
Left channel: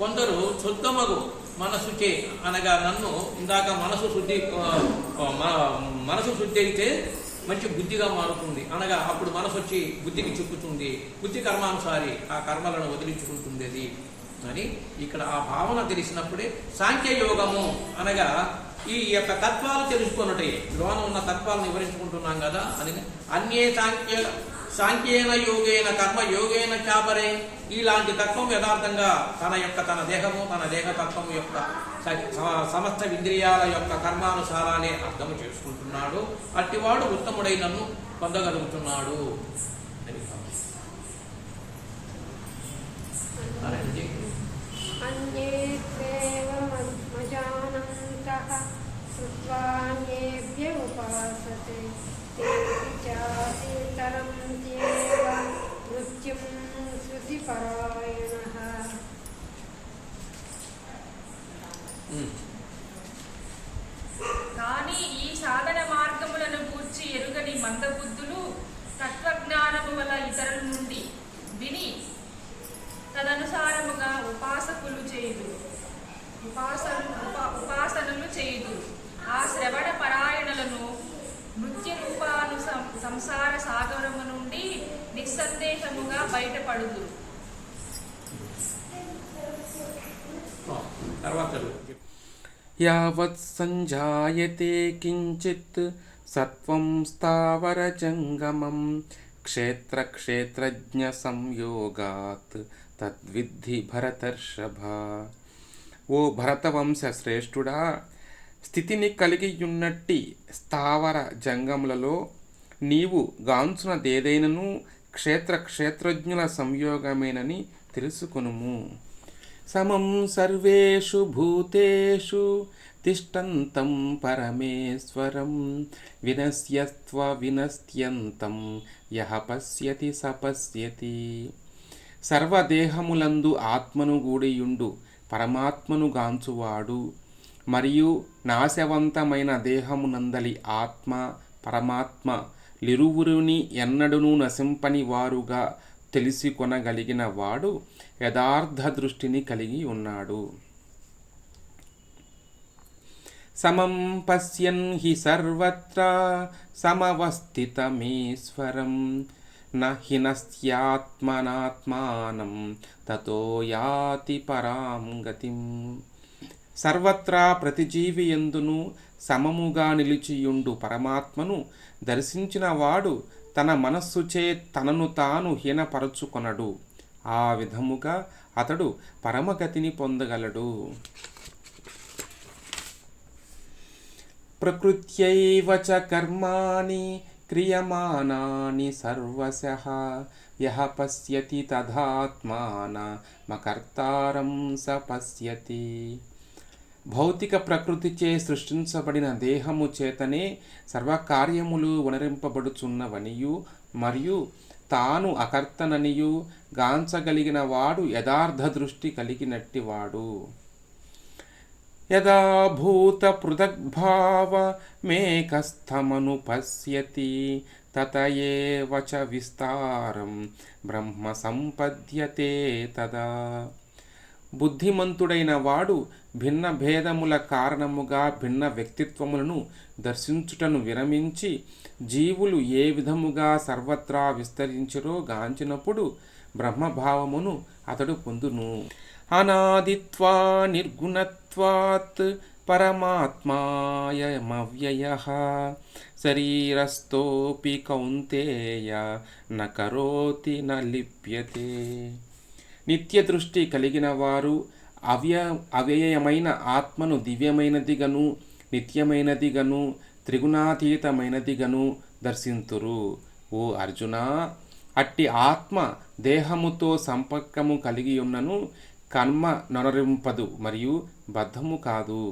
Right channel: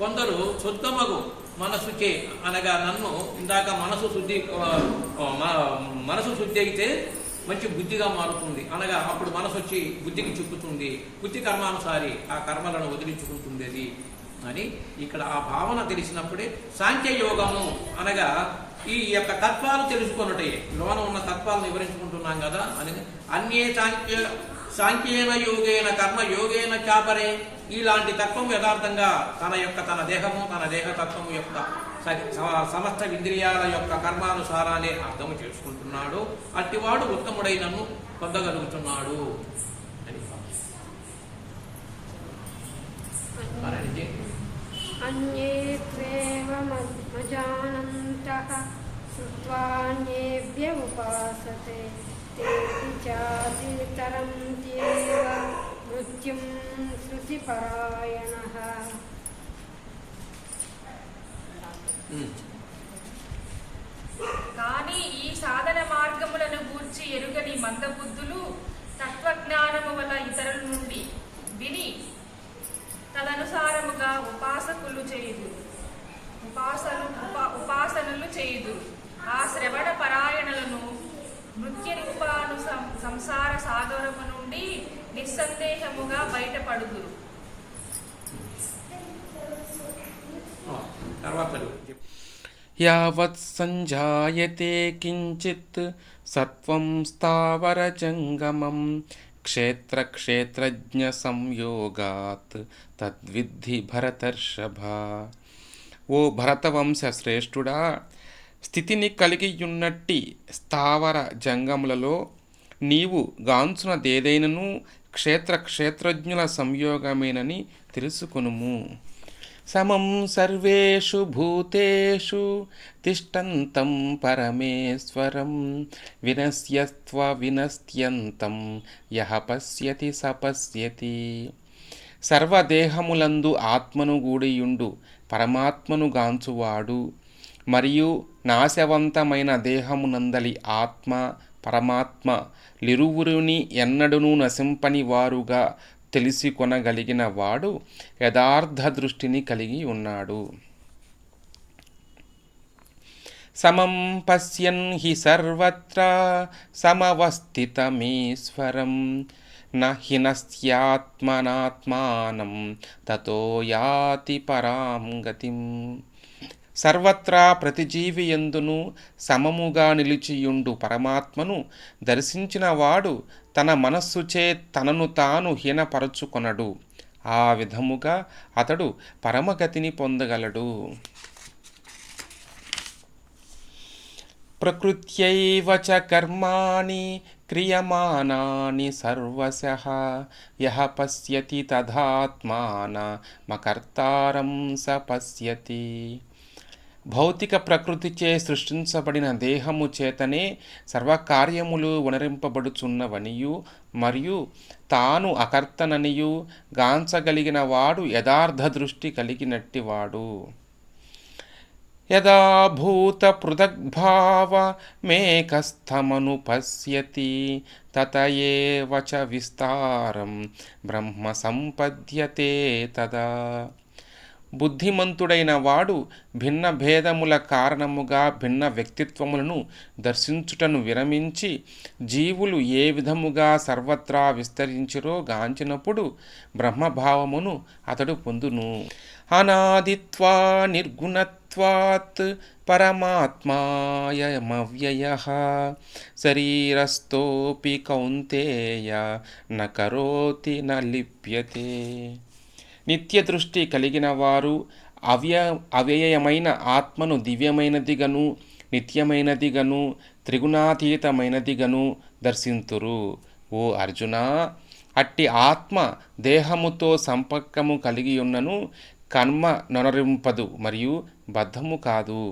కొందరు శుద్ధమగు మనసుచే అనగా నన్ను ఇందాక మనసు శుద్ధి అయితే మంచి బుద్ధిగా మారుతుంది అనగా అప్పుడు మనసు వచ్చి బుద్ధికి చిక్కుతుంది. బుద్ధి కర్మానుసారి ఆ కర్మలను వదిలించుకుంటుంది అది అని ఇక్కడ ఆ భావన తెలిసినప్పుడే సాంఖ్యయోగము అనగా ఈ యొక్క తత్వాలు తెలుసుకున్నట్టే లోన ఉన్న తత్వాలను వివరించుకుంటున్నాం కదా అని. అన్యే సాంఖ్యేన యోగేన కర్మ యోగేన చాపరే. ఇలాంటి తత్వం యథార్థంగా తన దేహము తన దేహతత్వము యొక్క సమస్త ఇంద్రియాల యొక్క కర్మానుసారాన్ని అర్థము చేసుకుంటున్నాడు. అట్టివాడు ఉత్తముడైనను పొందగలుగుతున్నాడు అని. శ్రుత్వాన్యేభ్య ఉపాసతే నృత్యం శృతిపరాయణః. కానీ ఈ సాధన మార్గములను గూర్చి ఎరుగని మందబుద్ధులు తత్వజ్ఞానము గల ఇతరుల నుండి విని తదనుసారముగా ఉపాసనలు చేయుదు. ఆ శ్రవణ పరాయణలను నృత్య రూపాను సంసార సాగరము నుండి నిస్సందేహముగా బయటపడుదు. యావత్ సంజాయతే కించిత్ సత్వం స్థావరజంగమం క్షేత్రజ్ఞ సంయోగాత్ తద్విద్ధి భరతర్షభ. ఓ భరతవంశ శ్రేష్ఠుడా, స్థితిని కలిగియున్నట్టి స్థావర జంగములలో నీవు గాంచునదేదైనను క్షేత్రజ్ఞుల సంయోగమేనని తెలుసుకొనుము. సమం సర్వేషు భూతేషు తిష్టంతం పరమేశ్వరం వినశ్యంతం యః పశ్యతి స పశ్యతి. సర్వదేహములందు ఆత్మను గూడియుండు పరమాత్మను గాంచువాడు మరియు నాశవంతమైన దేహమునందలి ఆత్మ పరమాత్మ లిరువురుని ఎన్నడూనూ నశింపని వారుగా తెలిసికొనగలిగిన వాడు యథార్థ దృష్టిని కలిగి ఉన్నాడు. సమం పశ్యన్ హి సర్వత్ర సమవస్థితమీశ్వరం న హినస్త్యాత్మనాత్మానం తతో యాతి పరాం గతిం. సర్వత్రా ప్రతిజీవి యందును సమముగా నిలిచియుండు పరమాత్మను దర్శించిన వాడు తన మనస్సుచే తనను తాను హీనపరచుకొనడు. ఆ విధముగా అతడు పరమగతిని పొందగలడు. ప్రకృత్యైవ చ కర్మాణి క్రియమానాని సర్వశః యః పశ్యతి తదాత్మానమకర్తారం స పశ్యతి. భౌతిక ప్రకృతిచే సృష్టించబడిన దేహము చేతనే సర్వకార్యములు వనరింపబడుచున్నవనియు మరియు తాను అకర్తననియు గాంచగలిగిన వాడు యథార్థ దృష్టి కలిగినట్టివాడు. యదా భూత పృథగ్భావమేకస్థమను పశ్యతి తత ఏవ చ విస్తారం బ్రహ్మ సంపద్యతే తదా. బుద్ధిమంతుడైన వాడు భిన్న భేదముల కారణముగా భిన్న వ్యక్తిత్వములను దర్శించుటను విరమించి జీవులు ఏ విధముగా సర్వత్రా విస్తరించిరో గాంచినప్పుడు బ్రహ్మభావమును అతడు పొందును. అనాదిత్వా నిర్గుణత్వాత్ పరమాత్మాయమవ్యయః శరీరస్థోపి కౌంతేయ న కరోతి న లిప్యతే. నిత్య దృష్టి కలిగిన వారు అవ్యయమైన ఆత్మను దివ్యమైనదిగను నిత్యమైనదిగను త్రిగుణాతీతమైనదిగను దర్శింతురు. ఓ అర్జున, అట్టి ఆత్మ దేహముతో సంపర్కము కలిగి ఉన్నను కర్మ నొనరింపదు మరియు బద్ధము కాదు.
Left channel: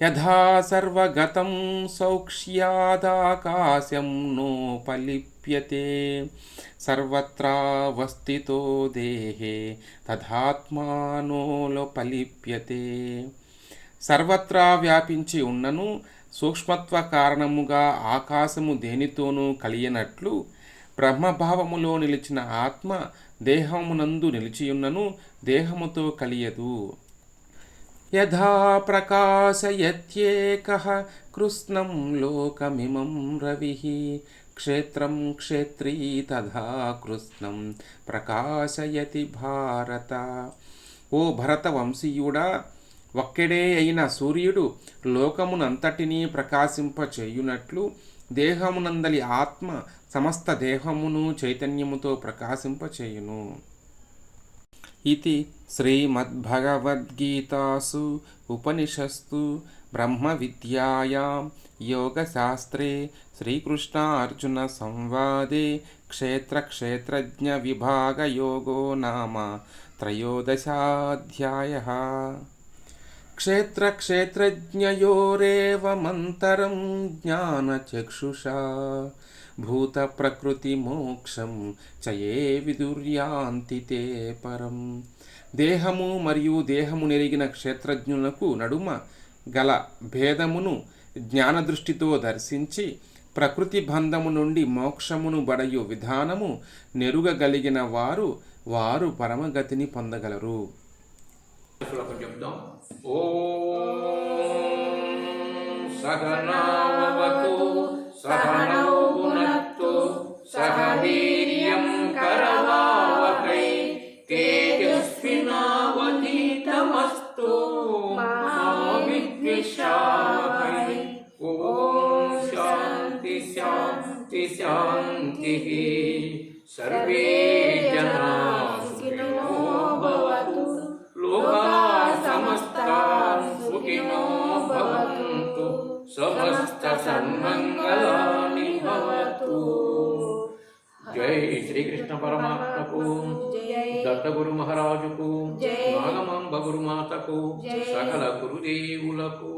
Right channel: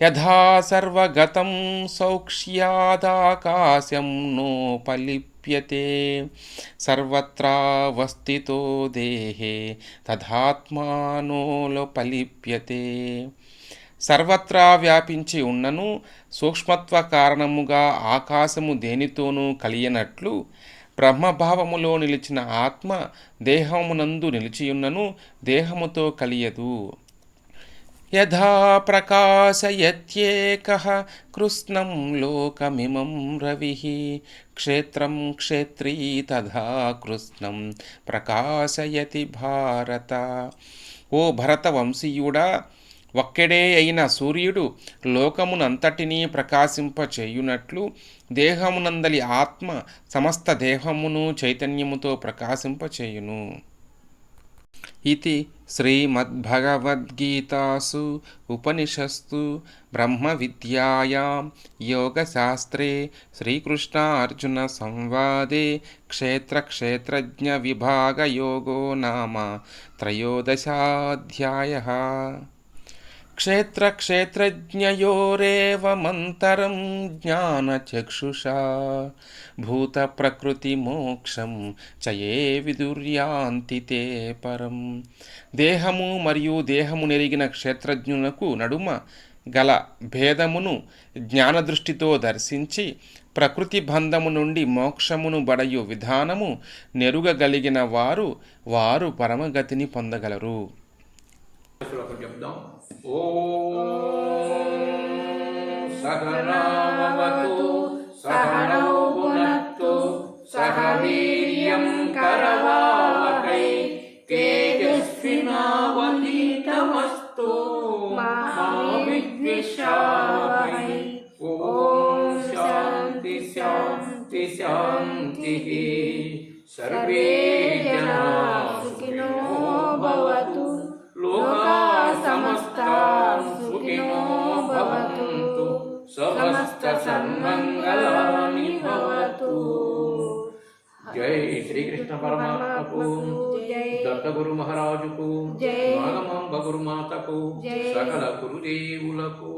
యథా సర్వగతం సౌక్ష్యాదాకాశం నోపలిప్యతే సర్వత్రావస్థితో దేహే తదాత్మానోపలిప్యతే. సర్వత్రా వ్యాపించి ఉన్నను సూక్ష్మత్వ కారణముగా ఆకాశము దేనితోనూ కలియనట్లు బ్రహ్మభావములో నిలిచిన ఆత్మ దేహమునందు నిలిచియున్నను దేహముతో కలియదు. యథా ప్రకాశయత్యేకః కృష్ణం లోకమిమం రవిః క్షేత్రం క్షేత్రీ తథా కృష్ణం ప్రకాశయతి భారత. ఓ భరత వంశీయుడా, ఒక్కడే అయిన సూర్యుడు లోకమునంతటినీ ప్రకాశింపచేయునట్లు దేహమునందలి ఆత్మ సమస్త దేహమును చైతన్యముతో ప్రకాశింపచేయును. ఇది శ్రీమద్భగవద్గీతాసు ఉపనిషత్సు బ్రహ్మ విద్యాయాం యోగశాస్త్రే శ్రీకృష్ణార్జున సంవాదే క్షేత్రజ్ఞ విభాగ యోగో నామ త్రయోదశాధ్యాయః. క్షేత్రజ్ఞయోరేవమంతరం జ్ఞానచక్షుషా భూత ప్రకృతి మోక్షం చయే విదుర్యాంతి తే పరం. దేహము మరియు దేహము నెరిగిన క్షేత్రజ్ఞులకు నడుమ గల భేదమును జ్ఞానదృష్టితో దర్శించి ప్రకృతి బంధము నుండి మోక్షమును బడయు విధానము నెరుగగలిగిన వారు పరమగతిని పొందగలరు. శ్లోకం చెప్దాం. ఓం సగనావతు సగనౌ భునక్తు సగ వీర్యం కరవావహై తేజస్వినావధీతమస్తు మా విద్విషావహై. ఓం శాంతి శాంతి శాంతి. సర్వే జనా సుఖినో భవంతు లోకా సమస్తా సుఖినో భవంతు సమస్త సన్మంగళాని భవతు. జై శ్రీకృష్ణ పరమాత్మకు, దత్తగురు మహారాజుకు, నాగమాంబ గురుమాతకు, సకల గురుదేవులకు.